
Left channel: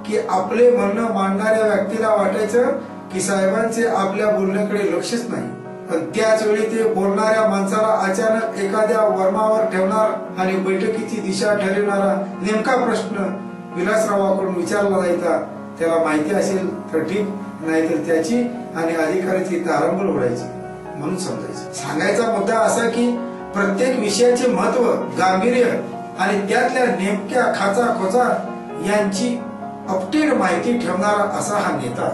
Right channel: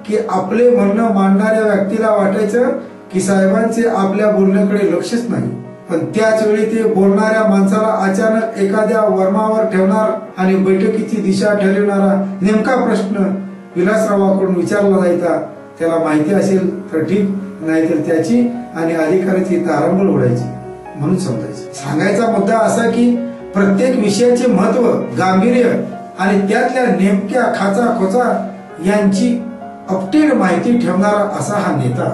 की आपले म्हणणं मांडणाऱ्या व्यक्तीला वाटायचं की साहेबांचे आपल्या बोलण्याकडे लक्षच नाही. पण त्याच वेळी ते बोलणाऱ्या माणसाला अचानक एखाद्या वर्मावर ठेवणार आणि बैठकीची दिशा ठरविणारा नेमका प्रश्न विलासरावाकडून विचारला जायचा. त्याला माहिती असेल तर ठीक, नाहीतर त्याची आणि अधिकाऱ्याची तारंबळ उडायची म्हणून समजायचं. सांगायचा मुद्दा असा की प्रत्येक विषयाचे महत्व, गांभीर्य आणि त्यातल्या नेमक्या खाचा खोचा यांची अपडेट माहिती ठेवणारा असा हा नेता.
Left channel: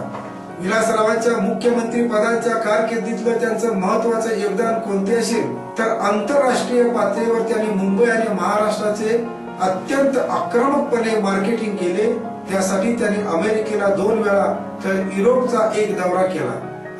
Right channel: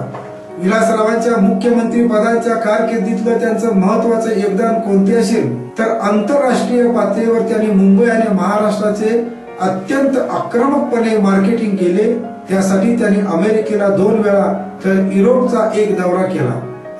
विलासरावांच्या मुख्यमंत्री पदाच्या कारकिर्दीतलं त्यांचं महत्वाचं योगदान कोणते असेल तर आंतरराष्ट्रीय पातळीवर त्यांनी मुंबई आणि महाराष्ट्राचे अत्यंत आक्रमकपणे मार्केटिंग केले. त्यासाठी त्यांनी अमेरिकेला 2 वेळा तर युरोपचा 1 दौरा केला.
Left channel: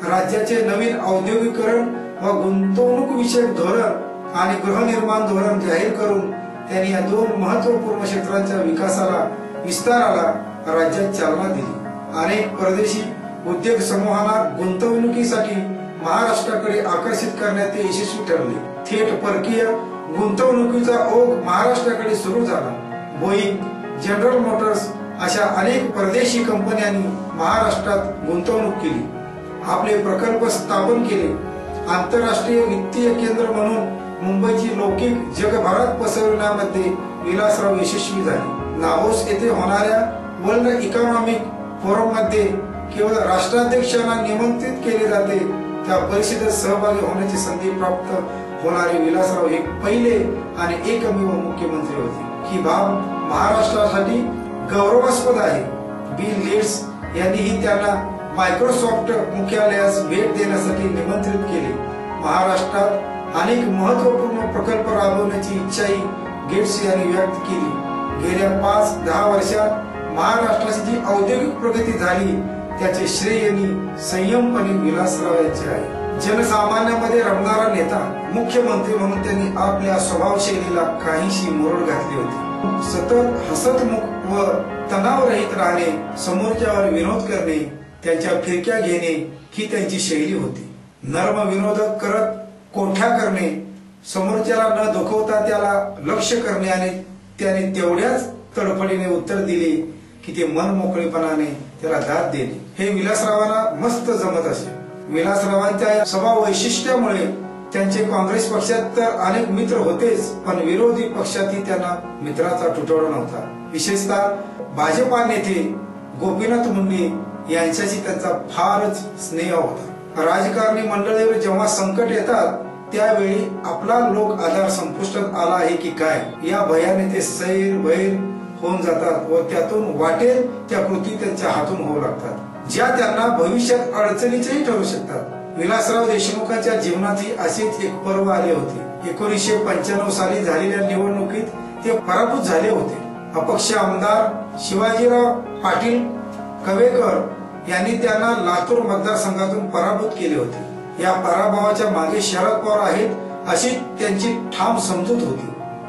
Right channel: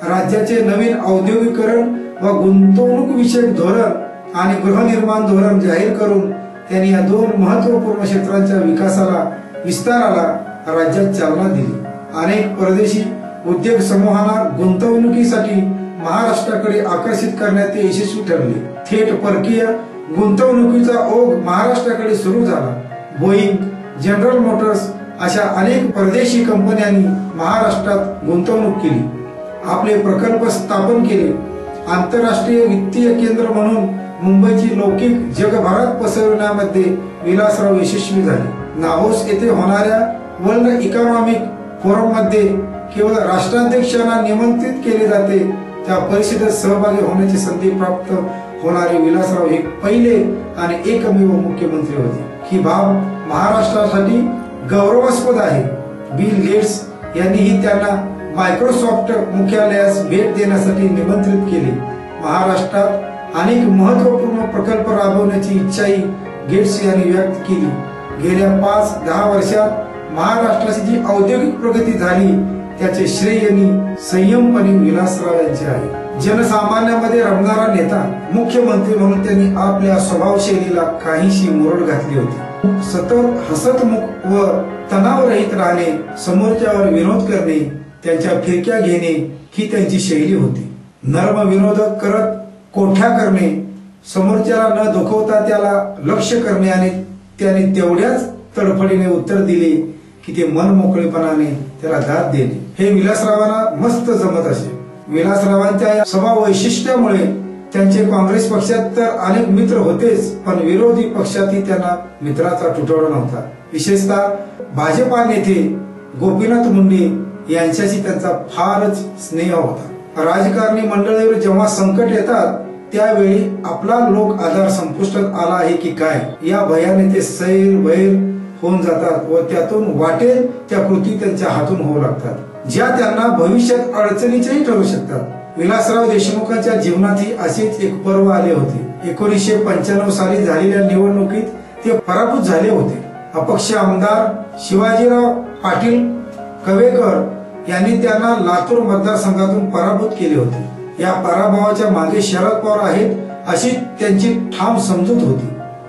राज्याचे नवीन औद्योगिकरण व गुंतवणूक विषयक धोरण आणि गृहनिर्माण धोरण जाहीर करून त्यांनी या 2 महत्वपूर्ण क्षेत्रांच्या विकासाला, विस्ताराला राज्यात चालना दिली. अनेक परदेशी उद्योग समूहांना गुंतवणुकीसाठी महाराष्ट्राकडे आकर्षित करण्यात ते यशस्वी ठरले. थेट परकीय गुंतवणुकीचा ओघ महाराष्ट्राकडे सुरू झाला. बोईंग, जनरल मोटर्स अशा अनेक परदेशी कंपन्यांनी महाराष्ट्रात गुंतवणूक केली, आपले प्रकल्प स्थापन केले. आंतरराष्ट्रीय वित्तीय केंद्र म्हणून मुंबईची लौकिक जगभरात पसरवण्यामध्ये विलासराव यशस्वी झाले. नाहोस येथे होणाऱ्या वर्ल्ड इकॉनॉमिक फोरम मध्ये केवळ राष्ट्राध्यक्षांना निमंत्रित केले जाते. त्या परिषदेत सहभागी होण्याची संधी प्राप्त होणारे विलासराव हे पहिले आणि एकमेव मुख्यमंत्री होते. ही बाब महाराष्ट्रासाठी गौरवास्पद आहे. बिल गेट्स यांनीही त्यांना मायक्रोसॉफ्ट मुख्यालयास भेट देण्यासाठी निमंत्रित केले. महाराष्ट्रात अनेक महत्वपूर्ण प्रकल्प राबवण्याची इच्छाही गेट्स यांनी व्यक्त केली. गेल्या 5-10 वर्षात महाराष्ट्राची जी औद्योगिक प्रगती झाली त्याचे श्रेय संयमपणे विलासराव यांचे आहे. जनसामान्यांमध्ये रमणारा नेता, मुख्यमंत्री म्हणून त्यांनी आपल्या स्वभावशैलीला काहीशी मुरड घातली होती. सतत हसतमुख व तणावरहित राहणे, समोरच्यावर विनोद करणे, त्यांच्या फिरक्या घेणे ही त्यांची शैली होती. नर्म विनोद करत कोठ्या करणे, समोरच्याला न दुखवता त्याला लक्ष करणे आणि त्याने तेवढ्याच तडफडीने उत्तर दिले की ते मन मोकळेपणाने त्याला दाद देणे हे विलासरावांना मस्त जमत असे. विलासरावांच्या या स्वभाव वैशिष्ट्यामुळे त्यांचे काँग्रेस पक्षात तर अनेक मित्र होतेच, पण विरोधी पक्षातही त्यांना मित्राचा तुटवडा नव्हता. विशेषतः भाजपा नेते गोपीनाथ मुंडे यांच्याशी त्यांचा फारच स्नेह होता. राजकारणी मंडळीवर जेव्हा संकट येतात त्यावेळी आपला लोक आधार संपुष्टात आला आहे की काय या भयाने ते सैर वैर होऊन जातात व त्यातून वाटेल त्या कृती त्यांच्या हातून होऊ लागतात, ज्या त्यांना भविष्यात अडचणीच्याही ठरू शकतात. विलासराव देशमुखांच्या जीवनातही असेच एक पर्व आले होते. 1995 साली झालेल्या निवडणुकीत ते पराभूत झाले होते. अपक्ष आमदार शिवाजीराव पाटील कवेकर यांनी त्यांना लातूर मतदारसंघातून पराभूत केले होते. या पराभवाच्या मागे शरद पवार आहेत अशी त्यांची ठाम समजूत होती.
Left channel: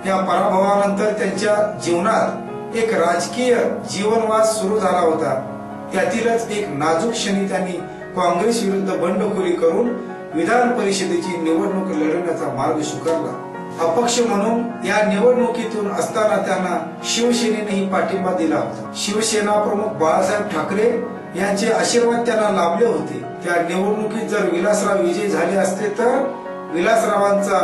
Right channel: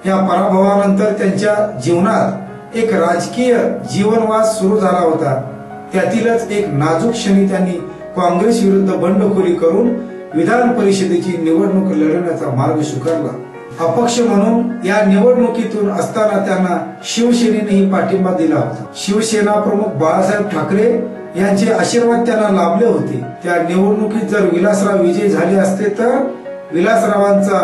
या पराभवानंतर त्यांच्या जीवनात एक राजकीय जीवनवास सुरू झाला होता. त्यातीलच एक नाजूक क्षणी त्यांनी काँग्रेस विरुद्ध बंडखोरी करून विधान परिषदेची निवडणूक लढवण्याचा मार्ग स्वीकारला. अपक्ष म्हणून या निवडणुकीतून असताना त्यांना शिवसेनेनेही पाठिंबा दिला होता. शिवसेना प्रमुख बाळासाहेब ठाकरे यांचे आशीर्वाद त्यांना लाभले होते. त्या निवडणुकीत जर विलासराव विजयी झाले असते तर विलासरावांचा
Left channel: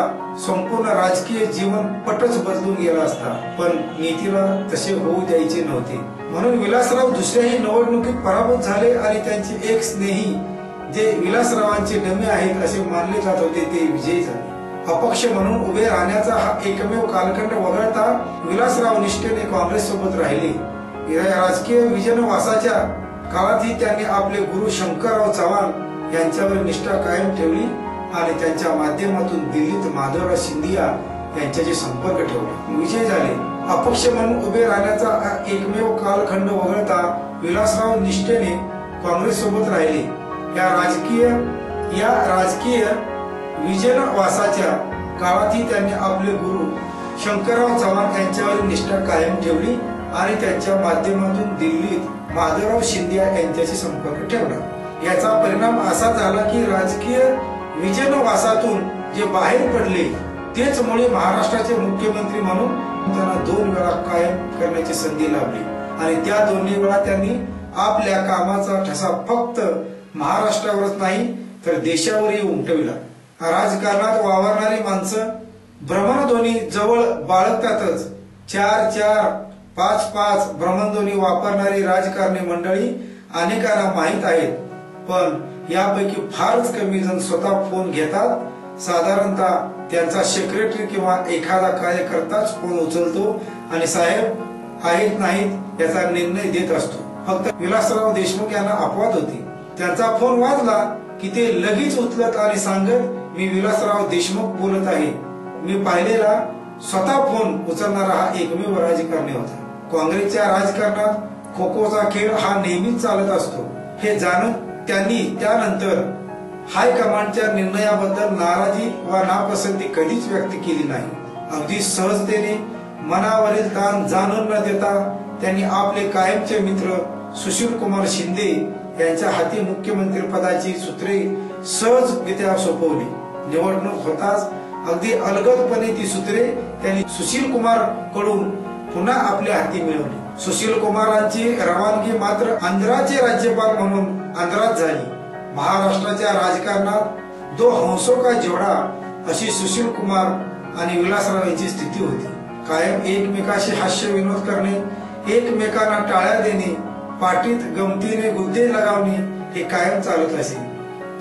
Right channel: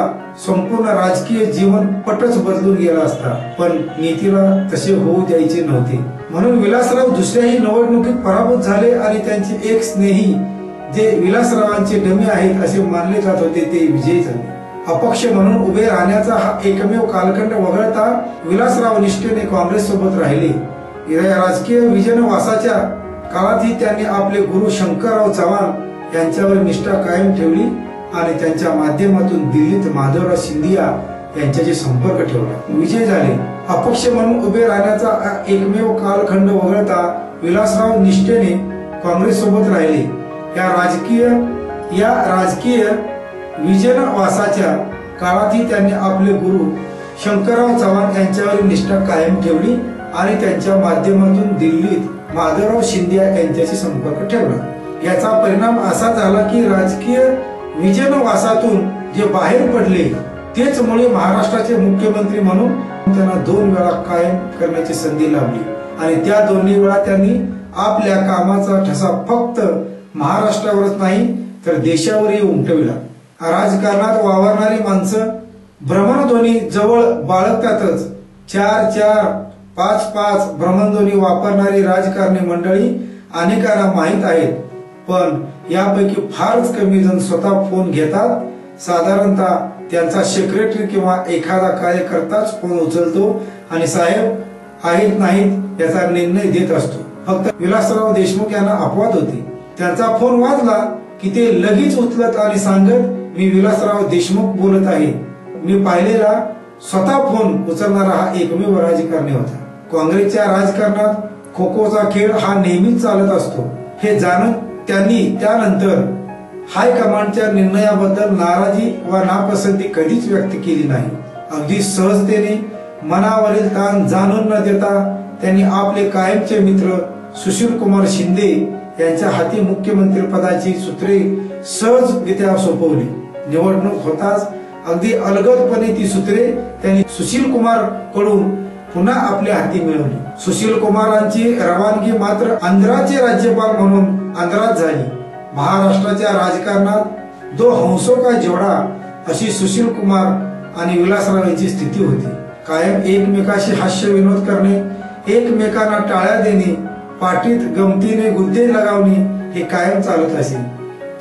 संपूर्ण राजकीय जीवन पटच बदलून गेला असता, पण नीतीला तसे होऊ द्यायचे नव्हते. म्हणून विलासराव दुसऱ्याही निवडणुकीत पराभूत झाले आणि त्यांचे एक स्नेही जे विलासरावांचे डमे आहेत असे मानले जात होते ते विजयी झाले. अपक्ष म्हणून उभे राहण्याचा हा एकमेव कालखंड वगळता विलासराव निष्ठेने काँग्रेस सोबत राहिले. राजकीय विजनवासाच्या काळातही त्यांनी आपले गुरु शंकरराव चव्हाण यांच्यावर निष्ठा कायम ठेवली आणि त्यांच्या माध्यमातून दिल्लीत माधवराव सिंधिया यांच्याशी संपर्क ठेवला. विजय झाले. अपक्ष म्हणून उभे राहण्याचा एकमेव कालखंड वगळता विलासराव निष्ठेने काँग्रेस सोबत राहिले. या राजकीय विजनवासाच्या काळातही त्यांनी आपले गुरु शंकरराव चव्हाण यांच्यावर निष्ठा कायम ठेवली आणि त्यांच्या माध्यमातून दिल्लीत माधवराव सिंधिया यांच्याशी संपर्क ठेवला. याचा परिणाम असा झाला की राजकीय विजनवासातून जे बाहेर पडले तेच मुळे महाराष्ट्राचे मुख्यमंत्री म्हणून त्यांना 2 वेळा कायम करण्याची संधी लाभली आणि त्या दोन्ही वेळा त्यांनी आपल्या कामाचा ठसा फक्त महाराष्ट्रावरच नाही तर देशावरही उमटविला. राजकारणात वावरणारी माणसं भ्रमणध्वनी जवळ बाळगतातच. 4-4, 5-5 भ्रमणध्वनी वापरणारी राजकारणी मंडळी अनेकांना माहीत आहेत, पण यापैकी फारच कमी जण स्वतः फोन घेतात. साधारणतः त्यांचा सेक्रेटरी किंवा एखादा कार्यकर्ताच फोन उचलतो आणि साहेब आहेत नाहीत याचा निर्णय देत असतो. फक्त विलासराव देशमुख यांना अपवाद होती. त्यांचा फोन वाजला की ते लगेच उचलत आणि सांगत मी विलासराव देशमुख बोलत आहे. मी पाहिलेला स्वतः फोन उचलणारा हा एकमेव राजकारणी होता. काँग्रेसच्या राजकारणात खो खोचा खेळ हा नेहमीच चालत असतो हे जाणून त्यांनी त्यानंतर हायकमांडच्या निर्णयाबद्दल नाराजी वा नापसंती कधीच व्यक्त केली नाही. अगदी सहजतेने मनावरील ताण जाणून न देता त्यांनी आपले कायमचे मित्र सुशीलकुमार शिंदे यांच्या हाती मुख्यमंत्री पदाची सूत्रे सहजरित्या सोपवली. निवडणूक होताच अगदी अलगदपणे ती सूत्रे त्यांनी सुशीलकुमार कडून पुन्हा आपल्या हाती मिळवली. सुशीलकुमारांची रवानगी मात्र आंध्राचे राज्यपाल म्हणून आंध्रात झाली. महाराष्ट्राच्या राजकारणात 2 हंसों का जोडा अशी सुशीलकुमार आणि विलासराव यांची स्थिती होती. कायम एकमेकाशी हास्य विनोद करणे, एकमेकांना टाळ्या देणे, पाठीत गमतीने गुद्दे लगावणे हे कायम चालत असे.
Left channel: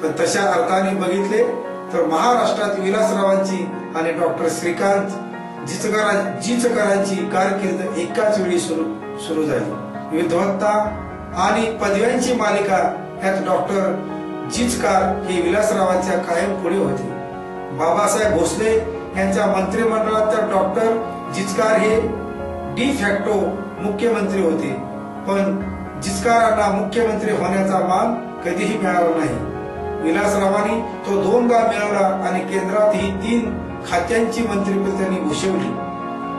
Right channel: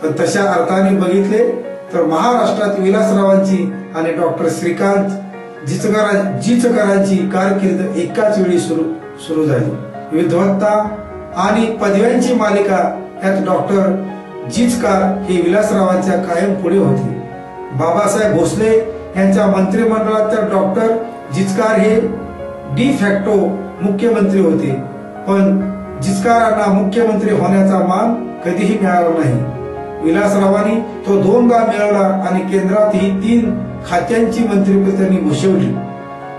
पण तशा अर्थाने बघितले तर महाराष्ट्रात विलासरावांची आणि डॉक्टर श्रीकांत जिचकरांची कारकीर्द एकाच वेळी सुरू झाली. विद्वत्ता आणि पदव्यांची मालिका यात डॉक्टर जिचकार हे विलासरावांच्या कायम पुढे होते. बाबासाहेब भोसले यांच्या मंत्रिमंडळात तर डॉक्टर जिचकार हे डी फॅक्टो मुख्यमंत्री होते, पण जिचकारांना मुख्यमंत्री होण्याचा मान कधीही मिळाला नाही. विलासरावांनी तो 2दा मिळवला आणि केंद्रात ही 3 खात्यांची मंत्रिपद त्यांनी भूषवली.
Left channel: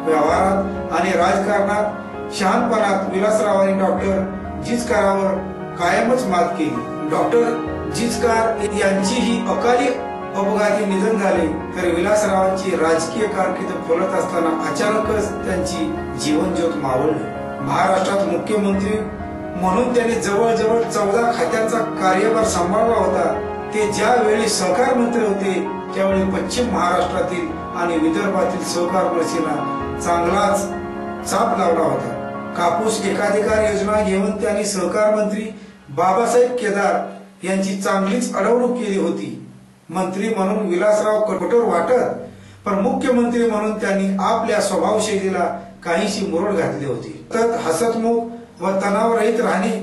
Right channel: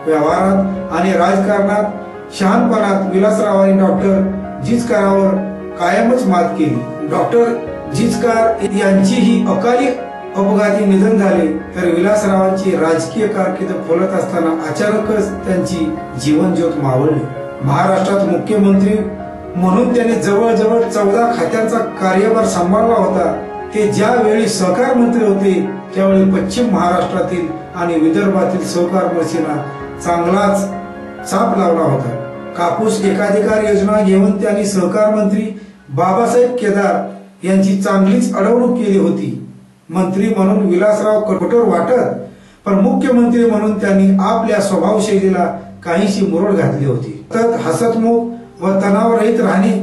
व्यवहारात आणि राजकारणात शहाणपणात विलासरावांनी डॉक्टर जिचकारावर कायमच मात केली. डॉक्टर जिचकार यांचीही अकाली अपघाती निधन झाले तर विलासरावांची राजकीय कारकीर्द फुलत असताना अचानकच त्यांची जीवनज्योत मावळली. महाराष्ट्रात मुख्यमंत्री म्हणून त्यांनी जवळजवळ 14 खात्यांचा कार्यभार सांभाळला होता. ते ज्यावेळी सहकार मंत्री होते त्यावेळी पश्चिम महाराष्ट्रातील आणि विदर्भातील सहकार मर्सींना चांगलाच चाप लावला होता. कापूस एकाधिकार योजना घेऊन त्यांनी सहकार मंत्री बाबासाहेब केदार यांची चांगलीच अडवणूक केली होती. मंत्री म्हणून विलासराव कठोर वाटत, पण मुख्यमंत्री म्हणून त्यांनी आपल्या स्वभावशैलीला काहीशी मुरड घातली होती. तर हसतमुख व तणावरहित राहणे,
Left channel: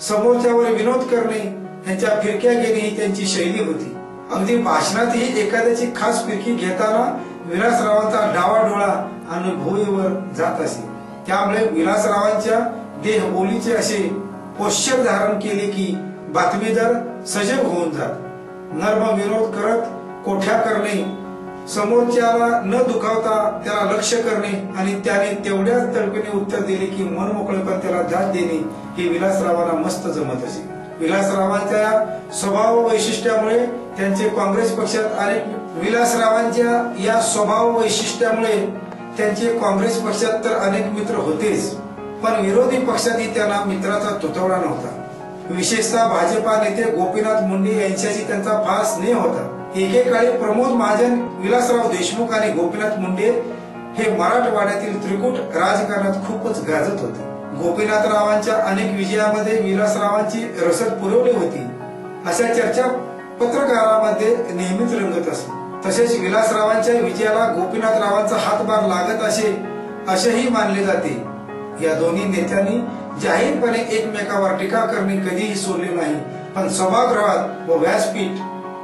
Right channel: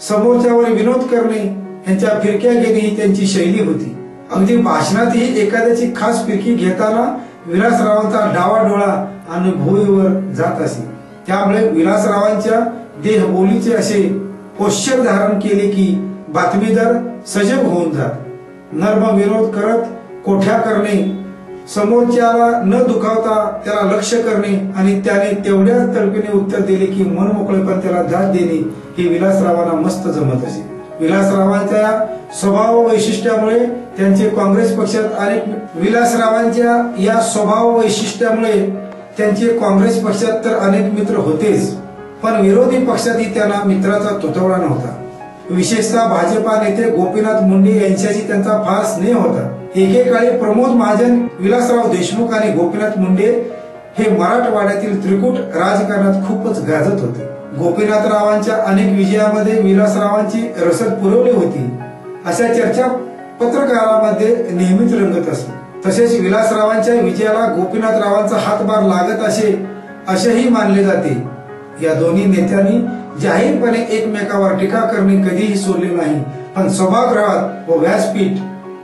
समोरच्यावर विनोद करणे, यांच्या फिरक्या घेणे ही त्यांची शैली होती. अगदी भाषणातही एखाद्याची खास फिरकी घेताना विलासरावांचा डावाडोळा आणि भुईवर जात असे. त्यामुळे विलासरावांच्या देहबोलीचे असे पोश्चर धारण केले की बातमीदार सजग होऊन जात. नर्म विनोद करत कोठ्या करणे, समोरच्याला न दुखावता त्याला लक्ष करणे आणि त्याने तेवढ्याच तडफीने उत्तर दिले की मन मोकळेपण त्याला दाद देणे हे विलासरावांना मस्त जमत असे. विलासरावांच्या स्वभाव वैशिष्ट्यामुळे त्यांचे काँग्रेस पक्षात तर अनेक मित्र होतेच, पण विरोधी पक्षातही त्यांना मित्राचा तुटवडा नव्हता. विशेषतः भाजपा नेते गोपीनाथ मुंडे यांच्याशी त्यांचा फार स्नेह होता. एकेकाळी प्रमोद महाजन, विलासराव देशमुख आणि गोपीनाथ मुंडे हे मराठवाड्यातील त्रिकूट राजकारणात खूपच गाजत होते. गोपीनाथरावांच्या अनेक विजयामध्ये विलासरावांची रसद पुरवली होती अशा चर्चा पत्रकारांमध्ये नेहमीच रंगत असत. तसेच विलासरावांच्या विजयाला गोपीनाथरावांचा हातभार लागत असेही मानले जाते. या दोन्ही नेत्यांनी जाहीरपणे एकमेकावर टीका करणे कधीही सोडले नाही, पण सभागृहात व व्यासपीठ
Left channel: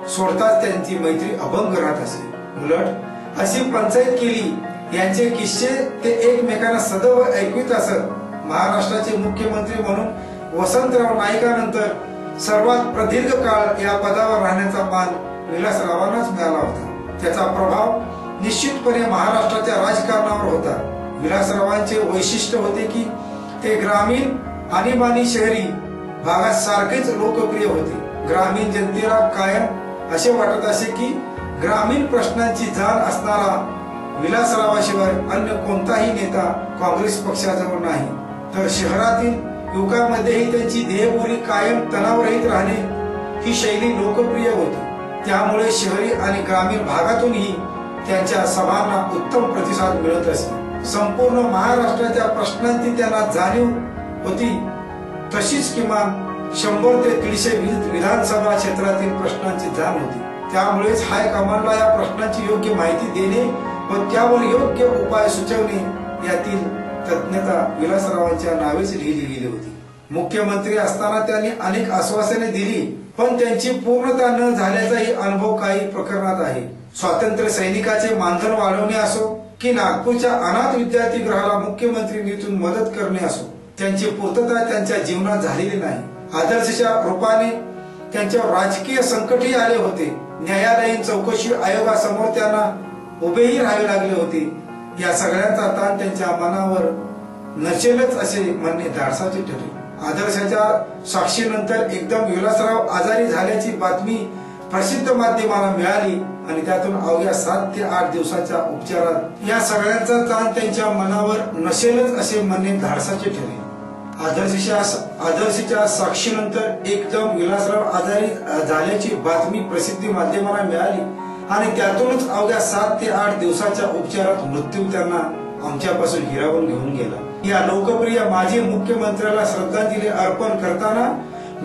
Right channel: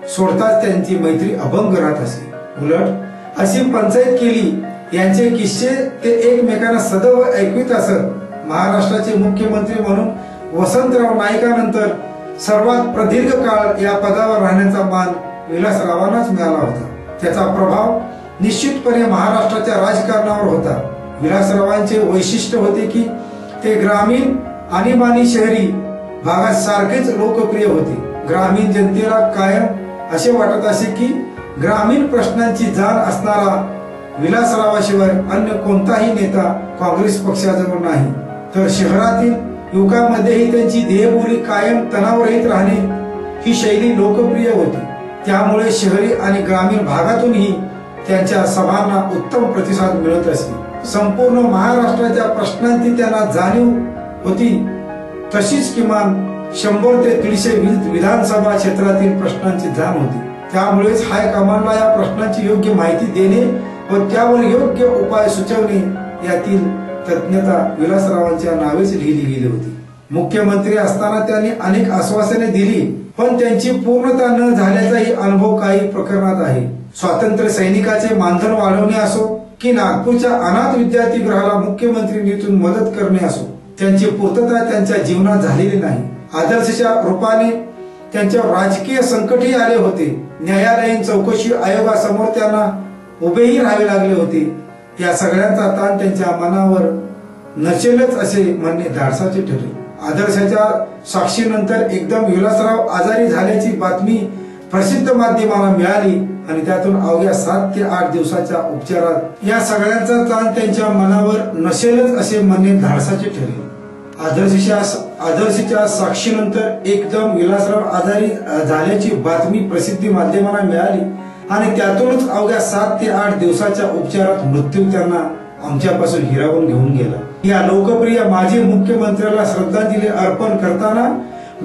सोडताच त्यांची मैत्री अभंग राहत असे. उलट अशी पंचायत केली यांचे किस्से ते एकमेकांना सदैव ऐकवित असत. महाराष्ट्राचे मुख्यमंत्री म्हणून वसंतराव नाईकानंतर सर्वात प्रदीर्घ काळ या पदावर राहण्याचा मान विलासरावांनाच मिळाला होता. त्याचा प्रभाव निश्चितपणे महाराष्ट्राच्या राजकारणावर होता. विलासरावांचे वैशिष्ट्य होते की ते ग्रामीण आणीबाणी शहरी भागात सारखेच लोकप्रिय होते. ग्रामीण जनतेला कायम असे वाटत असे की ग्रामीण प्रश्नांची जाण असणारा विलासरावाशिवाय अन्य कोणताही नेता काँग्रेस पक्षाजवळ नाही. तर शहरातील युवकांमध्येही त्यांची देहबोली कायम तणावरहित राहणे ही शैली लोकप्रिय होती. त्यामुळे शहरी आणि ग्रामीण भागातूनही त्यांच्या सभांना उत्तम प्रतिसाद मिळत असे. संपूर्ण महाराष्ट्राच्या प्रश्नांची त्यांना जाणीव होती. तशीच किमान 100 ते 150 विधानसभा क्षेत्रातील प्रश्नांची जाण होती. त्यामुळेच हायकमांडला या प्रश्नांची योग्य माहिती देणे व त्यावर योग्य उपाय सुचवणे यातील तज्ञता विलासरावांच्या नावेच लिहिली गेली होती. मुख्यमंत्री असताना त्यांनी अनेक आश्वासने दिली, पण त्यांची पूर्णता न झाल्याचाही अनुभव काही प्रकरणात आहे. स्वातंत्र्य सैनिकाचे मानधन वाढवणे असो की नागपूरच्या अनाथ विद्यार्थीगृहाला मुख्यमंत्री निधीतून मदत करणे असो, त्यांची पूर्तता त्यांच्या जीवनात झालेली नाही. आदर्शच्या रूपाने त्यांच्यावर राजकीय संकटही आले होते. न्यायालयीन चौकशी आयोगासमोर त्यांना उभेही राहावे लागले होते. या सगळ्यांचा ताण त्यांच्या मनावर नसेलच असे म्हणणे धाडसाचे ठरले. आदर्शाच्या साक्षीनंतर एकदम विलासराव आजारी झाल्याची बातमी प्रसिद्ध माध्यमाला मिळाली आणि त्यातून अवघ्या 7 ते 8 दिवसाच्या उपचारात या सगळ्यांचा ताण त्यांच्या मनावर नसेलच असे म्हणणे धाडसाचे ठरले. आदर्शच्या साक्षीनंतर एकदम विलासराव आजारी झाल्याची बातमी प्रसिद्धी माध्यमाला मिळाली आणि त्यातूनच अवघ्या 7 ते 8 दिवसाच्या उपचारात मृत्यू त्यांना आमच्यापासून हिरावून घेऊन गेला. या लोकप्रिय माजी मुख्यमंत्र्याला श्रद्धांजली अर्पण करताना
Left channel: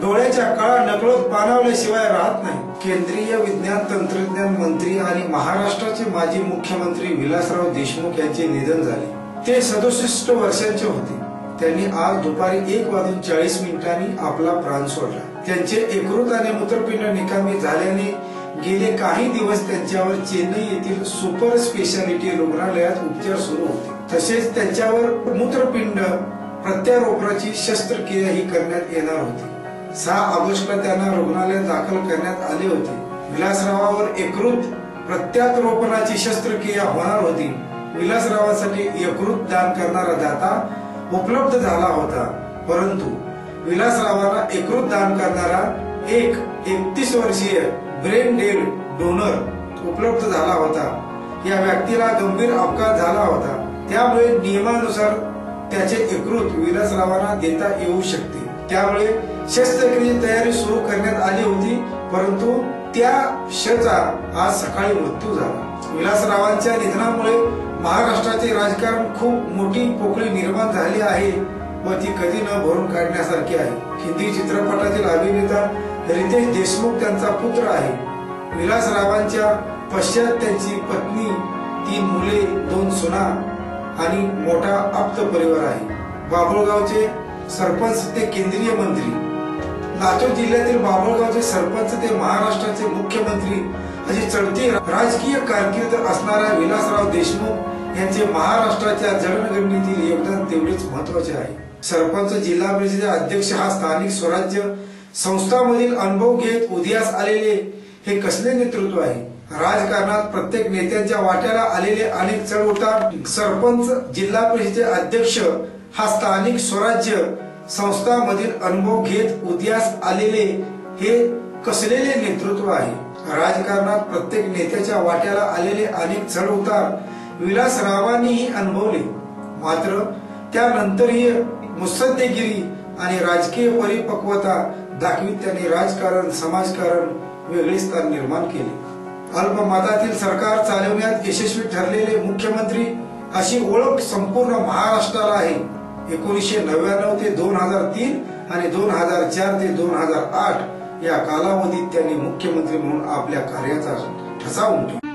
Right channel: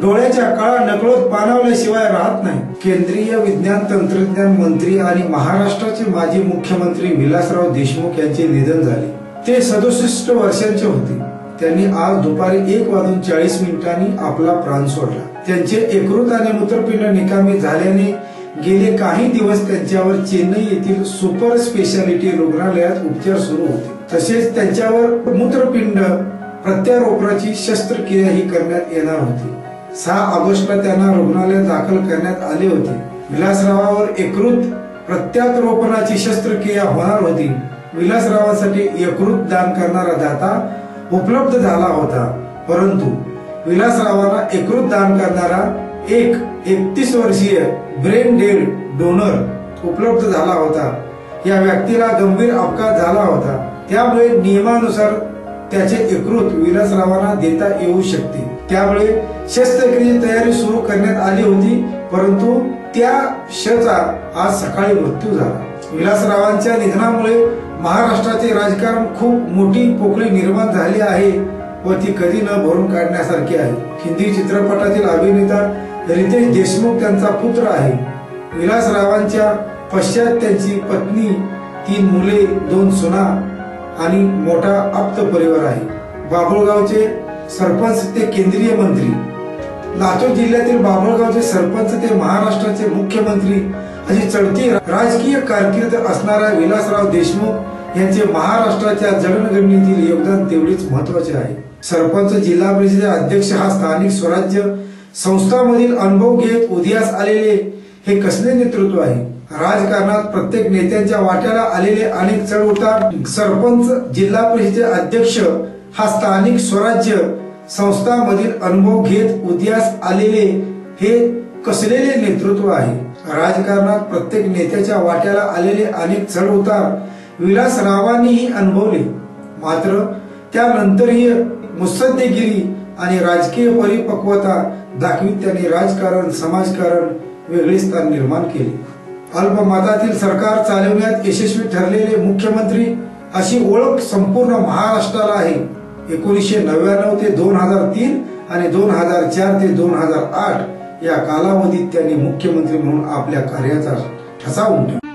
डोळ्याच्या काळा नकळत पाणावल्याशिवाय राहत नाही. केंद्रीय विज्ञान तंत्रज्ञान मंत्री आणि महाराष्ट्राचे माजी मुख्यमंत्री विलासराव देशमुख यांचे निधन झाले. ते 67 वर्षांचे होते. त्यांनी आज दुपारी 1:40 आपला प्राण सोडला. त्यांचे यकृत आणि मूत्रपिंड निकामी झाल्याने गेले काही दिवस त्यांच्यावर चेन्नई येथील सुपर स्पेशालिटी रुग्णालयात उपचार सुरू होते. तसेच त्यांच्यावर मूत्रपिंड प्रत्यारोपणाची शस्त्रक्रियाही करण्यात येणार होती. 6 ऑगस्टला त्यांना रुग्णालयात दाखल करण्यात आले होते. विलासरावावर यकृत प्रत्यारोपणाची शस्त्रक्रिया होणार होती. विलासरावांसाठी यकृत दान करणारा दाता उपलब्ध झाला होता, परंतु विलासरावांना यकृत दान करणारा एक 31 वर्षीय ब्रेन डेड डोनर उपलब्ध झाला होता. या व्यक्तीला गंभीर अपघात झाला होता, त्यामुळे नियमानुसार त्याचे यकृत विलासरावांना देता येऊ शकते. त्यामुळे शस्त्रक्रियेची तयारी सुरू करण्यात आली होती, परंतु त्या शचा आज सकाळी मृत्यू झाला. विलासरावांच्या निधनामुळे महाराष्ट्राचे राजकारण खूप मोठी पोकळी निर्माण झाली आहे व ती कधी न भरून काढण्यासारखी आहे. हिंदी चित्रपटातील अभिनेता रितेश देशमुख त्यांचा पुत्र आहे. विलासरावांच्या पश्चात त्यांची पत्नी, 3 मुले, 2 सुना आणि मोठा आप्त परिवार आहे. बाभुळगावचे सरपंच ते केंद्रीय मंत्री, लातूर जिल्ह्यातील बाभुळगावचे सरपंच ते महाराष्ट्राचे मुख्यमंत्री अशी चढती राजकीय कारकीर्द असणारा विलासराव देशमुख यांचे महाराष्ट्राच्या जडणघडणीतील योगदान तेवढेच महत्वाचे आहे. सरपंच, जिल्हा परिषद अध्यक्ष हा स्थानिक स्वराज्य संस्थांमधील अनुभव घेत उदयास आलेले हे कसले नेतृत्व आहे. राजकारणात प्रत्येक नेत्यांच्या वाट्याला आलेले अनेक चढउतार, सरपंच, जिल्हा परिषदेचे अध्यक्ष हा स्थानिक स्वराज्य संस्थांमधील अनुभव घेत उदयास आलेले हे कसलेले नेतृत्व आहे. राजकारणात प्रत्येक नेत्याच्या वाट्याला आलेले अनेक चढउतार विलासरावांनीही अनुभवले. मात्र त्यानंतरही मुत्सद्देगिरी आणि राजकीय परिपक्वता दाखवीत त्यांनी राजकारण, समाजकारण वेगळे स्थान निर्माण केले. अल्पमतातील सरकार चालवण्यात यशस्वी ठरलेले मुख्यमंत्री अशी ओळख संपूर्ण महाराष्ट्राला आहे. 1999 ते 2003 आणि 2004 ते 2008 या कालावधीत त्यांनी मुख्यमंत्री म्हणून आपल्या कार्याचा ठसा उमटवला.